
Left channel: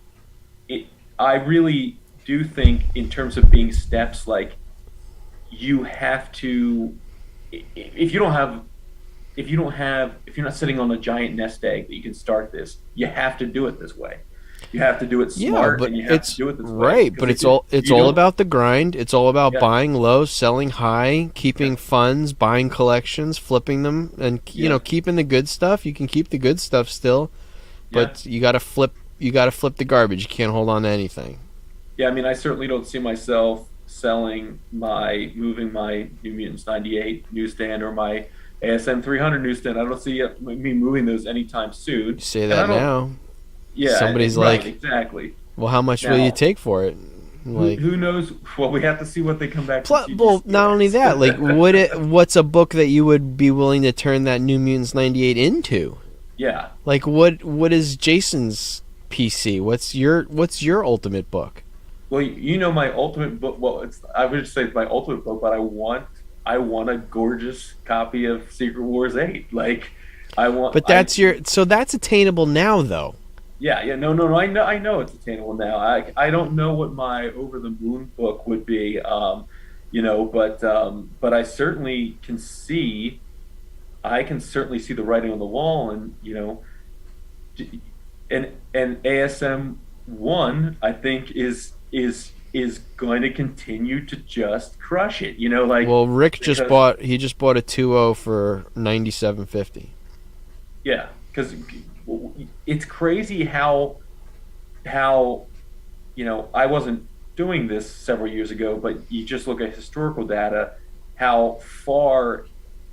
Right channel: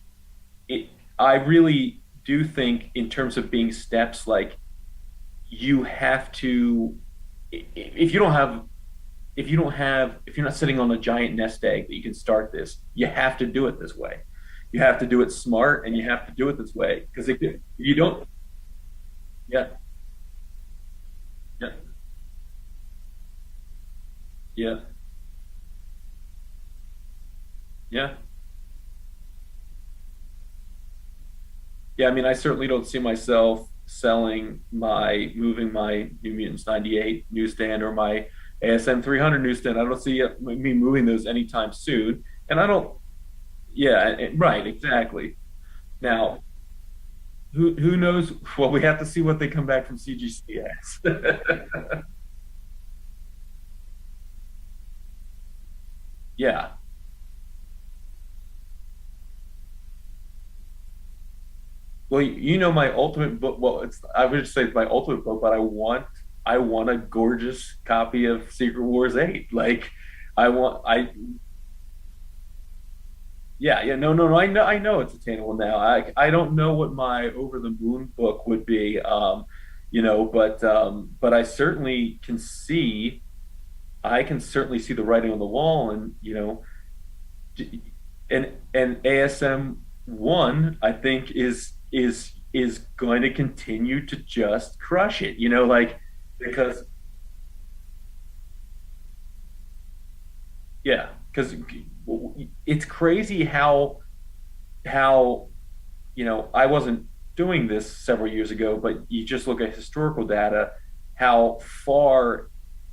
it. I really do think in terms of being steps, like you have to. If you don't have if you're not sitting on a giant nest egg that you can start this, you have to do it this way. You have to do it Yeah, smart, but and you have to it's do it this way right, because but if it's you all don't, about the grind. It's all about yeah, buying low, selling high, yeah, keeping funds, buying collections, flipping them, and yeah, keeping the good stuff. You can keep the good stuff still, yeah, but you got to flip. You got to flip the garbage. You can't hold on to anything. yeah. I mean, I certainly don't see myself moving my New Mutants '98 newsstand or my ASM 300 newsstand. I don't see me moving those anytime You soon, say and I that don't. now. Yeah, Somebody's right, like, exactly. "Well, how much will you Now, take for it?" Like, who knows? Well, we have to see what they come back from well, CGC not only as. that, like, what's a book that you would be willing to turn that New Mutants '98 into? Yeah. Like, what is Jason's PC? What's your ultimate book? Well, you know my ultimate book. Well, it's I would say it's my ultimate book, but I want a gorgeous copy of Secret Wars 8. Like I want But I that's attainable now, though. yeah, yeah, no, no, no. I know it's attainable now. I don't know what my Over the Moon book would be. But I can certainly see the writing on the wall, and and ASM 1 I think is going to continue to just crush it. Like Well, Rick because just bought a 2.0 for 97.50. yeah, because it's crazy how I wasn't doing this several years ago, but you just look at historical data, how far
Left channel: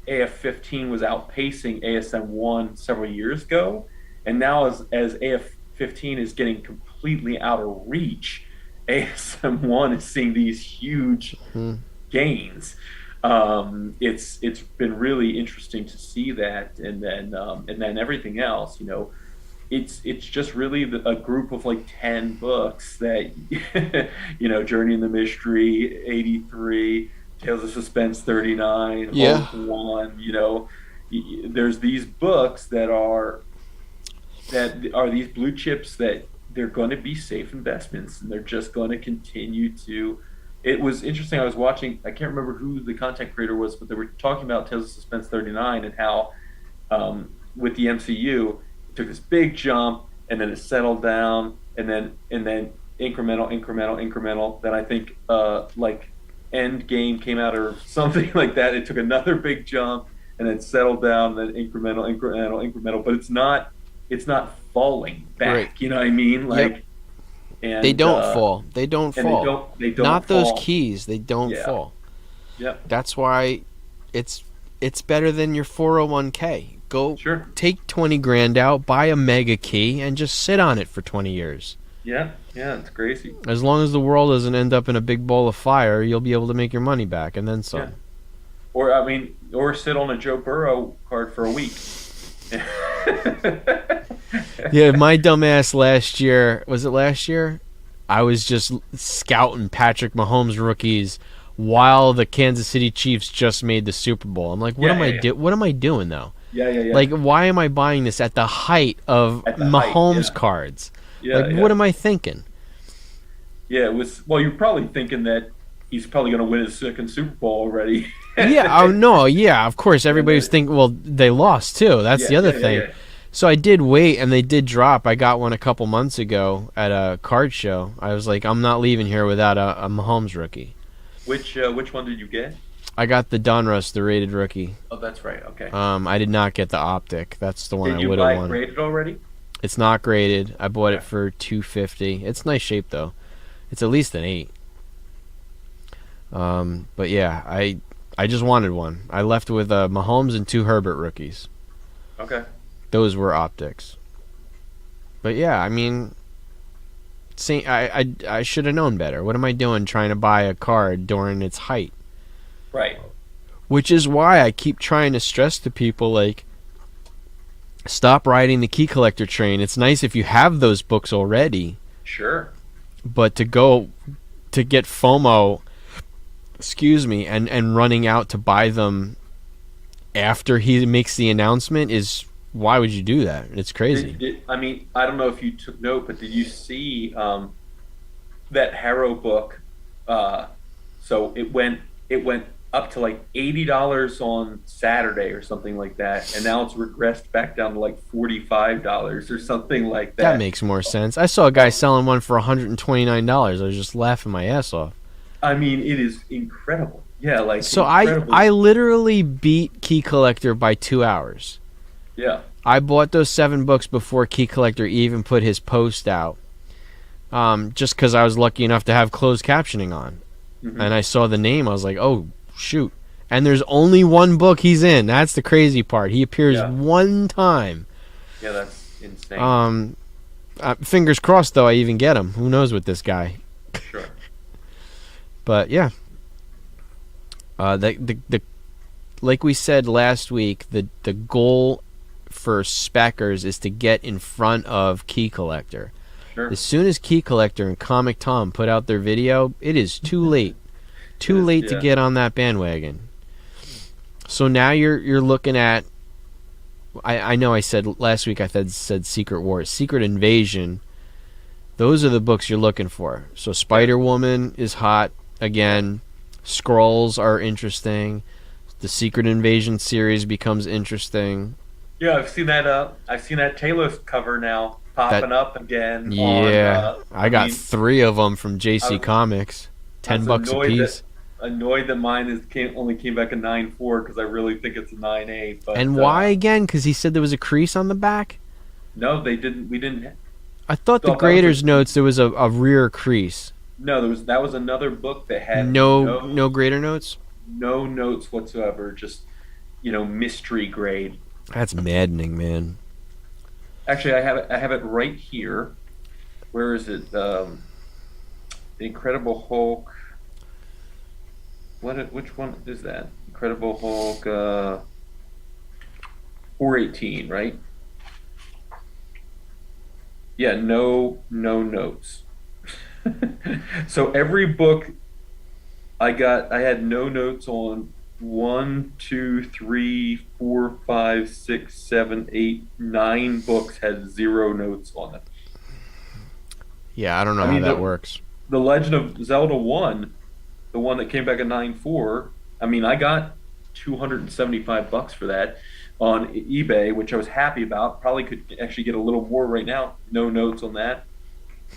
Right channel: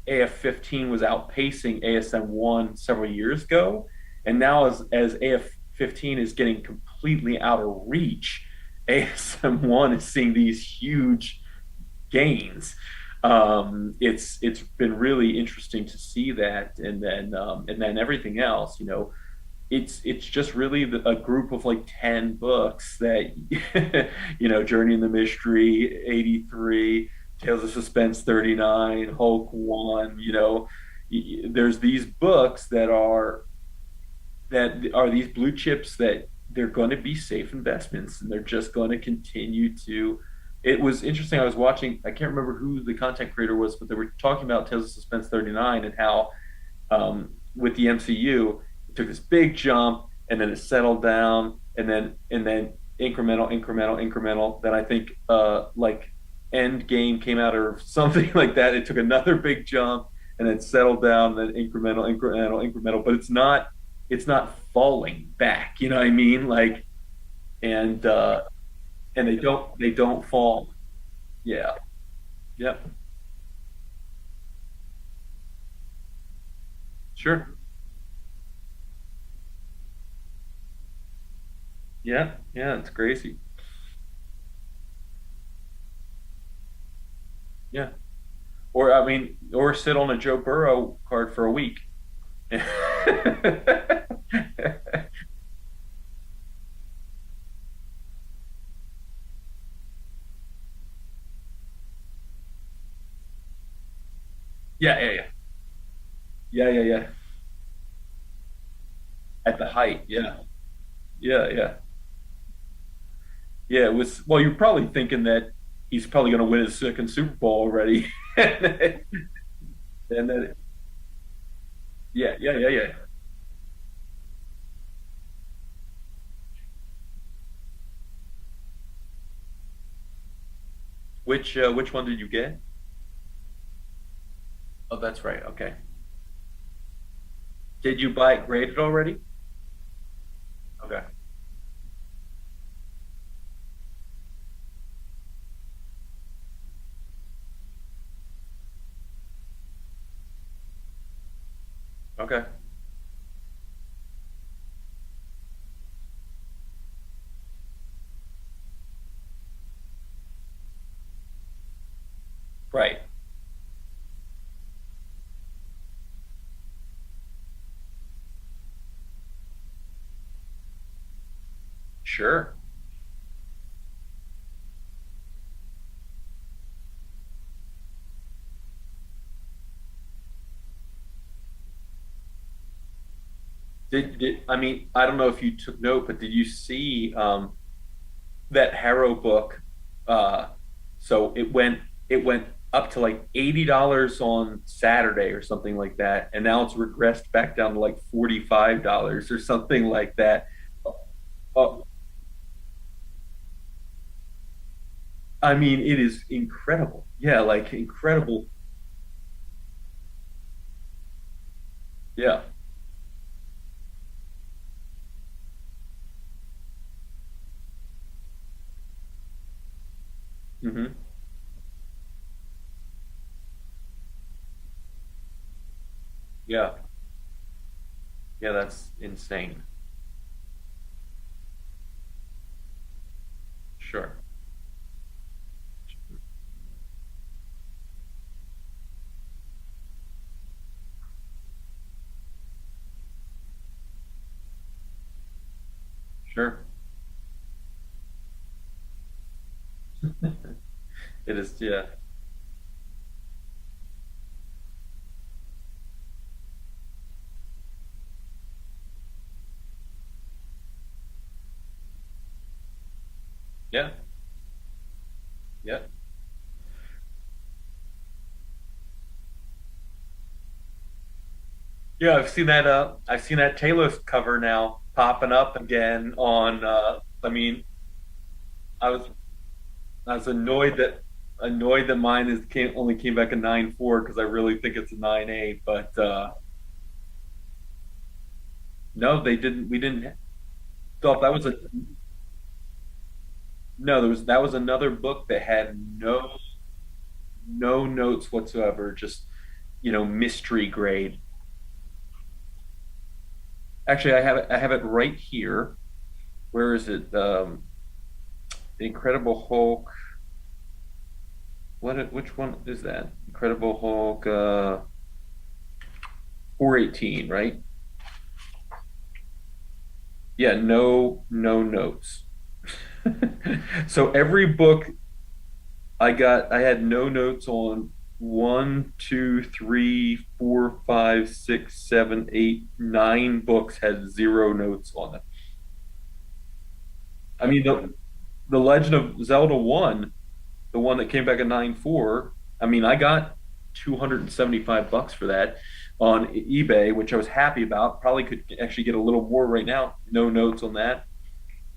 AF-15 was outpacing ASM-1 several years ago, and now as AF-15 is getting completely out of reach, ASM-1 is seeing these huge Hmm. gains. It's been really interesting to see that, and then everything else. It's just really a group of like 10 books that Journey in the Mystery 83, Tales of Suspense 39, Yeah. Hope 1. There's these books that are these blue chips that they're going to be safe investments, and they're just going to continue to. It was interesting. I was watching. I can't remember who the content creator was, but they were talking about Tales of Suspense 39 and how with the MCU it took this big jump and then it settled down and then incremental, incremental, incremental. Then I think like End Game came out or something like that. It took another big jump and then settled down. And then incremental, incremental, incremental. But it's not falling Right. back. You know what I mean? Yep. Like They and don't fall. They don't and they fall. don't Not those fall. keys. They don't Yeah. fall. Yep. That's why it's it's better than your 401k. Go Sure. take 20 grand out, buy a mega key, and just sit on it for 20 years. Yeah. Yeah. It's crazy. As long as the world doesn't end up in a big ball of fire, you'll be able to make your money back and then Yeah. some. Or I mean, or sit on a Joe Burrow card for a week. Yeah, my dumbass last year, was it last year? I was just scouting Patrick Mahomes rookies while the Kansas City Chiefs just made the Super Bowl. I'm like, Yeah, yeah, yeah. what am I doing though? Yeah, yeah, yeah. Like, why am I buying this at the height of At the height, Mahomes yeah. cards? Yeah, Like, yeah. what am I thinking? Yeah, it was well, you're probably thinking that he's probably gonna win his second Super Bowl already. Yeah, oh no, yeah, of course. Everybody was Yeah, thinking, well, they lost too. That's yeah, the other yeah, thing. yeah. So I did wait, and they did drop. I got one a couple months ago at a card show. I was like, I'm not leaving here without a Mahomes rookie. Which one did you get? I got the Donruss, the rated rookie. Oh, that's right. Okay. I did not get the optic. That's the one Did I you would buy have it won. graded already? It's not graded. I bought it Okay. for $250. It's nice shape though. It's at least an 8. But yeah, I just wanted one. I left with Mahomes and 2 Herbert rookies. Okay. Those were optics. But yeah, I mean, I should have known better. What am I doing trying to buy a card during its height? Right. Which is why I keep trying to stress to people, like, stop riding the key collector train. It's nice if you have those books already, Sure. but to get FOMO, and running out to buy them after he makes the announcement is, why would you do that? It's crazy. I mean, I don't know if you took note, but did you see that Harrow book? So it went up to like $80 on Saturday or something like that, and now it's regressed back down to like $45 or something like That that. makes more sense. I saw a guy selling one for $129. I was just laughing my ass off. I mean, it is incredible. Yeah, like So incredible. I literally beat Key Collector by 2 hours. Yeah. I bought those 7 books before Key Collector even put his post out. Just because I was lucky enough to have closed captioning on. Mhm. And I saw the name, I was like, oh, shoot. And there's only one book he's in. That's the crazy part. He appears Yeah. one time. Yeah, that's insane. Fingers crossed, though, I even get him. Who knows with this guy? Sure. But, yeah. The like we said last week, the goal for Speckers is to get in front of Key Collector. Sure. As soon as Key Collector and Comic Tom put out their video, it is too late. Too late to yeah. get on that bandwagon. So now you're looking at. I know I said last week I said Secret Wars, Secret Invasion. Those are the books you're looking for. So Spider Woman is hot again. Skrulls are interesting. The Secret Invasion series becomes interesting. Yeah, I've seen that. I've seen that Talos cover now popping up again. Yeah, On, I got mean, 3 of them from JC Comics. $10 a piece. Annoyed that mine only came back a 9.4 because I really think it's a 9.8. But And why again? Because he said there was a crease on the back. No, they didn't. We didn't. I thought Thought the that was Graders notes there was a rear crease. No, that was another book that had No Grader notes. no notes whatsoever. Just mystery grade. That's maddening, man. Actually, I have it right here. Where is it? The Incredible Hulk. Which one is that? Incredible Hulk 418, right? Yeah, no notes. So every book I had no notes on 1, 2, 3, 4, 5, 6, 7, 8, 9 books had 0 notes on them. Yeah, I don't know I mean, how that works. The Legend of Zelda 1, the one that came back at 9.4, I mean, I got $275 for that on eBay, which I was happy about. Probably could actually get a little more right now. No notes on that.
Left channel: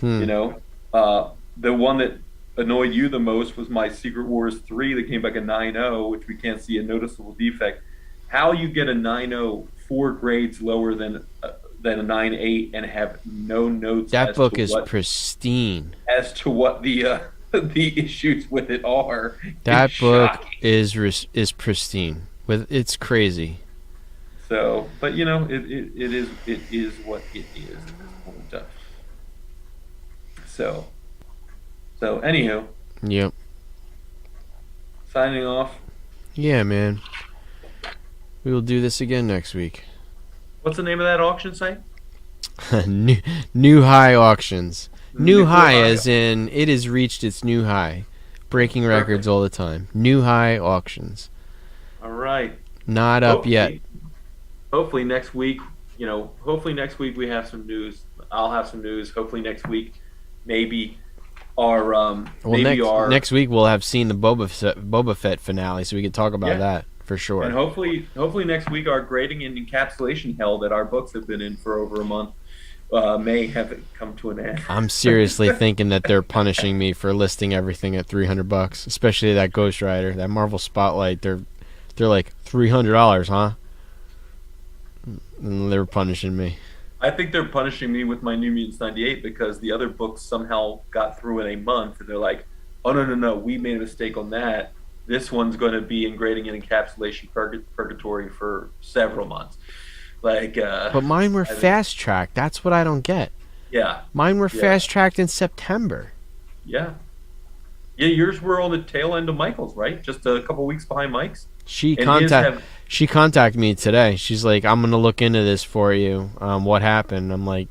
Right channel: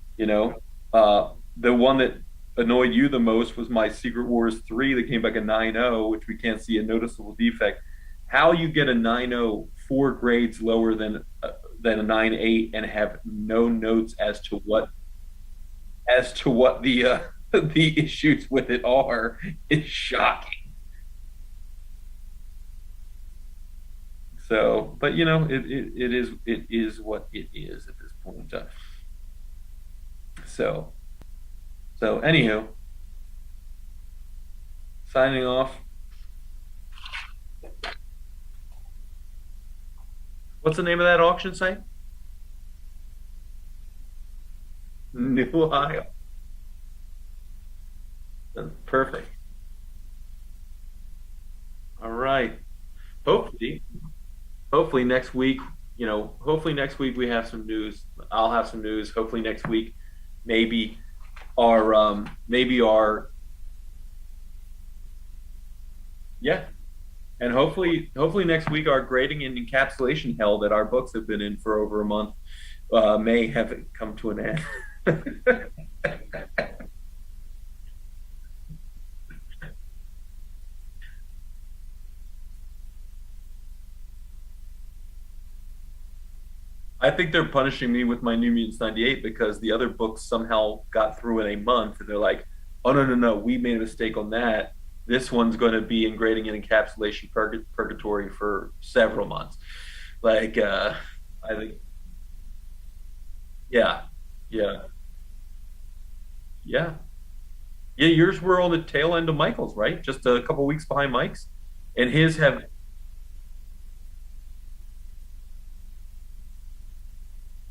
The one that annoyed you the most was my Secret Wars 3 that came back at 9.0, which we can't see a noticeable defect. How you get a 9.0 4 grades lower than a 9.8 and have no notes? That book is pristine. As to what the the issues with it are. That it's book shocking. is pristine. It's crazy. So, but it is what it is at this point. So anywho, Yep. signing off. Yeah, man. We will do this again next week. What's the name of that auction site? New High Auctions. New High, High. as in it has reached its new high. Breaking Perfect. records all the time. New High Auctions. All right. Not up yet. Hopefully next week. Hopefully next week we have some news. I'll have some news. Hopefully next week, maybe our next week we'll have seen the Boba Fett finale, so we can talk about that for sure. And hopefully next week our grading and encapsulation hell that our books have been in for over a month may have come to an end. I'm seriously thinking that they're punishing me for listing everything at $300, especially that Ghost Rider, that Marvel Spotlight. They're like $300, huh? And they're punishing me. I think they're punishing me with my New Mutants 98 because the other books somehow got through in a month, and they're like, "Oh no, we made a mistake on that. This one's going to be in grading and encapsulation purgatory for several months. Like, But mine were I think, fast tracked. That's what I don't get. yeah, Mine were yeah, fast tracked in September. yeah, yeah. Yours were on the tail end of Michael's, right? Just a couple weeks behind Mike's, She and his contact have, she contacted me today. She's like, "I'm gonna look into this for you. What happened?" I'm like,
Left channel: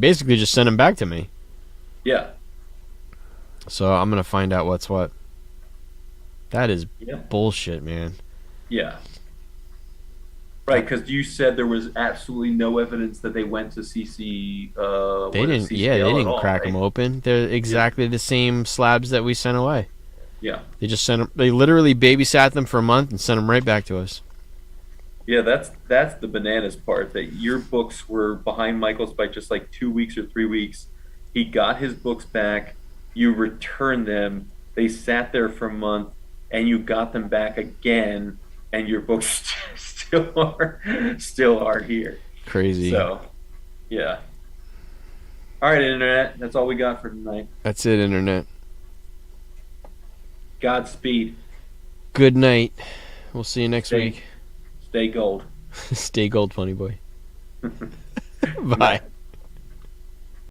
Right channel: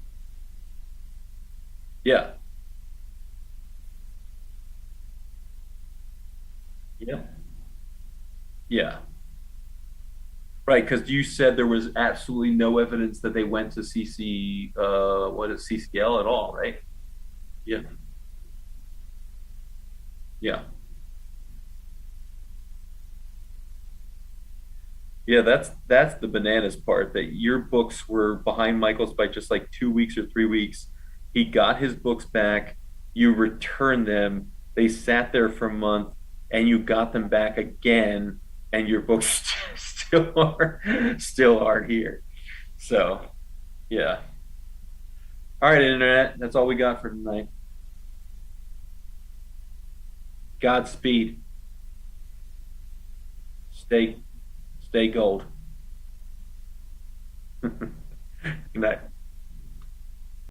basically just send them back to me. yeah, So I'm gonna find out what's what. That is yeah, bullshit, man. yeah. Right, because you said there was absolutely no evidence that they went to CC, They what is didn't. Yeah, they CCL at didn't all, crack them right? open. They're Yeah, exactly the same slabs that we sent away. yeah, They just sent them. They literally babysat them for a month and sent them right back to us. yeah. That's the bananas part. That your books were behind Michael's by just like 2 weeks or 3 weeks. He got his books back. You returned them. They sat there for a month, and you got them back again, and your books still aren't here. Crazy. So, yeah. All right, internet. That's all we got for tonight. That's it, internet. Godspeed. Good night. We'll see you next Stay week. stay gold. Stay gold, funny boy. Good Bye. night.